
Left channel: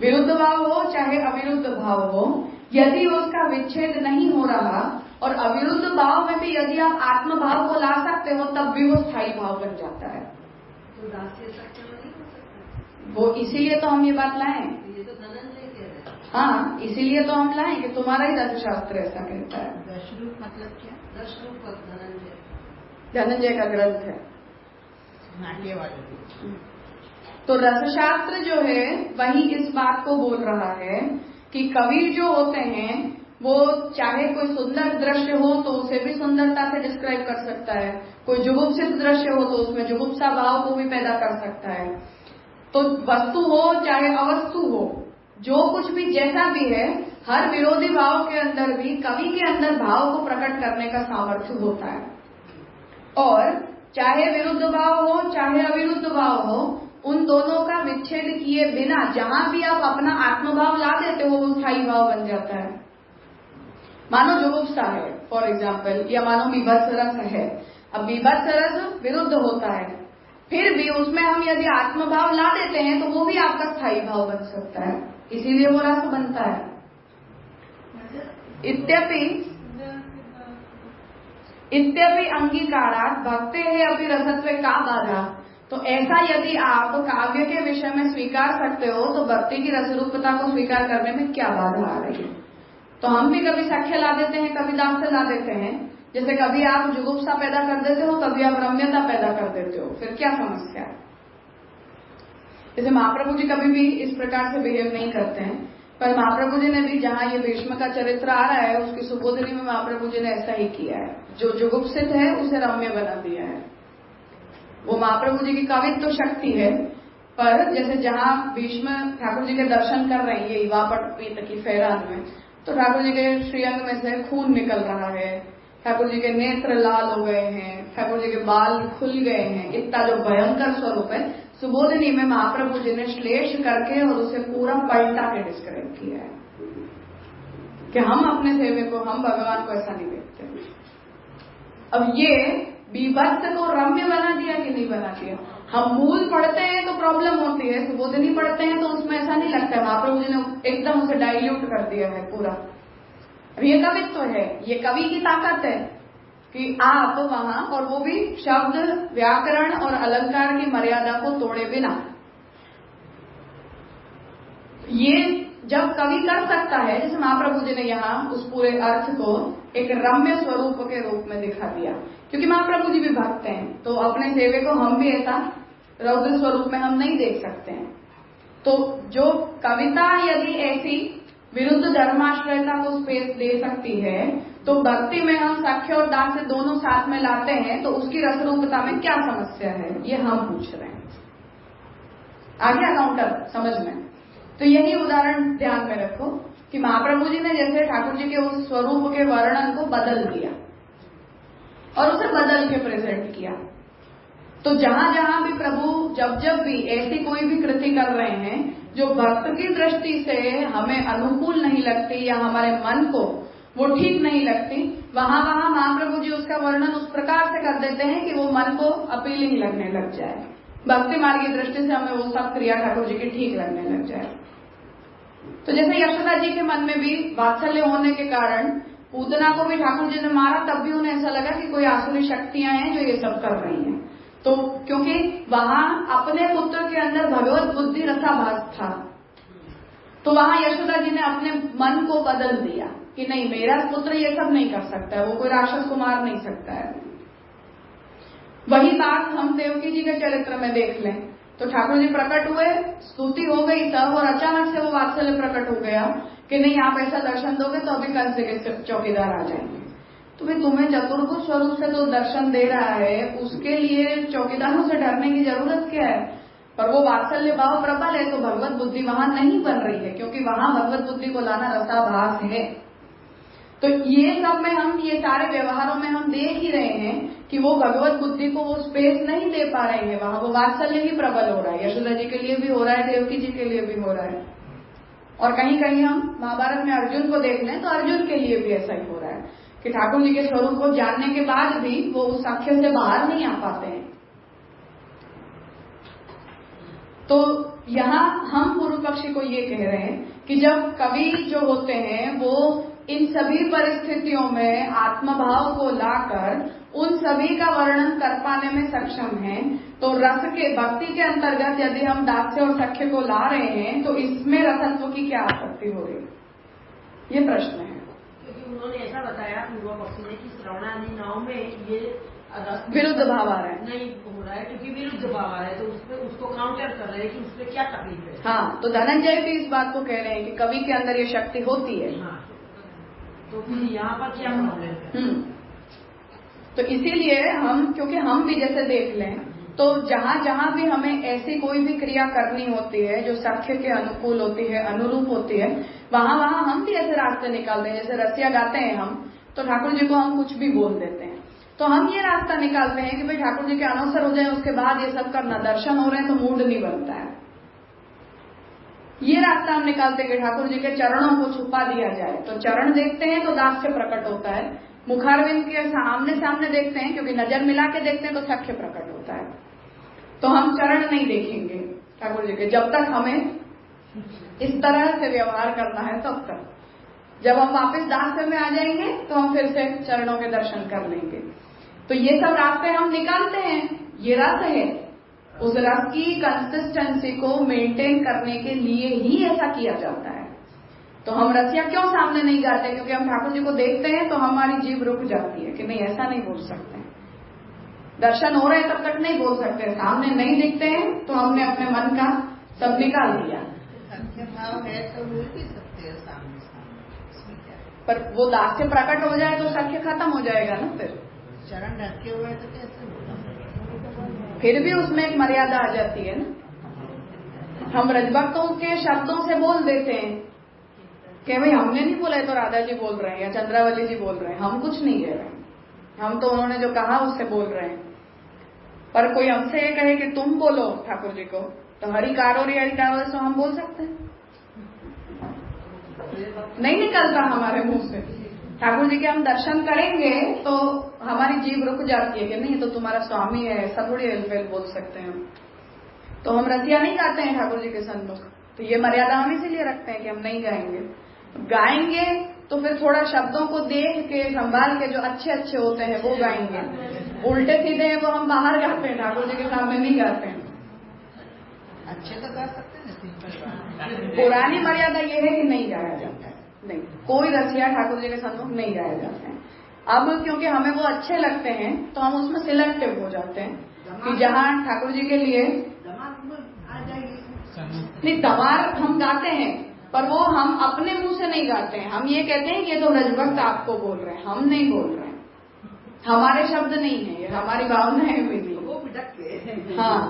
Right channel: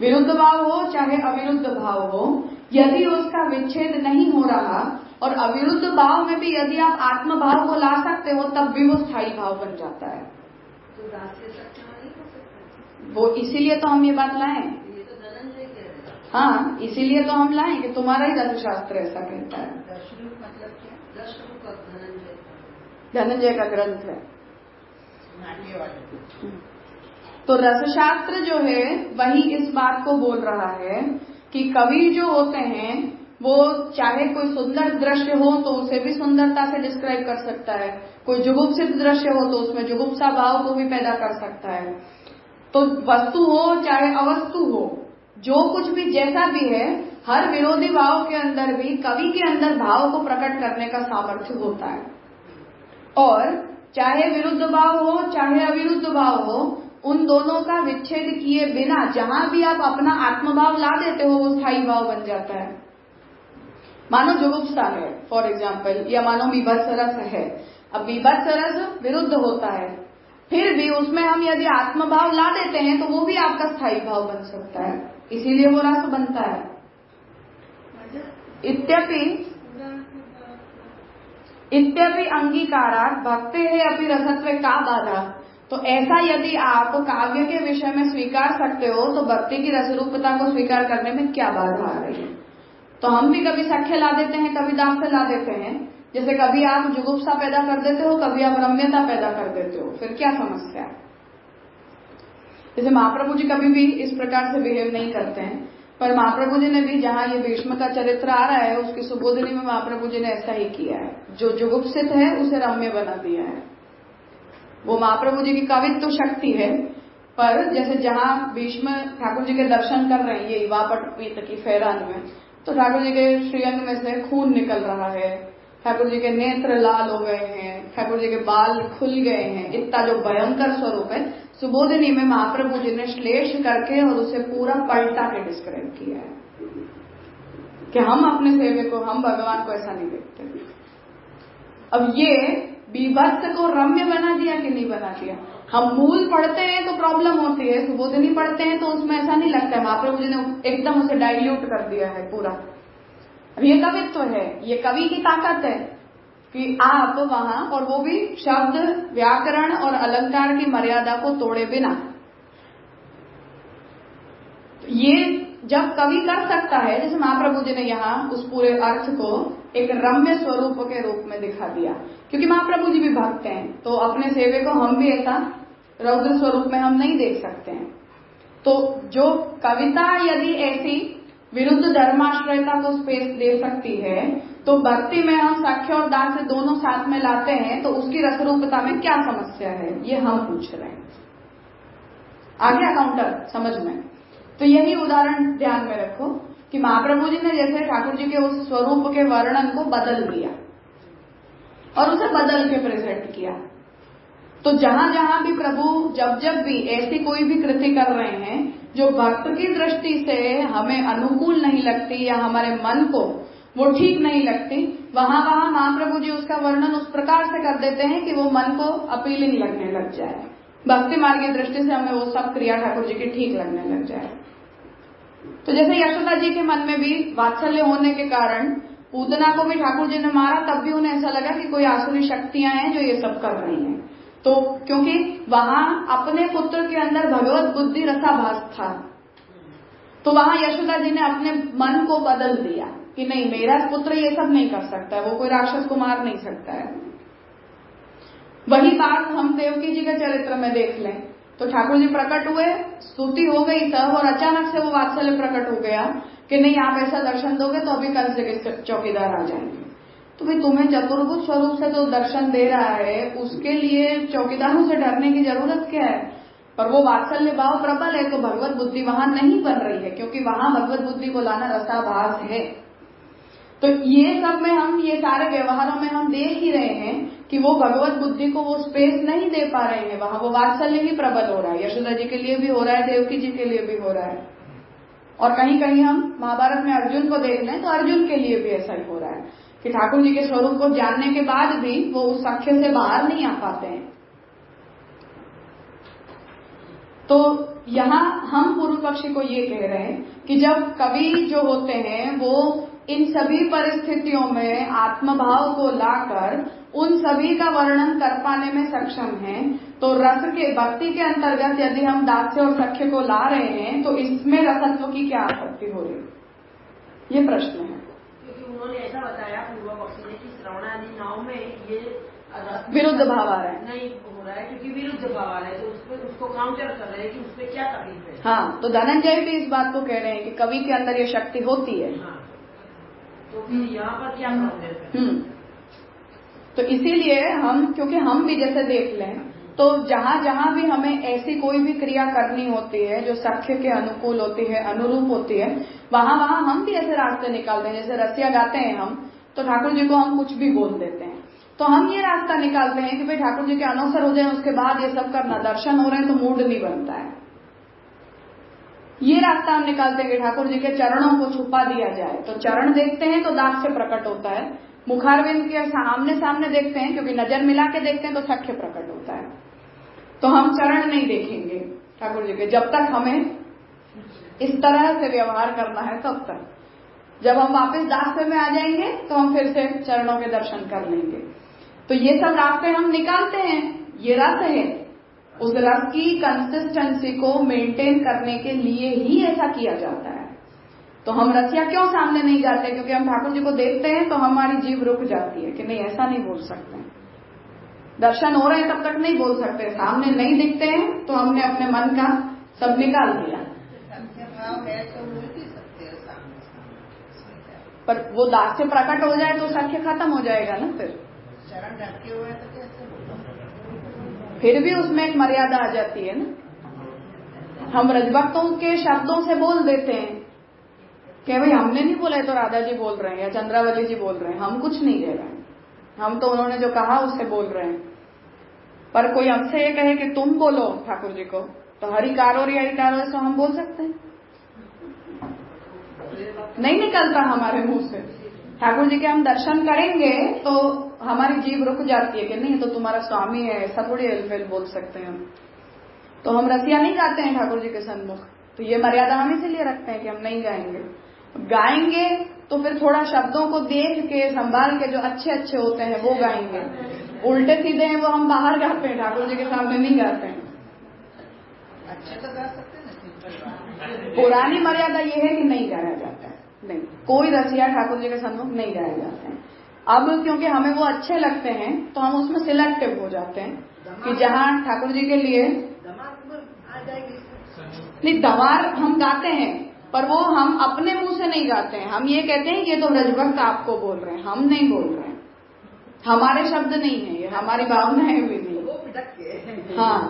विरुद्ध भाव हो चाहे अविरुद्ध भाव हो, यदि उसका विच्छेद नहीं हो रहा और अविरुद्ध भाव में भी यदि आप आत्म भाव को ला सकते हो तब भी वो स्थायी भाव बन जाता है। तो दास्य सत्य नहीं हो सकता, वो इसीलिए तो हम ये बात लाए। ये तो धनंजय कह रहे हैं। हाँ, इसीलिए तो हम लाए कि तुम्हारा ही दर्शशास्त्र ऐसा कहता है। दशरूप मतलब क्या? दशरूप धनंजय, धनंजय का ग्रंथ है। तो रसशास्त्र जो है वही इस बात को बोल रहा है कि कवि जो होते हैं वो चाहे कोई सुंदर दृश्य हो तो उसे भी सुंदरता से डिस्क्राइब कर सकता है, कोई जुगुप्सित दृश्य हो तो उसमें जुगुप्सा भाव को भी पैदा कर सकता है। तो वस्तु हो चाहे अवस्तु हो, जो कुछ भी जैसा भी है, हर विरोधी भाव के अंदर भी कवि के अंदर भाव को प्रकट करने का सामर्थ्य होता है। और चाहे विरुद्ध भाव हो चाहे अविरुद्ध भाव हो, उन दोनों का विच्छेद किए बिना जहां भी आप अपना आत्मभाव ला देते हो वो स्थायी भाव बन जाता है। मानो जुगुप्सा है फॉर एग्जाम्पल, या मानो बीभत्स रस है, अब बीभत्स रस विरुद्ध होता है, फिर भी उसमें हम यदि आत्मभाव ला देते हैं तो वो भी आपका स्थायी भाव बन सकता है, इसीलिए वो रस बनता है। इत्यपि अंगीकारात् भक्ते है अपनी रसत्व का बाधा। तो ऐसा यदि आप काव्य के विषय में स्वीकार सकते हो तो भक्ति की रसरूपता को स्वीकार करने में क्या बाधा आ रही है? तो हम भी कभी सख्य ला देते हैं, कभी दास्य ला देते हैं। जैसे कभी आप जुगुप्सा पैदा कर देते हो, कभी आप रम्यता पैदा कर देते हो, फिर क्या समस्या है? जैसे महाप्रभु जी कभी भी इस प्रकार से बिहेव नहीं करते हैं, पर महाप्रभु जी ने भी, जहां ये भीष्म का चरित्र आ रहा है उसकी सुबोधनी में महाप्रभु जी ने ऐसा ही किया है। जो जुगुप्सित है उसे रम्य बना दिया है। वो महाप्रभु जी की कवित्व शक्ति है। पर जैसे जहां भीष्म ठाकुर जी के दर्शन कर रहे हैं ये युवापट की फैरान में, तो ठाकुर जी के श्रीअंग में से खून निकल रहा है, ठाकुर जी के नेत्र लाल हो गए हैं, ठाकुर जी के बाल खुल गए हैं, इतना जो भयंकर स्वरूप है, सुबोधनी में महाप्रभु जी ने श्लेष करके और उसे पूरा पलटा के डिस्क्राइब किया है कि हम अपने सेवक को, हम भगवान को ऐसा नहीं देखते। अब ये बीभत्स को रम्य बना दिया कि नहीं बना दिया? हम मूल पढ़ते हैं तो प्रॉब्लम होती है, सुबोधनी पढ़ते हैं तो उसमें ऐसा नहीं लगता है। महाप्रभु जी ने एकदम उसे डाइल्यूट कर दिया है पूरा। अब ये कवित्व है, ये कवि की ताकत है कि आप वहां, और वो भी शब्द, व्याकरण और अलंकार की मर्यादा को तोड़े बिना। ये जब कवि कर सकता है, जैसे महाप्रभु जी ने यहाँ उस पूरे अर्थ को एक रम्य स्वरूप के रूप में दिखा दिया, क्योंकि महाप्रभु जी भी भक्त हैं, तो अपने सेवे को हम भी ऐसा रौद्र स्वरूप में हम नहीं देख सकते हैं। तो जो कविता यदि ऐसी विरुद्ध धर्माश्रयता को स्पेस दे सकती है, तो भक्ति में हम सख्य और दास्य दोनों साथ में लाते हैं, तो उसकी रसरूपता में क्या समस्या है, ये हम पूछ रहे हैं। आ गया काउंटर समझ में? तो यही उदाहरण ध्यान में रखो कि महाप्रभु जी ने जैसे ठाकुर जी के उस स्वरूप के वर्णन को बदल दिया और उसे बदल के प्रेजेंट किया। तो जहां जहां भी प्रभु जब भी ऐसी कोई भी कृति कर रहे हैं जो भक्त की दृष्टि से हमें अनुकूल नहीं लगती या हमारे मन को वो ठीक नहीं लगती, वहां वहां महाप्रभु जी उसका वर्णन उस प्रकार से कर देते हैं कि वो मन को अपीलिंग लगने लग जाए, भक्ति मार्ग की दृष्टि से हमें वो सब क्रिया ठाकुर जी की ठीक लगने लग जाए। तो जैसे यशोदा जी के मन में भी वात्सल्य होने के कारण पूतना को भी ठाकुर जी ने मारा, तब भी उन्हें ऐसा लगा कि कोई आसुरी शक्तियां हैं जो ये सब कर रही हैं। तो क्योंकि वहां अपने पुत्र के अंदर भगवत बुद्धि रसाभास था, तो वहां यशोदा जी ने अपने मन को बदल दिया कि नहीं, मेरा पुत्र ये सब नहीं कर सकता है, वो कोई राक्षस को मार नहीं सकता है। वही बात हम देवकी जी के चरित्र में देख लें, तो ठाकुर जी प्रकट हुए, स्तुति हो गई सब, और अचानक से वो वात्सल्य प्रकट हो गया कि नहीं, आप ऐसा दर्शन दोगे तो अभी कल से चौकीदार आ जाएंगे। तो भाई तुम्हें चतुर्भुज स्वरूप से तो दर्शन दे रहा है, उसके लिए चौकीदारों से डरने की जरूरत क्या है? पर वो वात्सल्य भाव प्रबल है, तो भगवत बुद्धि वहां नहीं बन रही है, क्योंकि वहां भगवत बुद्धि को लाना रसाभास है। तो ये सब में हम, ये सारे व्यवहारों में हम देख ही रहे हैं कि वो भगवत बुद्धि को वो स्पेस नहीं दे पा रहे हैं, वहां वो वात्सल्य ही प्रबल हो रहा है। यशोदा जी के लिए भी हो रहा है, देवकी जी के लिए भी हो रहा है, और कहीं कहीं हम महाभारत में अर्जुन को देख लें तो अर्जुन के लिए भी ऐसा ही हो रहा है कि ठाकुर जी के स्वरूप को जानने के बाद भी वो उस सख्य से बाहर नहीं आ पाते हैं। तो यहाँ हम पूर्व पक्षी को ये कह रहे हैं कि जब कवि जो होते हैं वो इन सभी परिस्थितियों में आत्मभाव को लाकर उन सभी का वर्णन कर पाने में सक्षम हैं, तो रस के भक्ति के अंतर्गत यदि हम दास्य और सख्य को ला रहे हैं तो इसमें रसत्व की क्या आपत्ति हो रही है, ये प्रश्न है। क्योंकि उन्होंने ऐसा बताया पूर्व पक्षी ने कि श्रवणादि नाव में ये विरुद्ध भाव आ रहा है, नहीं हो रहा है, क्योंकि विरुद्ध भाव आ रहा है, तो उसमें उसको काउंटर कर रहे हैं कि उसमें क्या तकलीफ है। हाँ, तो धनंजय भी इस बात को कह रहे हैं कि कवि के अंदर ये शक्ति होती है। हाँ, तो फिर यहाँ पर क्या प्रॉब्लम है? तो इसीलिए हम, क्योंकि हम भी जैसे देख लें तो जहां जहां भी हमें ऐसी कोई भी क्रिया करनी होती है जो सख्य के अनुकूल होती है, अनुरूप होती है, वहां वहां हम भी ऐसे रास्ते निकालते हैं। जैसे रसिया गाते हैं हम, तो ठाकुर जी को हम कुछ भी बोल देते हैं, तो हम ये रास्ता निकालते हैं कि भाई ठाकुर जी के अनुसार हो जाए, उसके बाद ये सब करना, दर्शन हो रहे हैं तो मूड नहीं बनता है। ये रास्ता हम निकालते हैं कि ठाकुर जी के चरणों को छुपा दिया जाए, तो चरण देखते हैं तो दास्य प्रकट होता है, मुखारविंद के सामने सामने देखते हैं, क्योंकि नजर मिला के देखते हैं तो सख्य प्रकट होता है। तो हम चरण नहीं देखेंगे ठाकुर जी के जब तक हमें इस तरह से व्यवहार करना है तब तक। जब हम वापस दास्य में आ जाएंगे तो हम फिर से चरणों के दर्शन कर लेंगे। तो ये सब रास्ते हम निकालते हैं, ये रस है। उस रस की कंसिस्टेंसी को मेंटेन करने के लिए ही ऐसा किया जाता है। तो हम रसिया क्यों सामने नहीं गाते? क्योंकि हम ठाकुर जी को देखते हैं तो हमारी जीभ रुक जाती है कि नहीं, ऐसा नहीं बोल सकते। दर्शन हो रहे हैं तब तक नहीं बोल सकते, सामने नहीं दिखते हैं तो हमने अपने मन का सब निकाल दिया। पर वो दास्य प्रकट हो जाए तो सख्य खत्म हो जाएगा ना। चरण रखे हुए तो कैसे? फिर भी उसमें एक मर्यादा आ जाती है ना। हम रजभक्तों के शब्दों से बोल देते हैं कि भाई हमने नहीं बोला है तो राधा जी बोल रहे हैं या चंद्रावली जी बोल रहे हैं, हम कुछ नहीं कह रहे हैं, हम तो उन्होंने जो कहा उससे बोल रहे हैं। पर कोई हमसे ये कहे कि तुम बोलो ठाकुर जी को, तो हरिकारो से हम बोल सकते हैं? नहीं निकलता हमारे मुंह से। ठाकुर जी के हम दर्शन करेंगे तो हमारी जीभ रुक जाती है कि नहीं तो तुम्हारा स्वामी है, ऐसा थोड़ी एलफेल बोल सकते हैं हम। तो हम रसिया नहीं गाते हैं ठाकुर जी के सन्मुख। तो ये मर्यादा हम इसीलिए रखते हैं कि हम नहीं गाएंगे। गाएंगे तो फिर थोड़ा शब्दों को देख के संभाल के जो अच्छे अच्छे होते हैं वो गाएंगे। उल्टे सीधे हैं वो हम बाहर गाते हैं, ठाकुर जी के सामने नहीं गाते हैं। अच्छे तो गा सकते हैं। पुरानी मर्यादा ये है कि नहीं गाया जाता है, नहीं, कोई रसिया ठाकुर जी के सम्मुख नहीं गाए जाते हैं। अब क्योंकि हमें वो अच्छे लगते हैं तो हम उसमें सिलेक्टिव हो जाते हैं कि जहाँ ठाकुर जी के लिए नहीं, दमार हम गाते हैं पर वो हम अपने मुंह से नहीं गाते हैं। हम ये कहते हैं कि ये तो रजभक्त आपको बोल रहे हैं, हम नहीं बोल रहे हैं, हमारे शब्द नहीं है, ये हमारी भावनाएं भी नहीं। हाँ,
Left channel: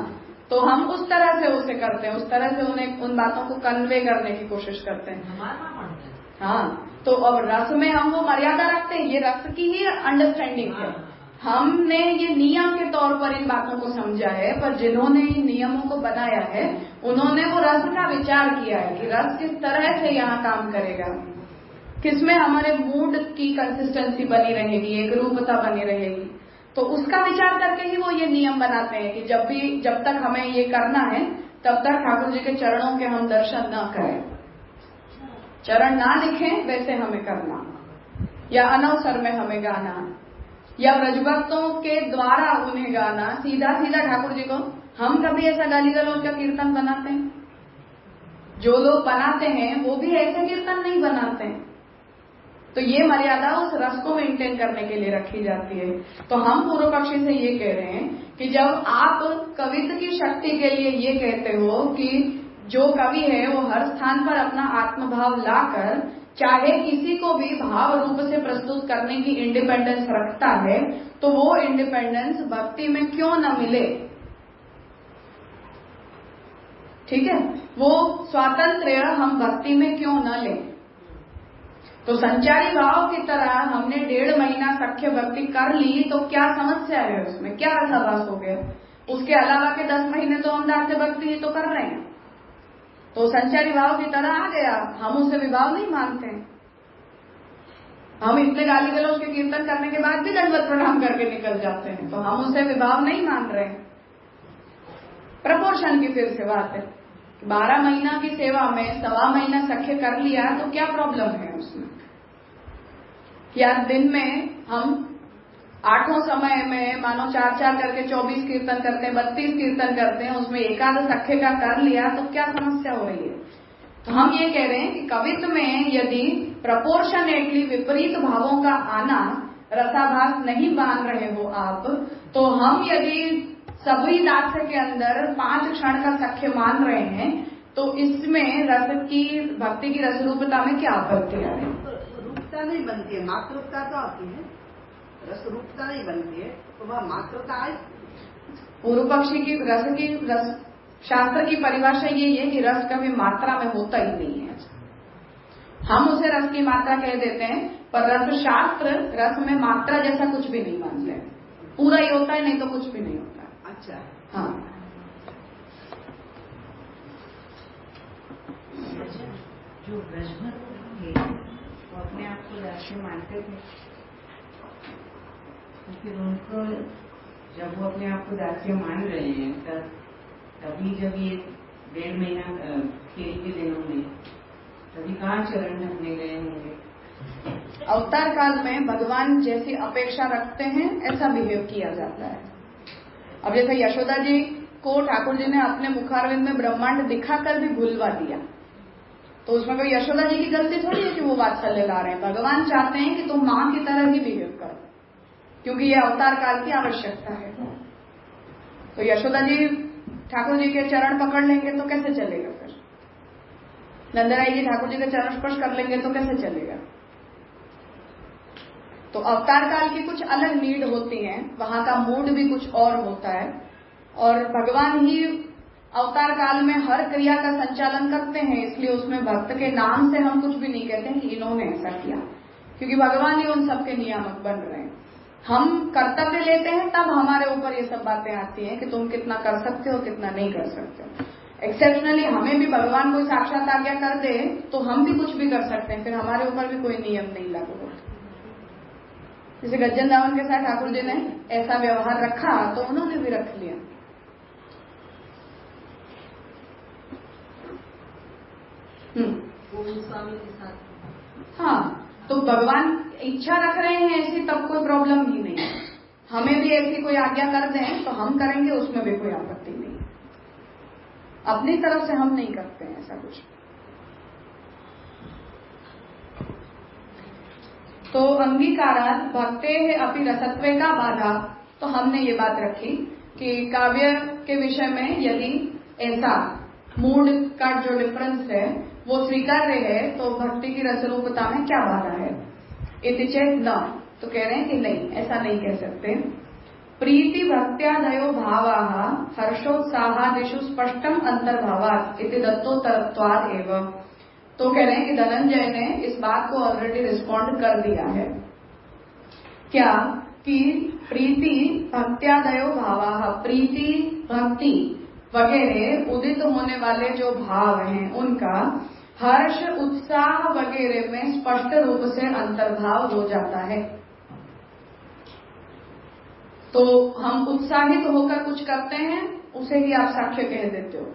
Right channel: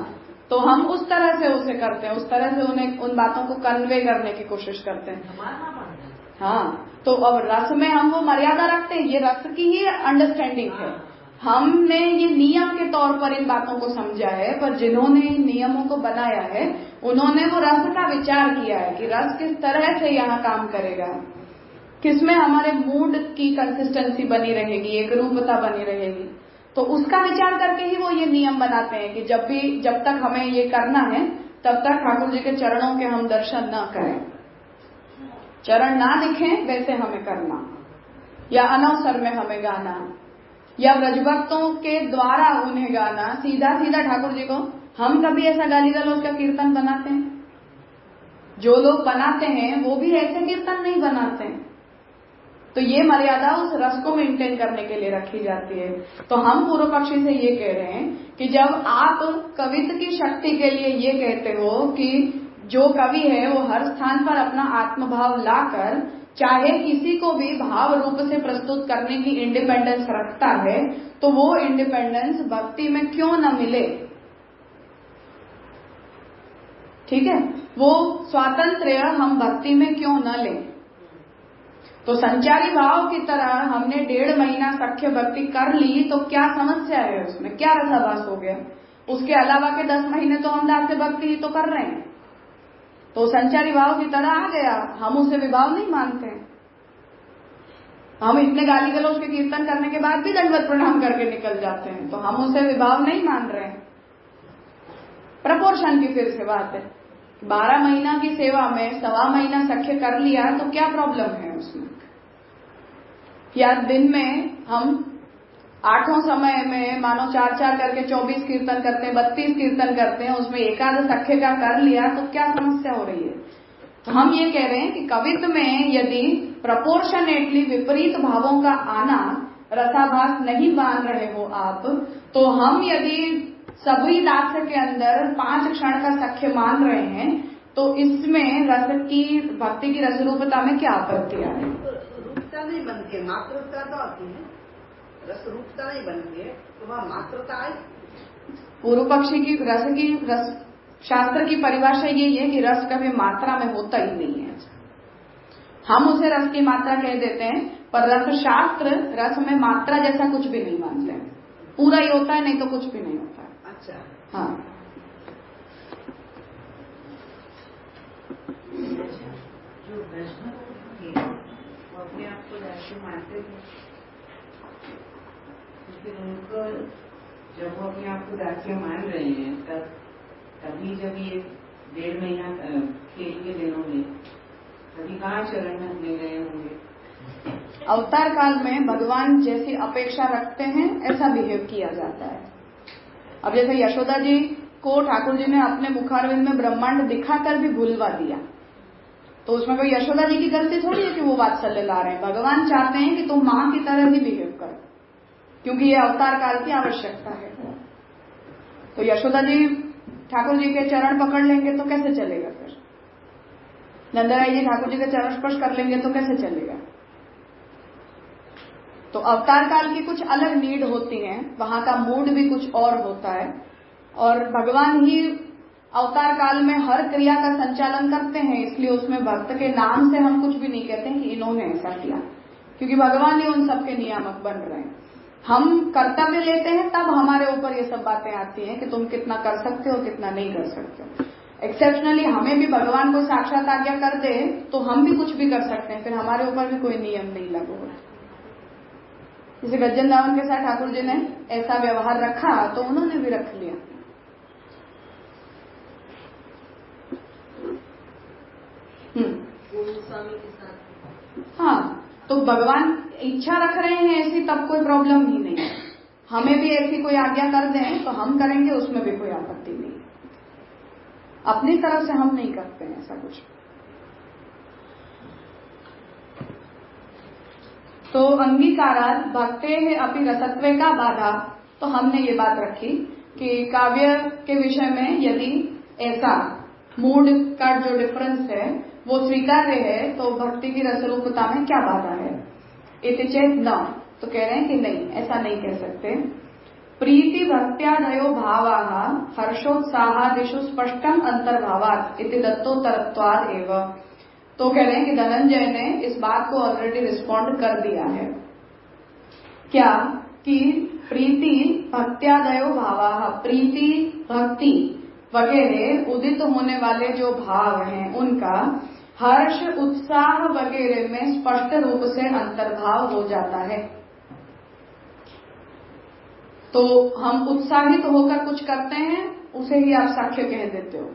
तो हम उस तरह से उसे करते हैं, उस तरह से उन्हें उन बातों को कन्वे करने की कोशिश करते हैं। हाँ, तो अब रस में हम वो मर्यादा रखते हैं, ये रस की ही अंडरस्टैंडिंग है। हमने ये नियम के तौर पर इन बातों को समझा है, पर जिन्होंने इन नियमों को बनाया है उन्होंने वो रस का विचार किया है कि रस किस तरह से यहाँ काम करेगा, किसमें हमारे मूड की कंसिस्टेंसी बनी रहेगी, एक रूपता बनी रहेगी। तो उसका विचार करके ही वो ये नियम बनाते हैं कि जब तक हमें ये करना है तब तक ठाकुर जी के चरणों के हम दर्शन न करें, चरण ना दिखें वैसे हमें करना, या अनवसर में हमें गाना, या ब्रजभक्तों के द्वारा उन्हें गाना, सीधा सीधा ठाकुर जी को। हम कभी ऐसा गाली गलौज का कीर्तन बनाते हैं? जो लोग बनाते हैं वो भी ऐसे कीर्तन नहीं बनाते हैं। तो ये मर्यादा उस रस को मेंटेन करने के लिए रखी जाती है। तो हम पूर्व पक्षी से ये कह रहे हैं कि जब आप कवित्व की शक्ति के लिए ये कहते हो कि जो कवि है वो हर स्थान पर अपना आत्मभाव लाकर चाहे किसी को भी भाव रूप से प्रस्तुत करने की इंडिपेंडेंस रखता है, तो वो इंडिपेंडेंस भक्ति में क्यों न मिले? ठीक है, वो स्वातंत्र्य हम भक्ति में क्यों न लें? तो संचारी भाव की तरह हमने 1.5 महीना सख्य भक्ति कर ली तो क्या समस्या है उसमें, क्या रसाभास हो गया? उसके अलावा के 10 महीने तो हम दास्य भक्ति ही तो कर रहे हैं। तो संचारी भाव की तरह आ गया, हम उसे विभाव नहीं मानते हैं। हम इतने गाली गलौज के कीर्तन करने के बाद भी दंडवत प्रणाम करके निकल जाते हैं, तो हम उसे विभाव नहीं मान रहे हैं। प्रपोर्शन की फिर से बात है, 12 महीना की सेवा में 1.25 महीना सख्य कर लिया तो क्या प्रॉब्लम है उसमें? या दिन में हम 8 समय में मानो 4 करके 24 कीर्तन करते हैं, 32 कीर्तन करते हैं, उसमें एकाध सख्य का कर लिया तो क्या समस्या हो रही है? तो हम ये कह रहे हैं कि कवित्व में यदि प्रपोर्शनेटली विपरीत भावों का आना रसाभास नहीं मान रहे हो आप, तो हम यदि सभी दास्य के अंदर 5 क्षण का सख्य मान रहे हैं तो इसमें रस की भक्ति की रसरूपता में क्या आपत्ति है? रूपता नहीं बनती है, मात्रता तो आती है। रस रूपता नहीं बनती है तो वह मात्रता आई। पूर्व पक्षी की रस शास्त्र की परिभाषा यही है कि रस कभी मात्रा में होता ही नहीं है। हम उसे रस की मात्रा कह देते हैं, पर रस शास्त्र रस में मात्रा जैसा कुछ भी नहीं मानता है। पूरा ही होता है, नहीं तो कुछ भी नहीं होता। अच्छा, हाँ, जो ब्रह्म थे वो अपने आप को दास्य मानते थे? तो फिर उनको जब वो अपने आप को दास्य मान रहे हैं तभी जब ये 1.5 महीना खेल के दिनों में तभी कहाँ चरण में गए होंगे। अवतार काल में भगवान जैसी अपेक्षा रखते हैं ऐसा बिहेव किया जाता है। अब जैसे यशोदा जी को ठाकुर जी ने अपने मुखारविंद में ब्रह्मांड दिखाकर भी भूलवा दिया, तो उसमें कोई यशोदा जी की गलती थोड़ी है कि वो वात्सल्य ला रहे हैं। भगवान चाहते हैं कि तुम मां की तरह ही बिहेव करो, क्योंकि ये अवतार काल की आवश्यकता है। तो यशोदा जी ठाकुर जी के चरण पकड़ लेंगे तो कैसे चलेगा? फिर नंदराई जी ठाकुर जी के चरण स्पर्श कर लेंगे तो कैसे चलेगा? तो अवतार काल की कुछ अलग नीड होती है, वहां का मूड भी कुछ और होता है, और भगवान ही अवतार काल में हर क्रिया का संचालन करते हैं। इसलिए उसमें भक्त के नाम से हम कुछ भी नहीं कहते हैं कि इन्होंने ऐसा किया, क्योंकि भगवान ही उन सबके नियामक बन रहे हैं। हम कर्तव्य लेते हैं तब हमारे ऊपर ये सब बातें आती हैं कि तुम कितना कर सकते हो, कितना नहीं कर सकते हो। एक्सेप्शनली हमें भी भगवान को साक्षात आज्ञा कर दे तो हम भी कुछ भी कर सकते हैं, फिर हमारे ऊपर भी कोई नियम नहीं लागू होता। जैसे गज्जन दावन के साथ ठाकुर जी ने ऐसा व्यवहार रखा तो उन्होंने भी रख लिया। हाँ, तो भगवान इच्छा रख रहे हैं ऐसी, तब कोई प्रॉब्लम ही नहीं है। हमें भी ऐसी कोई आज्ञा कर दें तो हम करेंगे, उसमें भी कोई आपत्ति नहीं। अपनी तरफ से हम नहीं करते हैं ऐसा कुछ। तो अंगीकारात भक्ते है अपि रसत्वे का बाधा। तो हमने ये बात रखी कि काव्य के विषय में यदि ऐसा मूड का जो डिफरेंस है वो स्वीकार्य है तो भक्ति की रसरूपता में क्या बाधा है? इति चेत न, तो कह रहे हैं कि नहीं, ऐसा नहीं कह सकते। प्रीति भक्त्यादयो भावाः हर्षोत्साहादिषु स्पष्टम अंतर्भावात् इति दत्तोत्तरत्वात् एव। तो कह रहे हैं कि धनंजय ने इस बात को ऑलरेडी रिस्पॉन्ड कर दिया है। क्या कि प्रीति भक्त्यादयो भावाः, प्रीति भक्ति वगैरह उदित होने वाले जो भाव हैं उनका हर्ष उत्साह वगैरह में स्पष्ट रूप से अंतर्भाव हो जाता है। तो हम उत्साहित होकर कुछ करते हैं उसे ही आप साक्ष्य कह देते हो,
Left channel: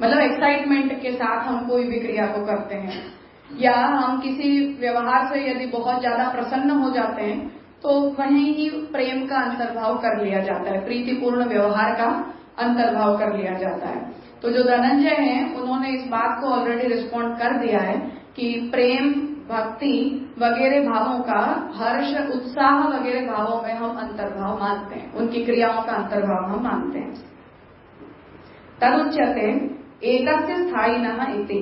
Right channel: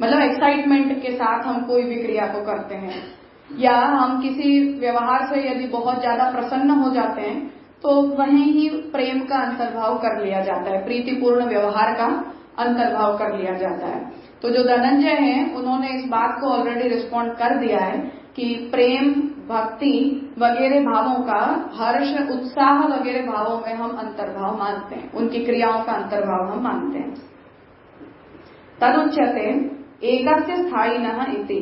मतलब एक्साइटमेंट के साथ हम कोई भी क्रिया को करते हैं, या हम किसी व्यवहार से यदि बहुत ज्यादा प्रसन्न हो जाते हैं तो वहीं ही प्रेम का अंतर्भाव कर लिया जाता है, प्रीतिपूर्ण व्यवहार का अंतर्भाव कर लिया जाता है। तो जो धनंजय हैं उन्होंने इस बात को ऑलरेडी रिस्पॉन्ड कर दिया है कि प्रेम भक्ति वगैरह भावों का हर्ष उत्साह वगैरह भावों में हम अंतर्भाव मानते हैं, उनकी क्रियाओं का अंतर्भाव हम मानते हैं। तदुच्यते एकस्य स्थायिनः इति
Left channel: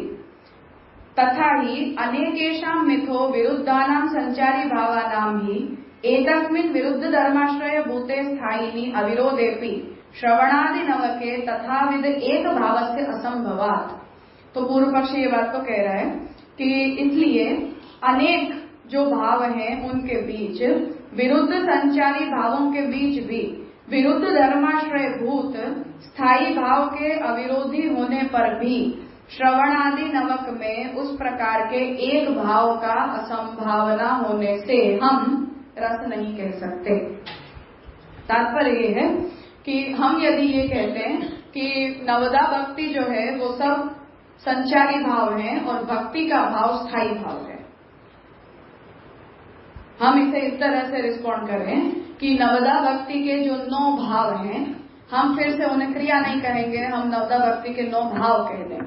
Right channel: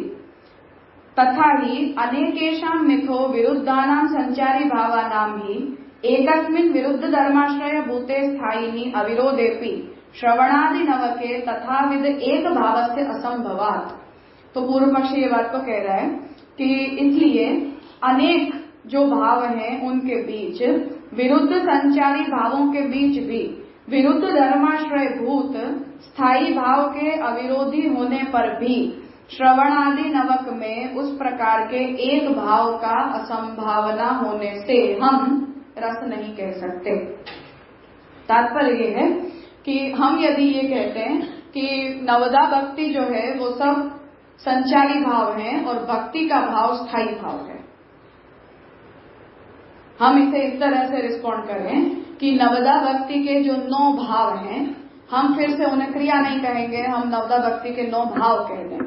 तथा ही अनेकेषां मिथो विरुद्धानां संचारी भावानां ही एकस्मिन् विरुद्ध धर्माश्रय भूते स्थायिनि अविरोधेपि श्रवणादि नवके तथाविध एक भावस्य असंभवात्। तो पूर्व पक्षी ये बात तो कह रहा है कि इसलिए अनेक जो भाव हैं उनके बीच, विरुद्ध संचारी भावों के बीच भी विरुद्ध धर्माश्रय भूत स्थायी भाव के अविरोधी होने पर भी श्रवणादि नवक में उस प्रकार के एक भाव का असंभावना होने से हम रस नहीं कह सकते। तात्पर्य ये है कि हम यदि ये कहते हैं कि नवदा भक्ति जो है वो सब संचारी भाव है और भक्ति का भाव स्थायी भाव है, हम इसे इस तरह से रिस्पॉन्ड करें कि नवदा भक्ति के जो 9 भाव हैं, हम फिर से उन्हें क्रिया नहीं कहेंगे, हम नवदा भक्ति के 9 भाव कह दें।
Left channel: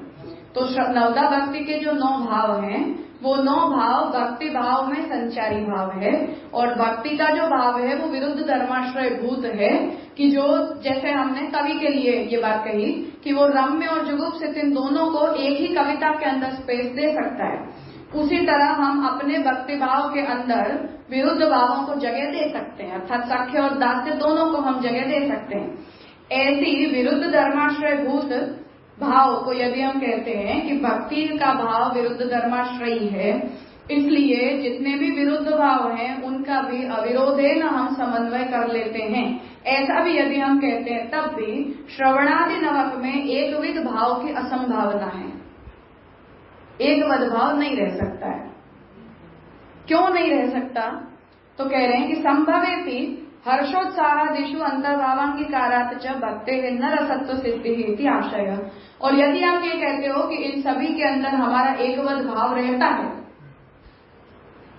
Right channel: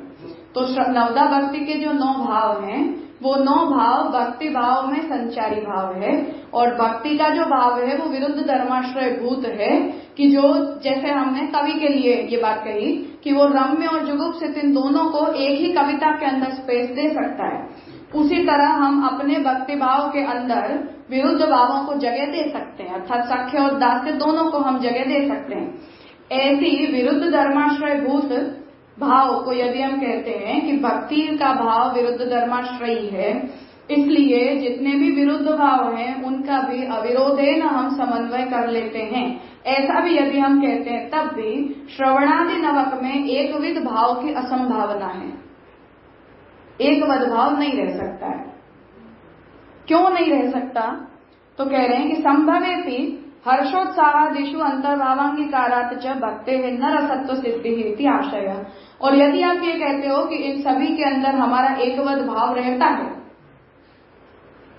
तो नवदा भक्ति के जो 9 भाव हैं वो 9 भाव भक्ति भाव में संचारी भाव है, और भक्ति का जो भाव है वो विरुद्ध धर्माश्रय भूत है कि जो, जैसे हमने कवि के लिए ये बात कही कि वो रम्य और जुगुप्सित इन दोनों को एक ही कविता के अंदर स्पेस दे सकता है, उसी तरह हम अपने भक्ति भाव के अंदर विरुद्ध भावों को जगह दे सकते हैं, अर्थात साख्य और दास्य दोनों को हम जगह दे सकते हैं। ऐसी विरुद्ध धर्माश्रय भूत भाव को यदि हम कहते हैं कि भक्ति का भाव विरुद्ध धर्माश्रयी है, इसलिए जितने भी विरुद्ध भाव हैं उनका भी अविरोधेन हम समन्वय कर लेते हैं, ऐसा भी यदि हम कहते हैं तब भी श्रवणादि नवक में एकविध भाव की असंभावना है, एकवद भाव नहीं रह सकता है। क्यों नहीं रह सकता? तो कह रहे हैं कि संभवेपि हर्षोत्साहादिषु अंतर्भावांगीकारात् च भक्तेः न रसत्व सिद्धिः इति आशय। और यदि आप ये कहते हो कि इन सभी के अंदर हमारा एकवद भाव रहता है,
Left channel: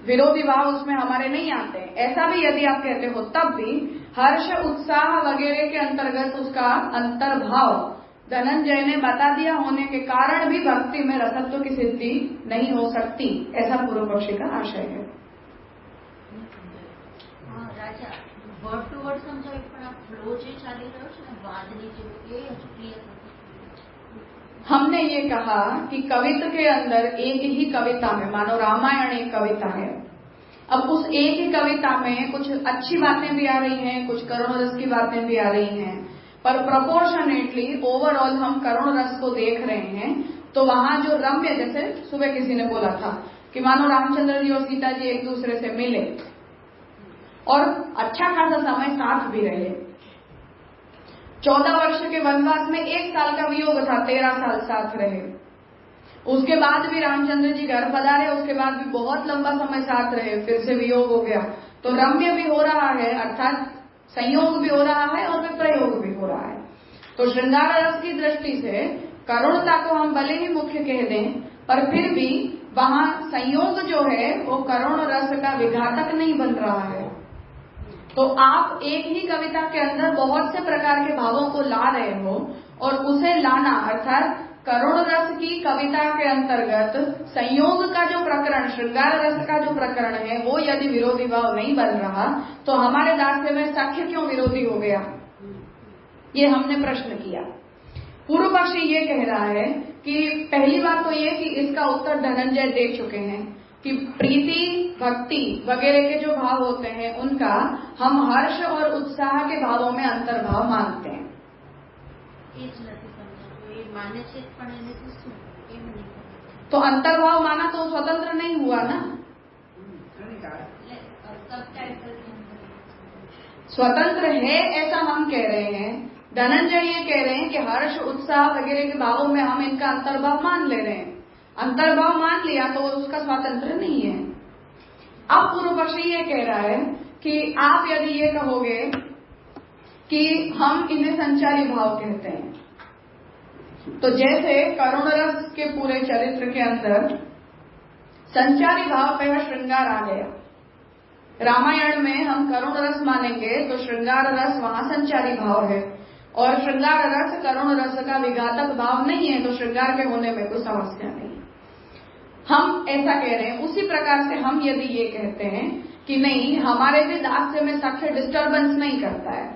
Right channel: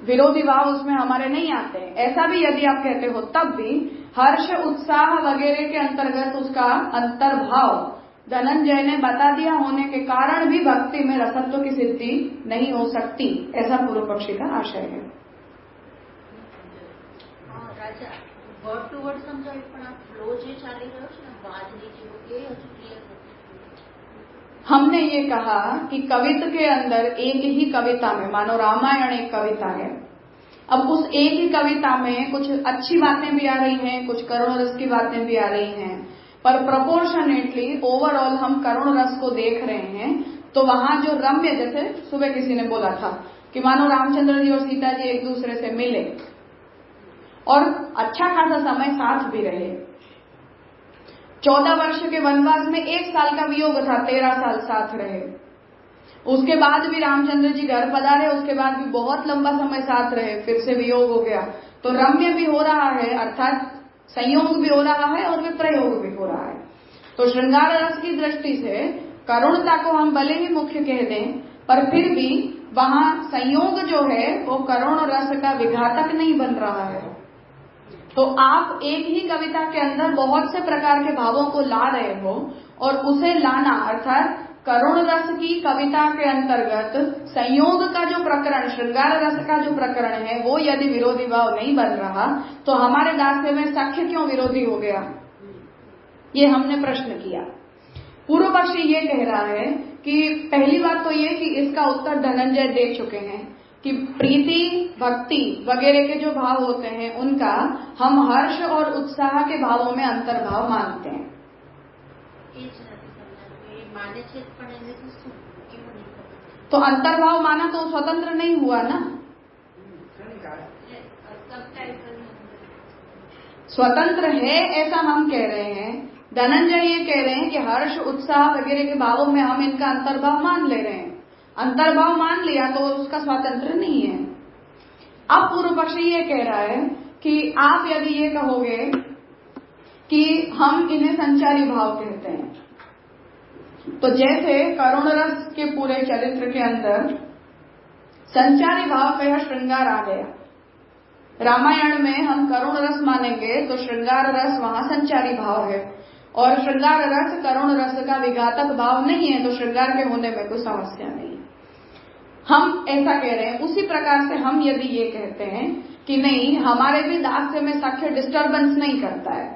विरोधी भाव उसमें हमारे नहीं आते हैं, ऐसा भी यदि आप कहते हो, तब भी हर्ष उत्साह वगैरह के अंतर्गत उसका अंतर्भाव धनंजय ने बता दिया होने के कारण भी भक्ति में रसत्व की सिद्धि नहीं हो सकती, ऐसा पूर्व पक्षी का आशय है। राजा वर्ड टू वर्ड समझाયું પણ આ ફ્લો જે ચાલી રહ્યો છે ને વાદની જેવું એ હજુ ક્લિયર નથી। हमने ये कहा कि कवित्व के अंदर एक ही कविता में, मानो रामायण एक कविता है, अब उस एक ही कविता में कुछ अच्छी बातें भी आ रही हैं, कुछ करुण रस की बातें भी आ रही हैं, पर प्रोपोर्शनेटली ओवरऑल हम करुण रस को देख रहे हैं। तो वहां जो रम्य, जैसे सुबह किसी ने बोला था कि मानो रामचंद्र जी और सीता जी एक दूसरे से मिले और अच्छा खासा समय साथ भी रहे। 14 वर्ष के वनवास में 1 साल का वियोग था, 13 साल साथ रहे। उसके बाद भी रामचंद्र जी घर पधारे, उसके बाद भी बहुत लंबा समय साथ रहे, फिर से वियोग हो गया। तो रम्य भी हो रहा है, अर्थात संयोग भी हो रहा है और विप्रयोग भी हो रहा है। तो श्रृंगार रस की दृष्टि से करुणता को हम भले ही मुख्य कह दें, पर फिर भी वहां संयोग जो है वो करुण रस का विघातक नहीं बन रहा है। तो आप एक ही कविता के अंदर बहुत से प्रकार के भावों को ला रहे हो और उसे लाना, अर्थात करुण रस की कविता के अंतर्गत संयोग का जो प्रकरण, श्रृंगार रस का जो प्रकरण है, वो यदि विरोधी भाव नहीं बन रहा तो हमारे दास्य में सख्य क्यों विरोधी हो गया, ये हमने प्रश्न किया। पूर्व पक्षी ये कह रहा है कि पहली बात तो ये कि इसका उत्तर धनंजय दे चुके हैं कि प्रीति भक्ति वगैरह के जो भाव होते हैं उनका हम हर्ष और उत्साह के भावों में अंतर्भाव मानते हैं। तो अंतर्भाव माना तो स्वतंत्र नहीं हुआ ना, स्वतंत्र है ऐसा हम कह रहे हैं। धनंजय ये कह रहे हैं कि हर्ष उत्साह वगैरह के भावों में हम इनका अंतर्भाव मान ले रहे हैं। अंतर्भाव मान लिया तो उसका स्वातंत्र नहीं है। अब पूर्व पक्षी ये कह रहा है कि आप यदि ये कहोगे कि हम इन्हें संचारी भाव कहते हैं, तो जैसे करुण रस के पूरे चरित्र के अंदर संचारी भाव का यह श्रृंगार आ गया। रामायण में हम करुण रस मानेंगे तो श्रृंगार रस वहां संचारी भाव है, और श्रृंगार रस करुण रस का विघातक भाव नहीं है, तो श्रृंगार के होने में कोई समस्या नहीं है। हम ऐसा कह रहे हैं। उसी प्रकार से हम यदि ये कहते हैं कि नहीं, हमारे भी दास्य में सख्य डिस्टर्बेंस नहीं करता है,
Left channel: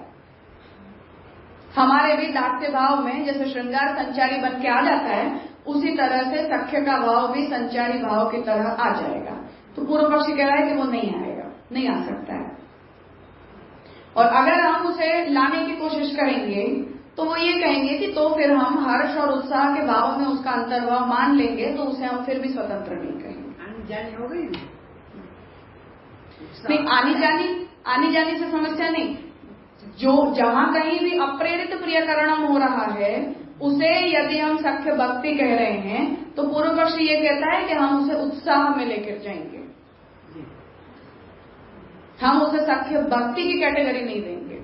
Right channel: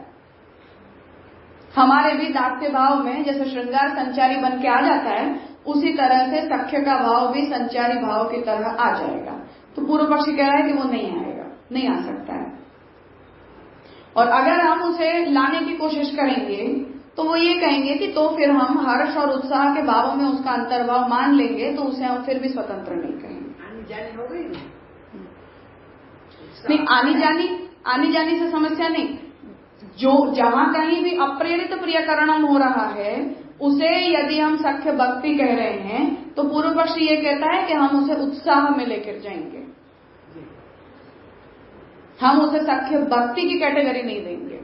हमारे भी दास्य भाव में जैसे श्रृंगार संचारी बन के आ जाता है, उसी तरह से सख्य का भाव भी संचारी भाव की तरह आ जाएगा। तो पूर्व पक्षी कह रहा है कि वो नहीं आएगा, नहीं आ सकता है। और अगर हम उसे लाने की कोशिश करेंगे तो वो ये कहेंगे कि तो फिर हम हर्ष और उत्साह के भावों में उसका अंतर्भाव मान लेंगे, तो उसे हम फिर भी स्वतंत्र नहीं कहेंगे। आनी जानी हो गई नहीं, आनी जानी से समस्या नहीं। जो जहां कहीं भी अप्रेरित प्रियकरणम हो रहा है उसे यदि हम सख्य भक्ति कह रहे हैं तो पूर्व पक्षी ये कहता है कि हम उसे उत्साह में लेकर जाएंगे, हम उसे सख्य भक्ति की कैटेगरी नहीं देंगे।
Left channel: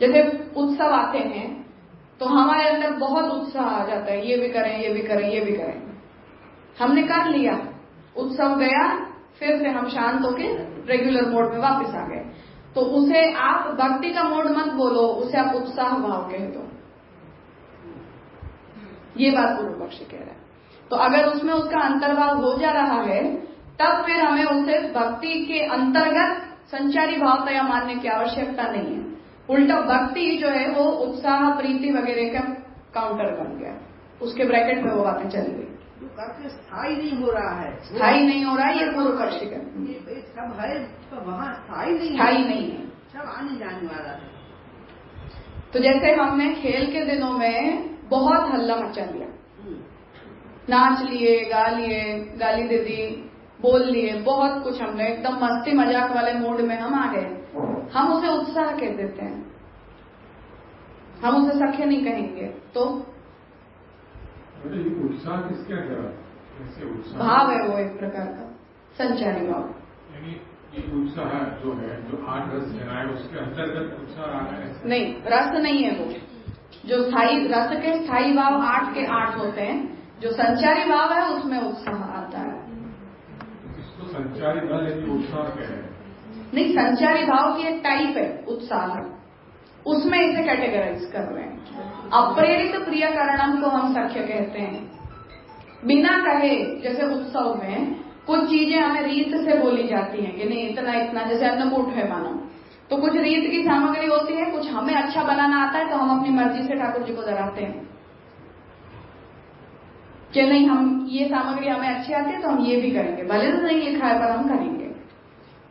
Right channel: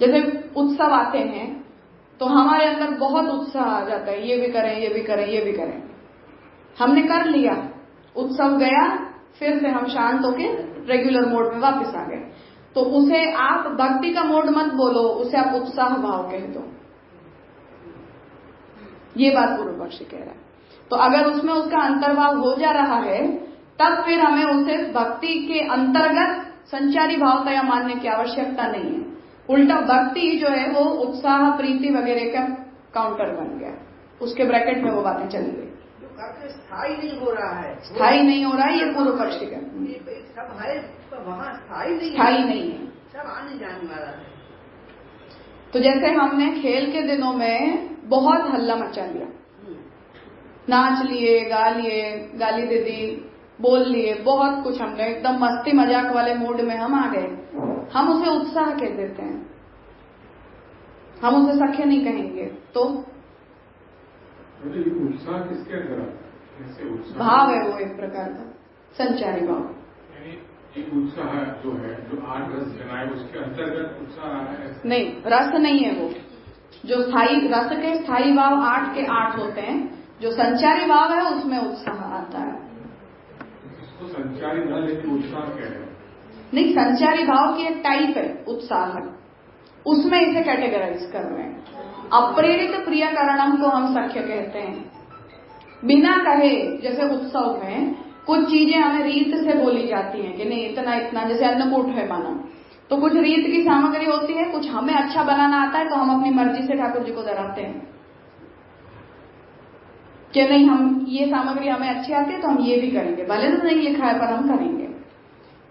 जैसे उत्सव आते हैं तो हमारे अंदर बहुत उत्साह आ जाता है, ये भी करें, ये भी करें, ये भी करें। हमने कर लिया, उत्सव गया, फिर से हम शांत होके रेगुलर मोड में वापस आ गए। तो उसे आप भक्ति का मोड मत बोलो, उसे आप उत्साह भाव कह दो। ये बात पूर्व पक्षी कह रहा है। तो अगर उसमें उसका अंतर्भाव हो जा रहा है तब फिर हमें उसे भक्ति के अंतर्गत संचारी भावता मानने की आवश्यकता नहीं है। उल्टा भक्ति जो है वो उत्साह प्रीति वगैरह का काउंटर बन गया, उसके ब्रैकेट में वो बातें चली गई। जो कार्य स्थायी नहीं हो रहा है, स्थायी नहीं हो रहा है, ये पूर्व पक्षी का सब है तो वहाँ स्थायी नहीं है, सब आने जाने वाला है। तो जैसे हमने खेल के दिनों में बहुत हल्ला मचा लिया, नाच लिए, गा लिए, गाली दे दी, बोल लिए, बहुत कुछ हमने एकदम मस्ती मजाक वाले मूड में हम आ गए, हम उसे उत्साह कह देते हैं, हम उसे सख्य नहीं कहेंगे। तो उत्साह किसके अंदर भाव है वो एक प्रकार का संचारी भाव। यानी ये उत्साह जो है, जो 8 रस चला है, उसके अंतर्गत उत्साह आ रहा है? नहीं, रस नहीं है वो। जो स्थायी रस के स्थायी भाव 8 के 8 होते हैं, जो संचारी भाव है उसमें उत्साह आता है। इसको संचारी भाव लेकिन उत्साह कह रहे हैं। नहीं, संचारी भाव की एक टाइप है उत्साह, उसमें इसे कैटेगराइज कर रहे हैं। अप्रेरित प्रियकरणम को हम सख्य कहते हैं। बिना कहे, जैसे उत्सव में कुछ चीजें हमें रीत से बोली जाती हैं कि नहीं इतना इतना, जैसे अन्नकूट है मानो, तो कुछ रीत की सामग्री होती है, कुछ हमें अच्छा बनाना आता है तो हम अपनी मर्जी से ठाकुर जी को धराते हैं कि नहीं हम ये सामग्री हमें अच्छी आती है तो हम ये भी करेंगे, भले तो नहीं लिखा है पर हम करेंगे।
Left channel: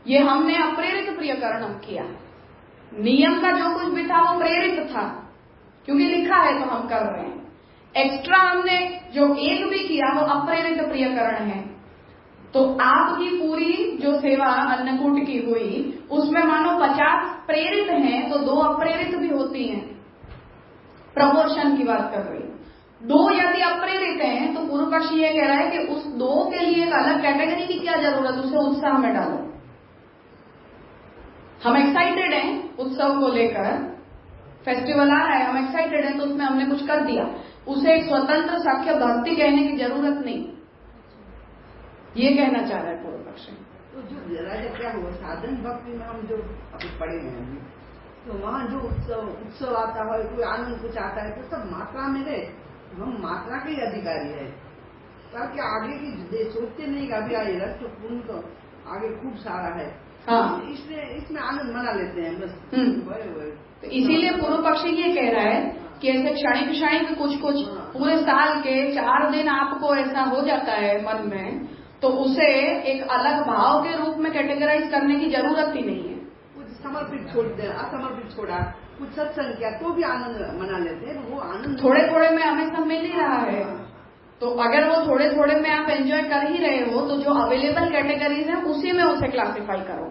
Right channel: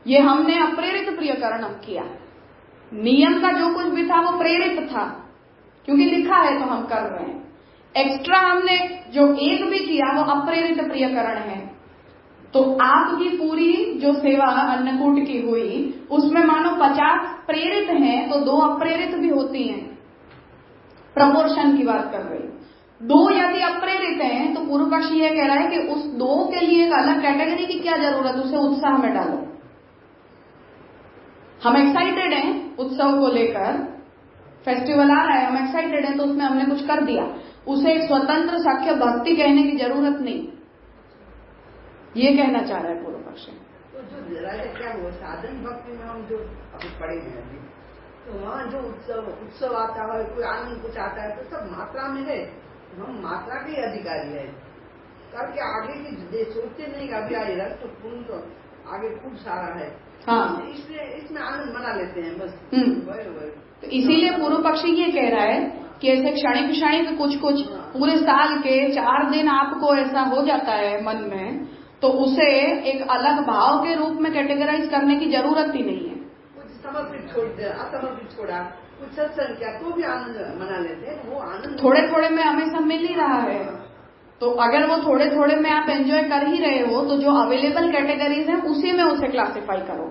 ये हमने अप्रेरित प्रियकरणम किया। नियम का जो कुछ भी था वो प्रेरित था, क्योंकि लिखा है तो हम कर रहे हैं। एक्स्ट्रा हमने जो एक भी किया वो अप्रेरित प्रियकरण है। तो आपकी पूरी जो सेवा अन्नकूट की हुई उसमें मानो 50 प्रेरित हैं तो 2 अप्रेरित भी होती हैं। प्रपोर्शन की बात कर रही। 2 यदि अप्रेरित हैं तो पूर्व पक्ष ये कह रहा है कि उस 2 के लिए एक अलग कैटेगरी की क्या जरूरत, उसे उत्साह में डालो। हम एक्साइटेड हैं उत्सव को लेकर, फेस्टिवल आ रहा है, हम एक्साइटेड हैं तो उसमें हमने कुछ कर दिया, उसे एक स्वतंत्र सख्य भक्ति कहने की जरूरत नहीं, ये कहना चाह रहा है पूर्व पक्ष। तो जो राजा क्या हुआ साधन भक्ति में हम जो अभी पढ़े हैं अभी, तो वहाँ जो उत्सव आता है, कोई आनंद कुछ आता है तो सब मात्रा में है, हम मात्रा के अधिकारी है करके आगे की सोचते नहीं कि आगे आए रस तो पूर्ण तो आगे खूब सारा है। हाँ। इसमें आनंद मना लेते हैं बस। तो इसीलिए पूर्व पक्षी ये कह रहा है कि ऐसे क्षणिक क्षणिक कुछ कुछ पूरे साल के 4 दिन आपको ऐसा हो जाता है मन में, तो उसे एक अलग भाव के रूप में कैटेगराइज करने की जरूरत ही नहीं है। कुछ समर्पित छोड़ दे, असमर्पित छोड़ा, कुछ सत्संग किया तो भी आनंद मना लेते हैं। वो आनंद थोड़े थोड़े में हमें सब मिल ही रहा है, तो अगर वो थोड़े थोड़े में आप एंजॉय कर ही रहे हो तो जो अवेलेबल कैटेगरीज है उसी में उसे क्लासिफाई करो,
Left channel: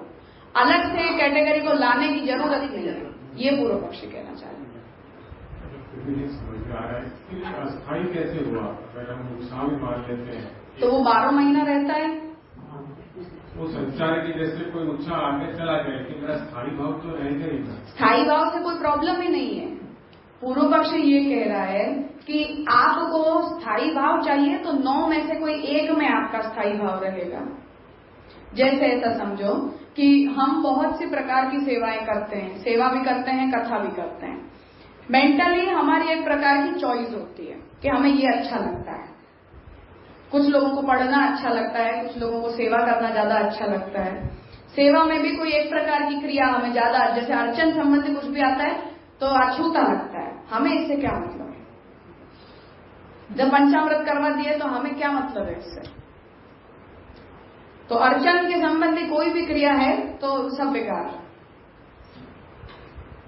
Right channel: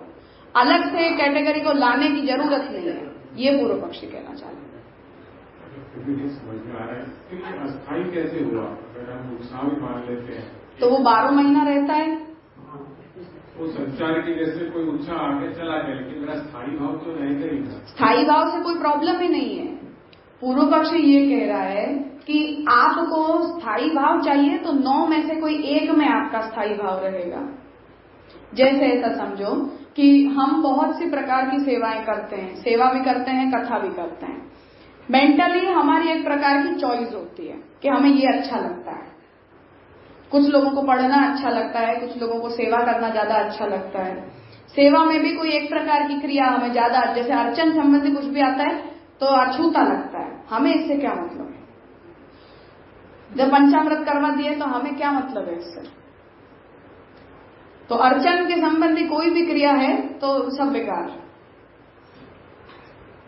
अलग से कैटेगरी को लाने की जरूरत नहीं है। ये पूर्व पक्षी कहना चाह रहे हैं। समझ में आ रहा है कि अस्थायी कैसे हुआ, अगर हम उत्साह भी मान लेते हैं तो वो 12 महीना रहता है। वो संचार की जैसे कोई उत्साह आगे चला गया, लेकिन मेरा स्थायी भाव तो रहेगा ही। स्थायी भाव से कोई प्रॉब्लम ही नहीं है। पूर्व पक्षी ये कह रहा है कि आपको स्थायी भाव चाहिए तो 9 में से कोई एक में आपका स्थायी भाव रहेगा। जैसे ऐसा समझो कि हम बहुत सी प्रकार की सेवाएं करते हैं, सेवा भी करते हैं, कथा भी करते हैं। मेंटली हमारी एक प्रकार की चॉइस होती है कि हमें ये अच्छा लगता है। कुछ लोगों को पढ़ना अच्छा लगता है, कुछ लोगों को सेवा करना ज्यादा अच्छा लगता है। सेवा में भी कोई एक प्रकार की क्रिया हमें ज्यादा, जैसे अर्चन संबंधी कुछ भी आता है तो अछूता लगता है, हमें इससे क्या मतलब है। जब पंचामृत करवा दिए तो हमें क्या मतलब है इससे। तो अर्चन के संबंधी कोई भी क्रिया है तो सब बेकार।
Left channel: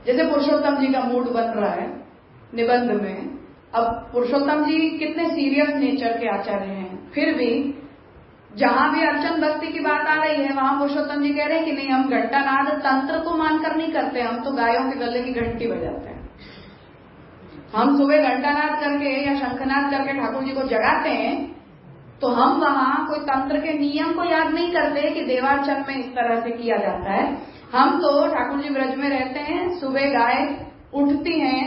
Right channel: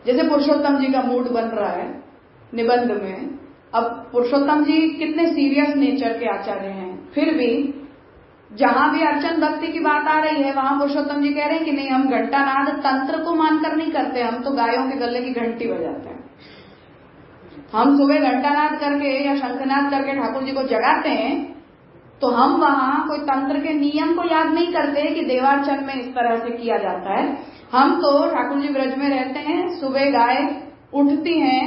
जैसे पुरुषोत्तम जी का मूड बन रहा है निबंध में, अब पुरुषोत्तम जी कितने सीरियस नेचर के आचार्य हैं, फिर भी जहां भी अर्चन भक्ति की बात आ रही है वहां पुरुषोत्तम जी कह रहे हैं कि नहीं, हम घंटानाद तंत्र को मानकर नहीं करते, हम तो गायों के गले की घंटी बजाते हैं। हम सुबह घंटानाद करके या शंखनाद करके ठाकुर जी को जगाते हैं, तो हम वहां कोई तंत्र के नियम को याद नहीं करते कि देवार्चन में इस तरह से किया जाता है। हम तो ठाकुर जी ब्रज में रहते हैं, सुबह गाय उठती हैं,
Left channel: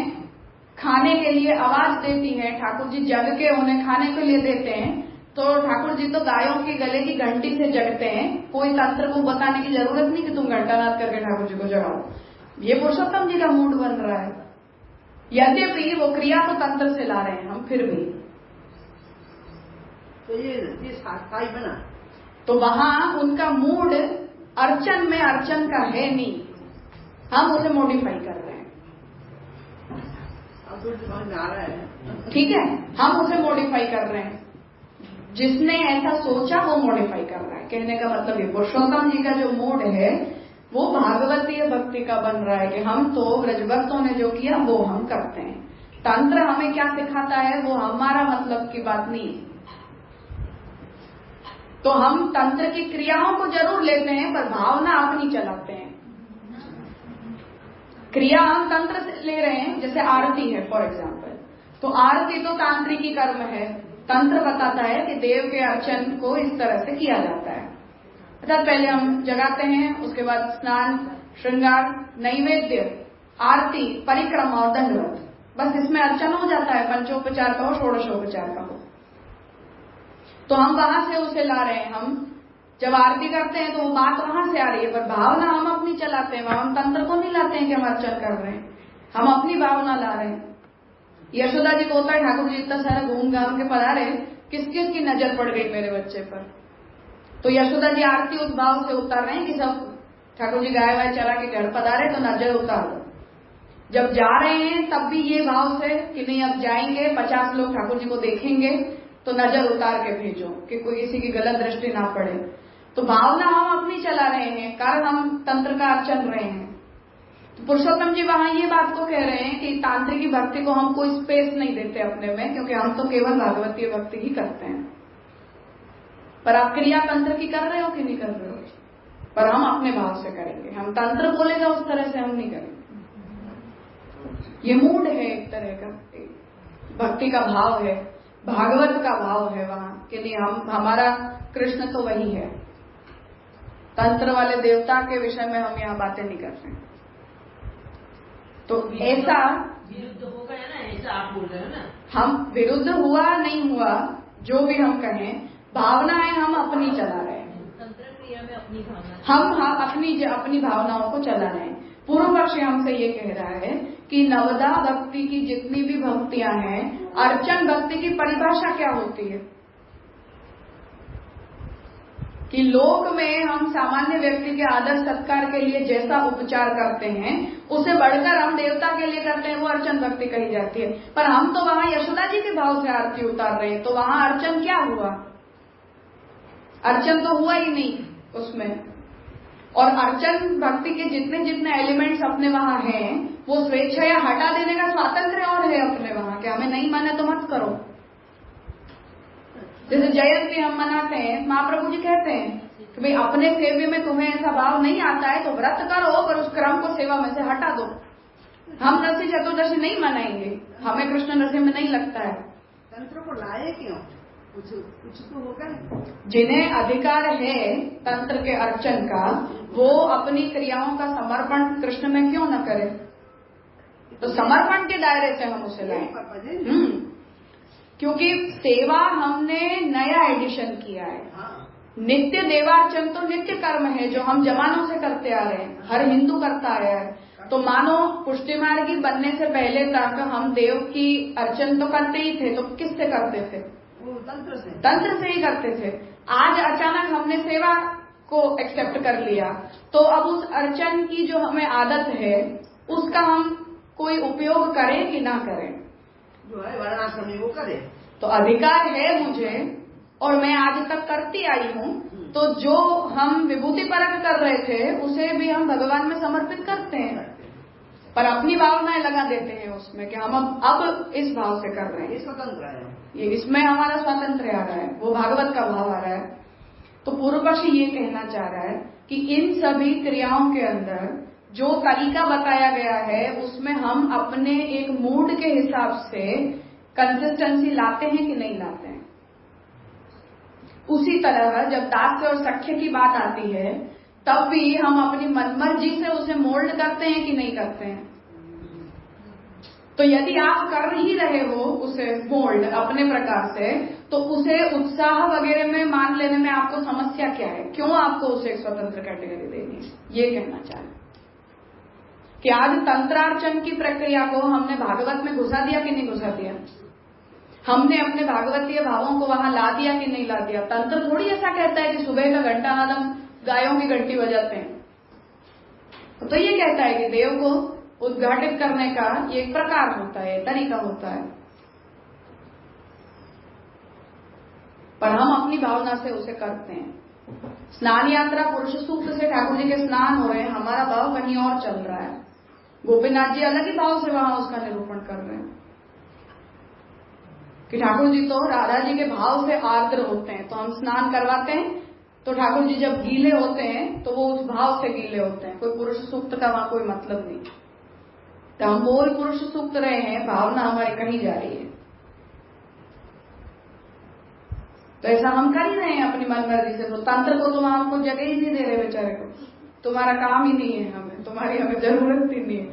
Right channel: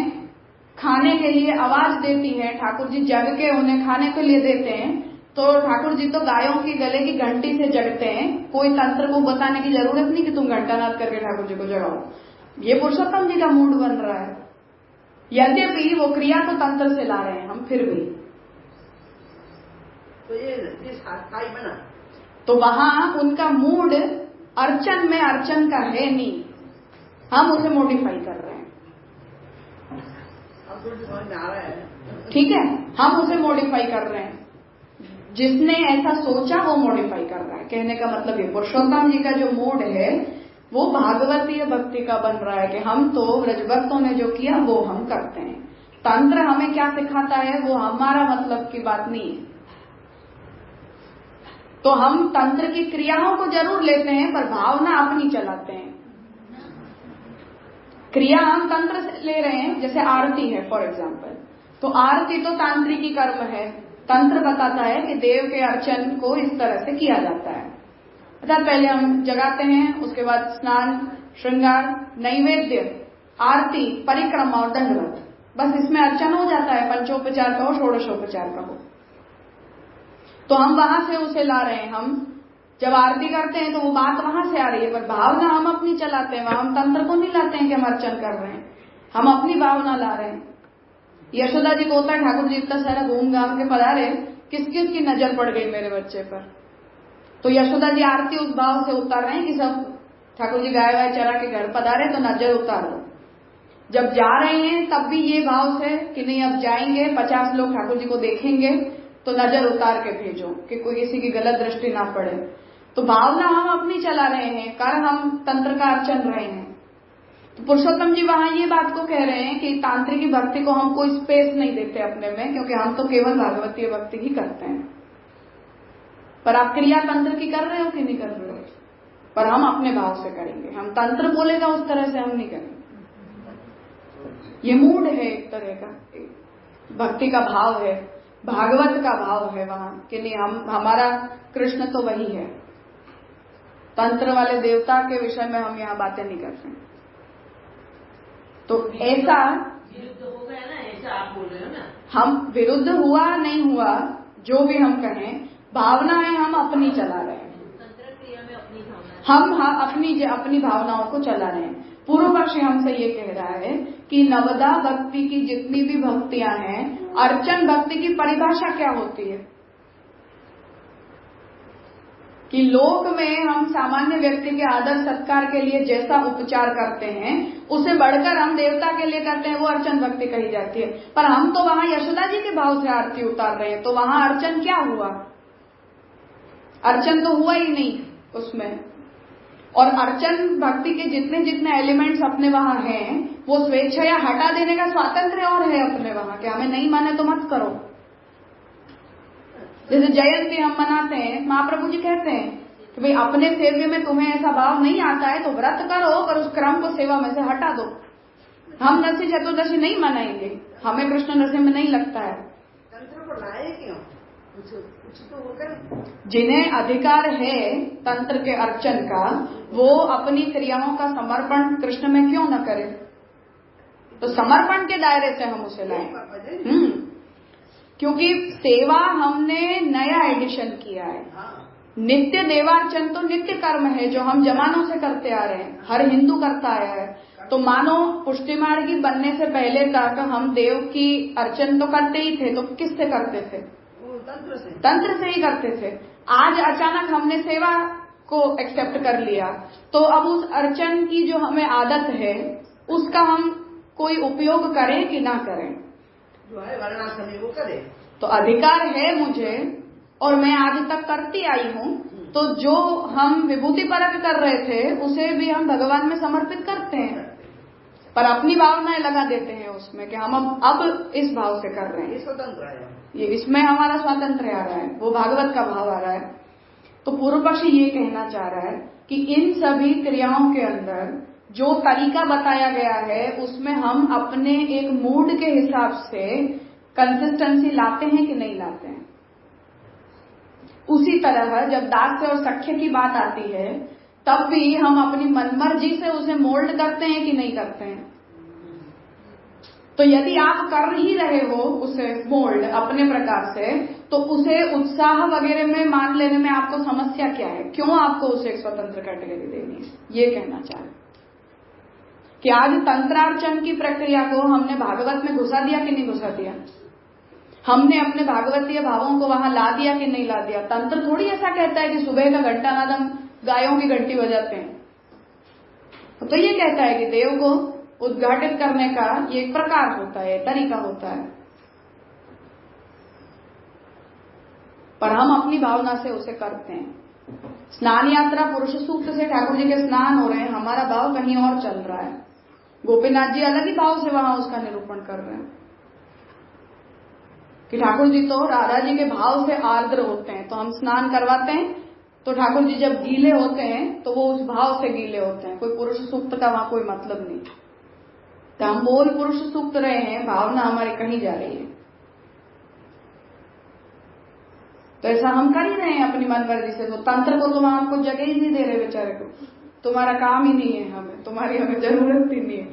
खाने के लिए आवाज देती है, ठाकुर जी जग के उन्हें खाने के लिए देते हैं, तो ठाकुर जी तो गायों के गले की घंटी से जगते हैं। कोई तंत्र को बताने की जरूरत नहीं कि तुम घंटानाद करके ठाकुर जी को जगाओ। ये पुरुषोत्तम जी का मूड बन रहा है, यद्यपि वो क्रिया को तंत्र से ला रहे हैं हम, फिर भी तो ये स्थायी बना। तो वहां उनका मूड अर्चन में अर्चन का है नहीं, हम उसे मॉडिफाई कर रहे हैं। समझ में आ रहा है, ठीक है, हम उसे मॉडिफाई कर रहे हैं। जिसने ऐसा सोचा वो मॉडिफाई कर रहा है। कहने का मतलब ये पुरुषोत्तम जी का जो मूड है वो भागवतीय भक्ति का बन रहा है कि हम तो ब्रजभक्तों ने जो किया वो हम करते हैं। तंत्र हमें क्या सिखाता है वो हमारा मतलब की बात नहीं। तो हम तंत्र की क्रियाओं को जरूर लेते हैं पर भावना अपनी चलाते हैं। क्रिया हम तंत्र से ले रहे हैं, जैसे आरती है फॉर एग्जाम्पल, तो आरती तो तांत्रिकी कर्म है। तंत्र बताता है कि देव के अर्चन को इस तरह से किया जाता है। सिद्धार्थ पहले हम जगाते हैं, उसके बाद स्नान, श्रृंगार, नैवेद्य, आरती, परिक्रमा और दंडवत। बस इसमें अर्चन हो जाता है, पंचोपचार का हो, षोडशोपचार का हो। तो हम वहां से उसे ला रहे हैं। हम जब आरती करते हैं तो वो बात वहां से आ रही है, पर भावना हम अपनी चलाते हैं। वहां हम तंत्र को नहीं लाते हैं कि हम अर्चन कर रहे हैं, हम अपनी भावना ला रहे हैं। यशोदा जी को होता है, ठाकुर जी इतना सारा घूम घाम के पधारे, किस किस की नजर पड़ गई मेरे बच्चे पर। तो यशोदा जी आरती उस भाव से उतार रहे हैं कि सब ठाकुर जी गाय वाय चरा के घर पधारे तो नजर उतारो। जब जा रहे हैं तब भी ये भाव से कि नहीं अब जाएंगे, 50 लोग ठाकुर जी को देखेंगे तो नजर उतार के भेजो कि कोई किसी की गलत दृष्टि ना पड़े। तो भावना हम अपनी चला रहे हैं, कर हम तंत्र का अर्चन रहे हैं। तो पुरुषोत्तम जी वहां ये बात को कह रहे हैं कि तांत्रिक भक्ति को हम कोई स्पेस नहीं देते अपने में, क्योंकि हम तो केवल भागवतीय भक्ति ही करते हैं। पर आप क्रिया तंत्र की कर रहे हो कि नहीं कर रहे हो, पर हम अपने भाव से करेंगे। हम तंत्र बोलेगा उस तरह से हम नहीं करेंगे। ये मूड है एक तरह का, भक्ति का भाव है, भागवत का भाव है वहां कि नहीं हम हमारा कृष्ण तो वही है। तंत्र वाले देवता के विषय में हम यहाँ बातें नहीं करते। तो ऐसा विरुद्ध हो गया ना, ऐसा आप बोल रहे हो ना। हम विरुद्ध हुआ नहीं हुआ, जो भी हम कहें, भावना है हम अपनी चला रहे हैं। तंत्र क्रिया में अपनी भावना, हम अपनी भावनाओं को चला रहे हैं। पूर्व पक्षी हमसे ये कह रहा है कि नवदा भक्ति की जितनी भी भक्तियां हैं, अर्चन भक्ति की परिभाषा क्या होती है कि लोक में हम सामान्य व्यक्ति के आदर सत्कार के लिए जैसा उपचार करते हैं उसे बढ़कर हम देवता के लिए करते हैं, वो अर्चन भक्ति कही जाती है। पर हम तो वहां यशोदा जी के भाव से आरती उतार रहे हैं, तो वहां अर्चन क्या हुआ? अर्चन तो हुआ ही नहीं उसमें। और अर्चन भक्ति के जितने जितने एलिमेंट्स अपने वहां हैं, वो स्वेच्छा या हटा देने का स्वातंत्र और है अपने वहां कि हमें नहीं माना तो मत करो। जैसे जयंती हम मनाते हैं, महाप्रभु जी कहते हैं कि भाई अपने सेवे में तुम्हें ऐसा भाव नहीं आता है तो व्रत करो, पर उस क्रम को सेवा में से हटा दो। हम नरसिंह चतुर्दशी नहीं मनाएंगे, हमें कृष्ण नरसिंह में नहीं लगता है। तंत्र को लाए क्यों? कुछ तो होगा। जिन्हें अधिकार है तंत्र के अर्चन का, वो अपनी क्रियाओं का समर्पण कृष्ण में क्यों न करे? तो समर्पण के दायरे से हम उसे लाए। क्योंकि सेवा हमने नया एडिशन किया है। नित्य देवार्चन तो नित्य कर्म है जो हम जमानों से करते आ रहे हैं, हर हिंदू करता आया है। तो मानो पुष्टि मार्गी बनने से पहले तक हम देव की अर्चन तो करते ही थे, तो किससे करते थे? तंत्र से ही करते थे। आज अचानक हमने सेवा को एक्सेप्ट कर लिया, तो अब उस अर्चन की जो हमें आदत है उसका हम कोई उपयोग करें कि ना करें? जो है वाराणसी वो करे। तो अधिकार है मुझे और मैं आज तक करती आई हूँ। तो जो हम विभूति परक कर रहे थे उसे भी हम भगवान में समर्पित करते हैं, पर अपनी भावनाएं लगा देते हैं उसमें कि हम अब इस भाव से कर रहे हैं। ये स्वतंत्र है, ये इसमें हमारा स्वातंत्र आ रहा है, वो भागवत का भाव आ रहा है। तो पूर्व पक्षी ये कहना चाह रहा है कि इन सभी क्रियाओं के अंदर जो तरीका बताया गया है उसमें हम अपने एक मूड के हिसाब से कंसिस्टेंसी लाते हैं कि नहीं लाते हैं। उसी तरह जब दास्य और सख्य की बात आती है तब भी हम अपनी मनमर्जी से उसे मोल्ड करते हैं कि नहीं करते हैं। तो यदि आप कर ही रहे हो उसे मोल्ड अपने प्रकार से, तो उसे उत्साह वगैरह में मान लेने में आपको समस्या क्या है? क्यों आपको उसे स्वतंत्र कैटेगरी देनी है? ये कहना चाह रहे कि आज तंत्रार्चन की प्रक्रिया को हमने भागवत में घुसा दिया कि नहीं घुसा दिया? हमने अपने भागवतीय भावों को वहां ला दिया कि नहीं ला दिया? तंत्र थोड़ी ऐसा कहता है कि सुबह का घंटा नाद हम गायों की घंटी बजाते हैं। तो ये कहता है कि देव को उद्घाटित करने का ये एक प्रकार होता है, तरीका होता है, पर हम अपनी भावना से उसे करते हैं। स्नान यात्रा पुरुष सूक्त से ठाकुर जी के स्नान हो रहे हैं, हमारा भाव कहीं और चल रहा है। गोपीनाथ जी अलग ही भाव से वहां उसका निरूपण कर रहे हैं कि ठाकुर जी तो राधा जी के भाव से आर्द्र होते हैं। तो हम स्नान करवाते हैं तो ठाकुर जी जब गीले होते हैं तो वो उस भाव से गीले होते हैं। कोई पुरुष सूक्त का वहां कोई मतलब नहीं। तो हम बोल पुरुष सूक्त रहे हैं, भावना हमारी कहीं जा रही है। तो ऐसा हम कर ही रहे हैं अपनी मन मर्जी से। तो तंत्र को तुम हमको जगह ही नहीं दे रहे बेचारे को, तुम्हारा काम ही नहीं है, हमें तुम्हारी हमें जरूरत ही नहीं है।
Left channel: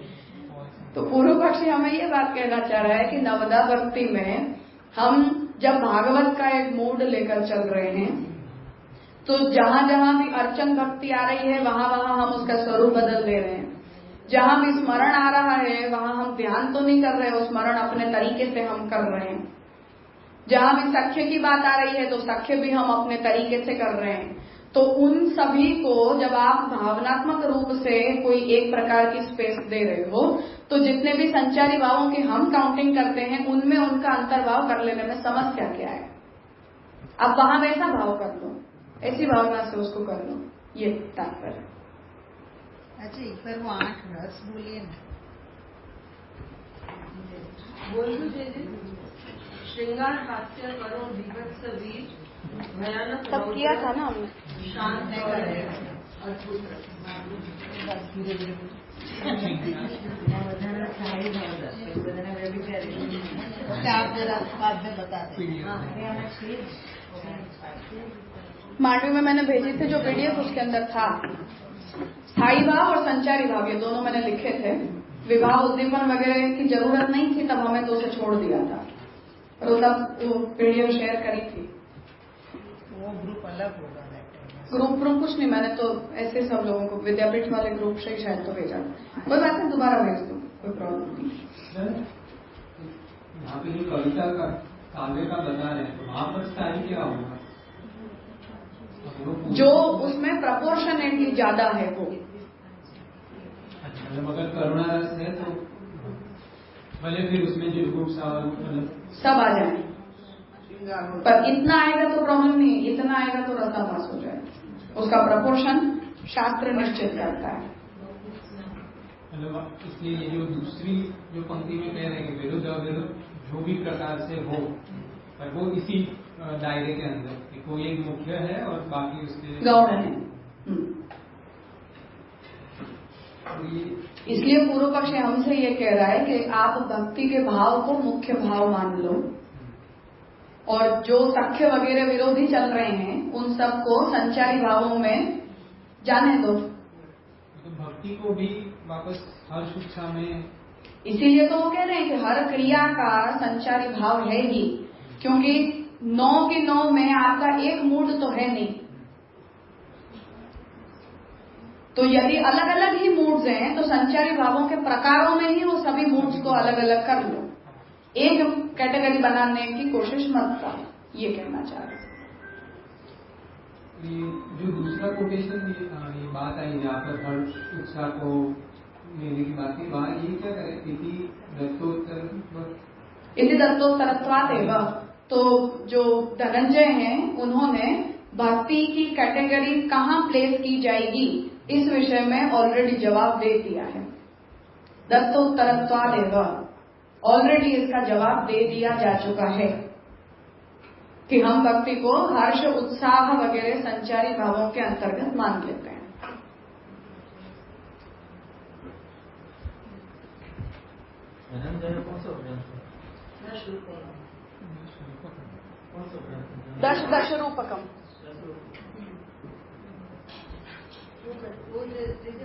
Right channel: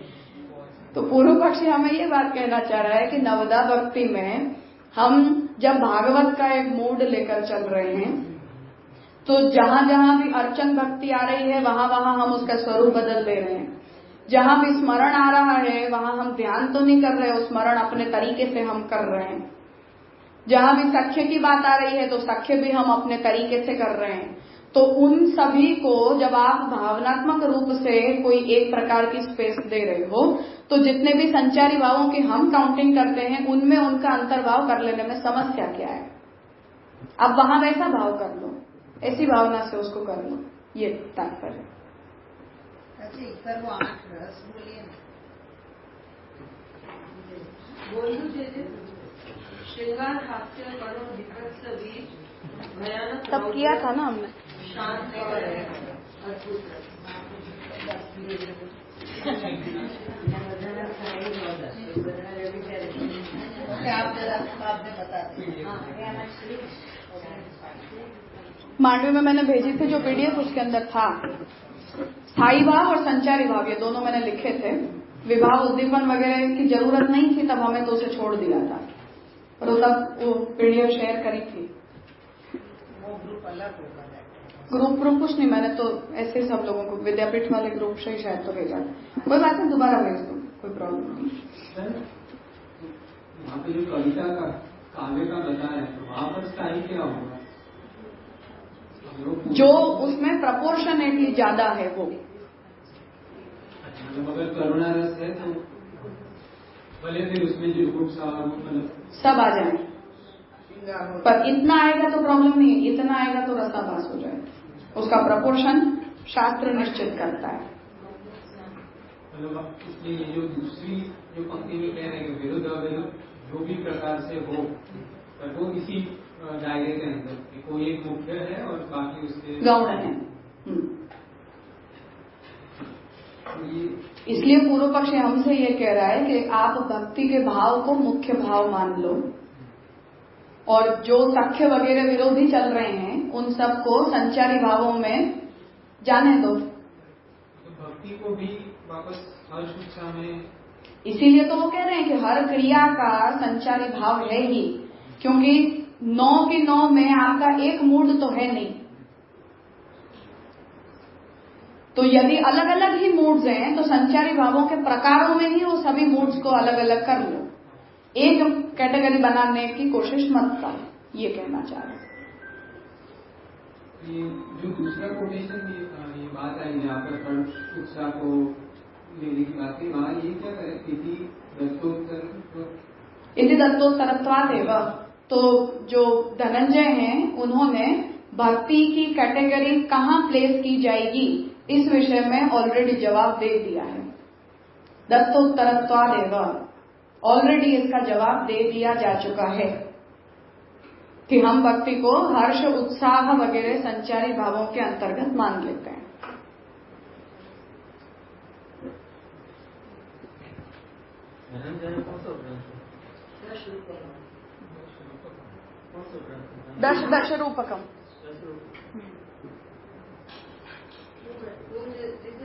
तो पूर्व पक्षी हमें ये बात कहना चाह रहा है कि नवदा भक्ति में हम जब भागवत का एक मूड लेकर चल रहे हैं तो जहां जहां भी अर्चन भक्ति आ रही है वहां वहां हम उसका स्वरूप बदल दे रहे हैं। जहां भी स्मरण आ रहा है वहां हम ध्यान तो नहीं कर रहे, वो स्मरण अपने तरीके से हम कर रहे हैं। जहां भी सख्य की बात आ रही है तो सख्य भी हम अपने तरीके से कर रहे हैं। तो उन सभी को जब आप भावनात्मक रूप से कोई एक प्रकार की स्पेस दे रहे हो तो जितने भी संचारी भावों की हम काउंटिंग करते हैं उनमें उनका अंतर्भाव कर लेने में समस्या क्या है। अब वहां वैसा भाव कर लो, ऐसी भावना से उसको कर लो, ये तात्पर्य। अच्छा, एक बार वो 8 रस बोलिए ना। बोलू दीजिए। श्रृंगार, हास्य, करुण, विभत्स, वीर, भयानक, तब किया था ना हमने। शांत और आप जरा बाद में बता दें। मांडवी में मैंने भेजी थी जो पीडीएफ, उसके अंदर था स्थायी भाव और संचारी भाव, ये दोनों मैंने लिखे थे। विभाव उद्दीपन वगैरह की जरूरत नहीं थी तब, हमें तो उसे छोड़ दिया था, पर वो तब वो पीडीएफ शेयर करी थी। वो ग्रुप अलग होगा। ग्रुप कुछ नहीं, मैंने तो ऐसे सब लोगों को विद्यापीठ वाले ग्रुप से ही शायद तो भेजा। कोई बात नहीं, दोबारा भेज दो, कोई प्रॉब्लम नहीं। यहाँ पे जो कविता का काव्य का बता है तो वहाँ पर स्थायी क्या होगा? जो उसमें प्रपोर्शनेटली ज्यादा है वो। अच्छा, अगर करुणा रस है तो भले फिर उसमें जो गुप्स सब आ जाए, पर इतना आएगा तो प्रॉब्लम नहीं है, इतना आएगा तो रसाभास हो जाए। उसका प्रपोर्शन शास्त्र निश्चित करता है। मतलब इसलिए जो दूसरी जो पंक्ति में कह रहे हैं विरुद्ध अविरुद्ध जो भी प्रकार से हो, पर वो इसी दायरे के अंदर कोई एक मुख्य है और बाकी उससे गौण है। इसलिए पूर्व पक्ष हमसे ये कह रहा है कि आप भक्ति के भाव को मुख्य भाव मान लो और जो सख्य वगैरह विरोधी चल रहे हैं उन सबको संचारी भावों में जाने दो। तो भक्ति को भी वापस हर शिक्षा में, इसीलिए तो वो कह रहे हैं कि हर क्रिया का संचारी भाव है ही, क्योंकि 9 की 9 में आपका एक मूड तो है नहीं। तो यदि अलग अलग ही मूड्स हैं तो संचारी भावों के प्रकारों में ही वो सभी मूड्स को अलग अलग कर लो, एक कैटेगरी बनाने की कोशिश मत करो, ये कहना चाह रहे। जो दूसरा कोटेशन ये बात आई जहाँ पर हर उत्साह को लेने की बात है, वहाँ ये क्या है इति दत्तोत्तरत्वादेव। तो जो धनंजय हैं उन्होंने भक्ति की कैटेगरी कहाँ प्लेस की जाएगी इस विषय में ऑलरेडी जवाब दे दिया है। दत्तोत्तरत्वादेव, ऑलरेडी इसका जवाब दे दिया जा चुका है कि हम भक्ति को हर्ष उत्साह वगैरह संचारी भावों के अंतर्गत मान लेते हैं। दश रूपकम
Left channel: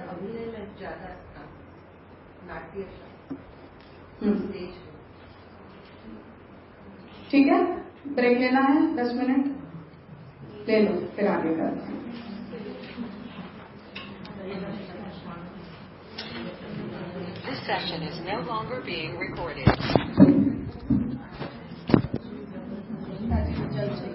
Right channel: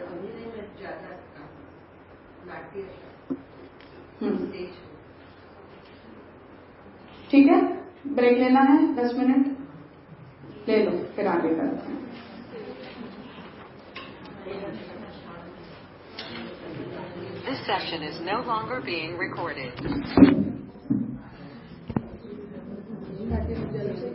अभिनय में ज्यादा नाट्य। ठीक है, ब्रेक लेना है 10 मिनट, ले लो फिर आगे करते हैं। This session is no longer being recorded. जल्द से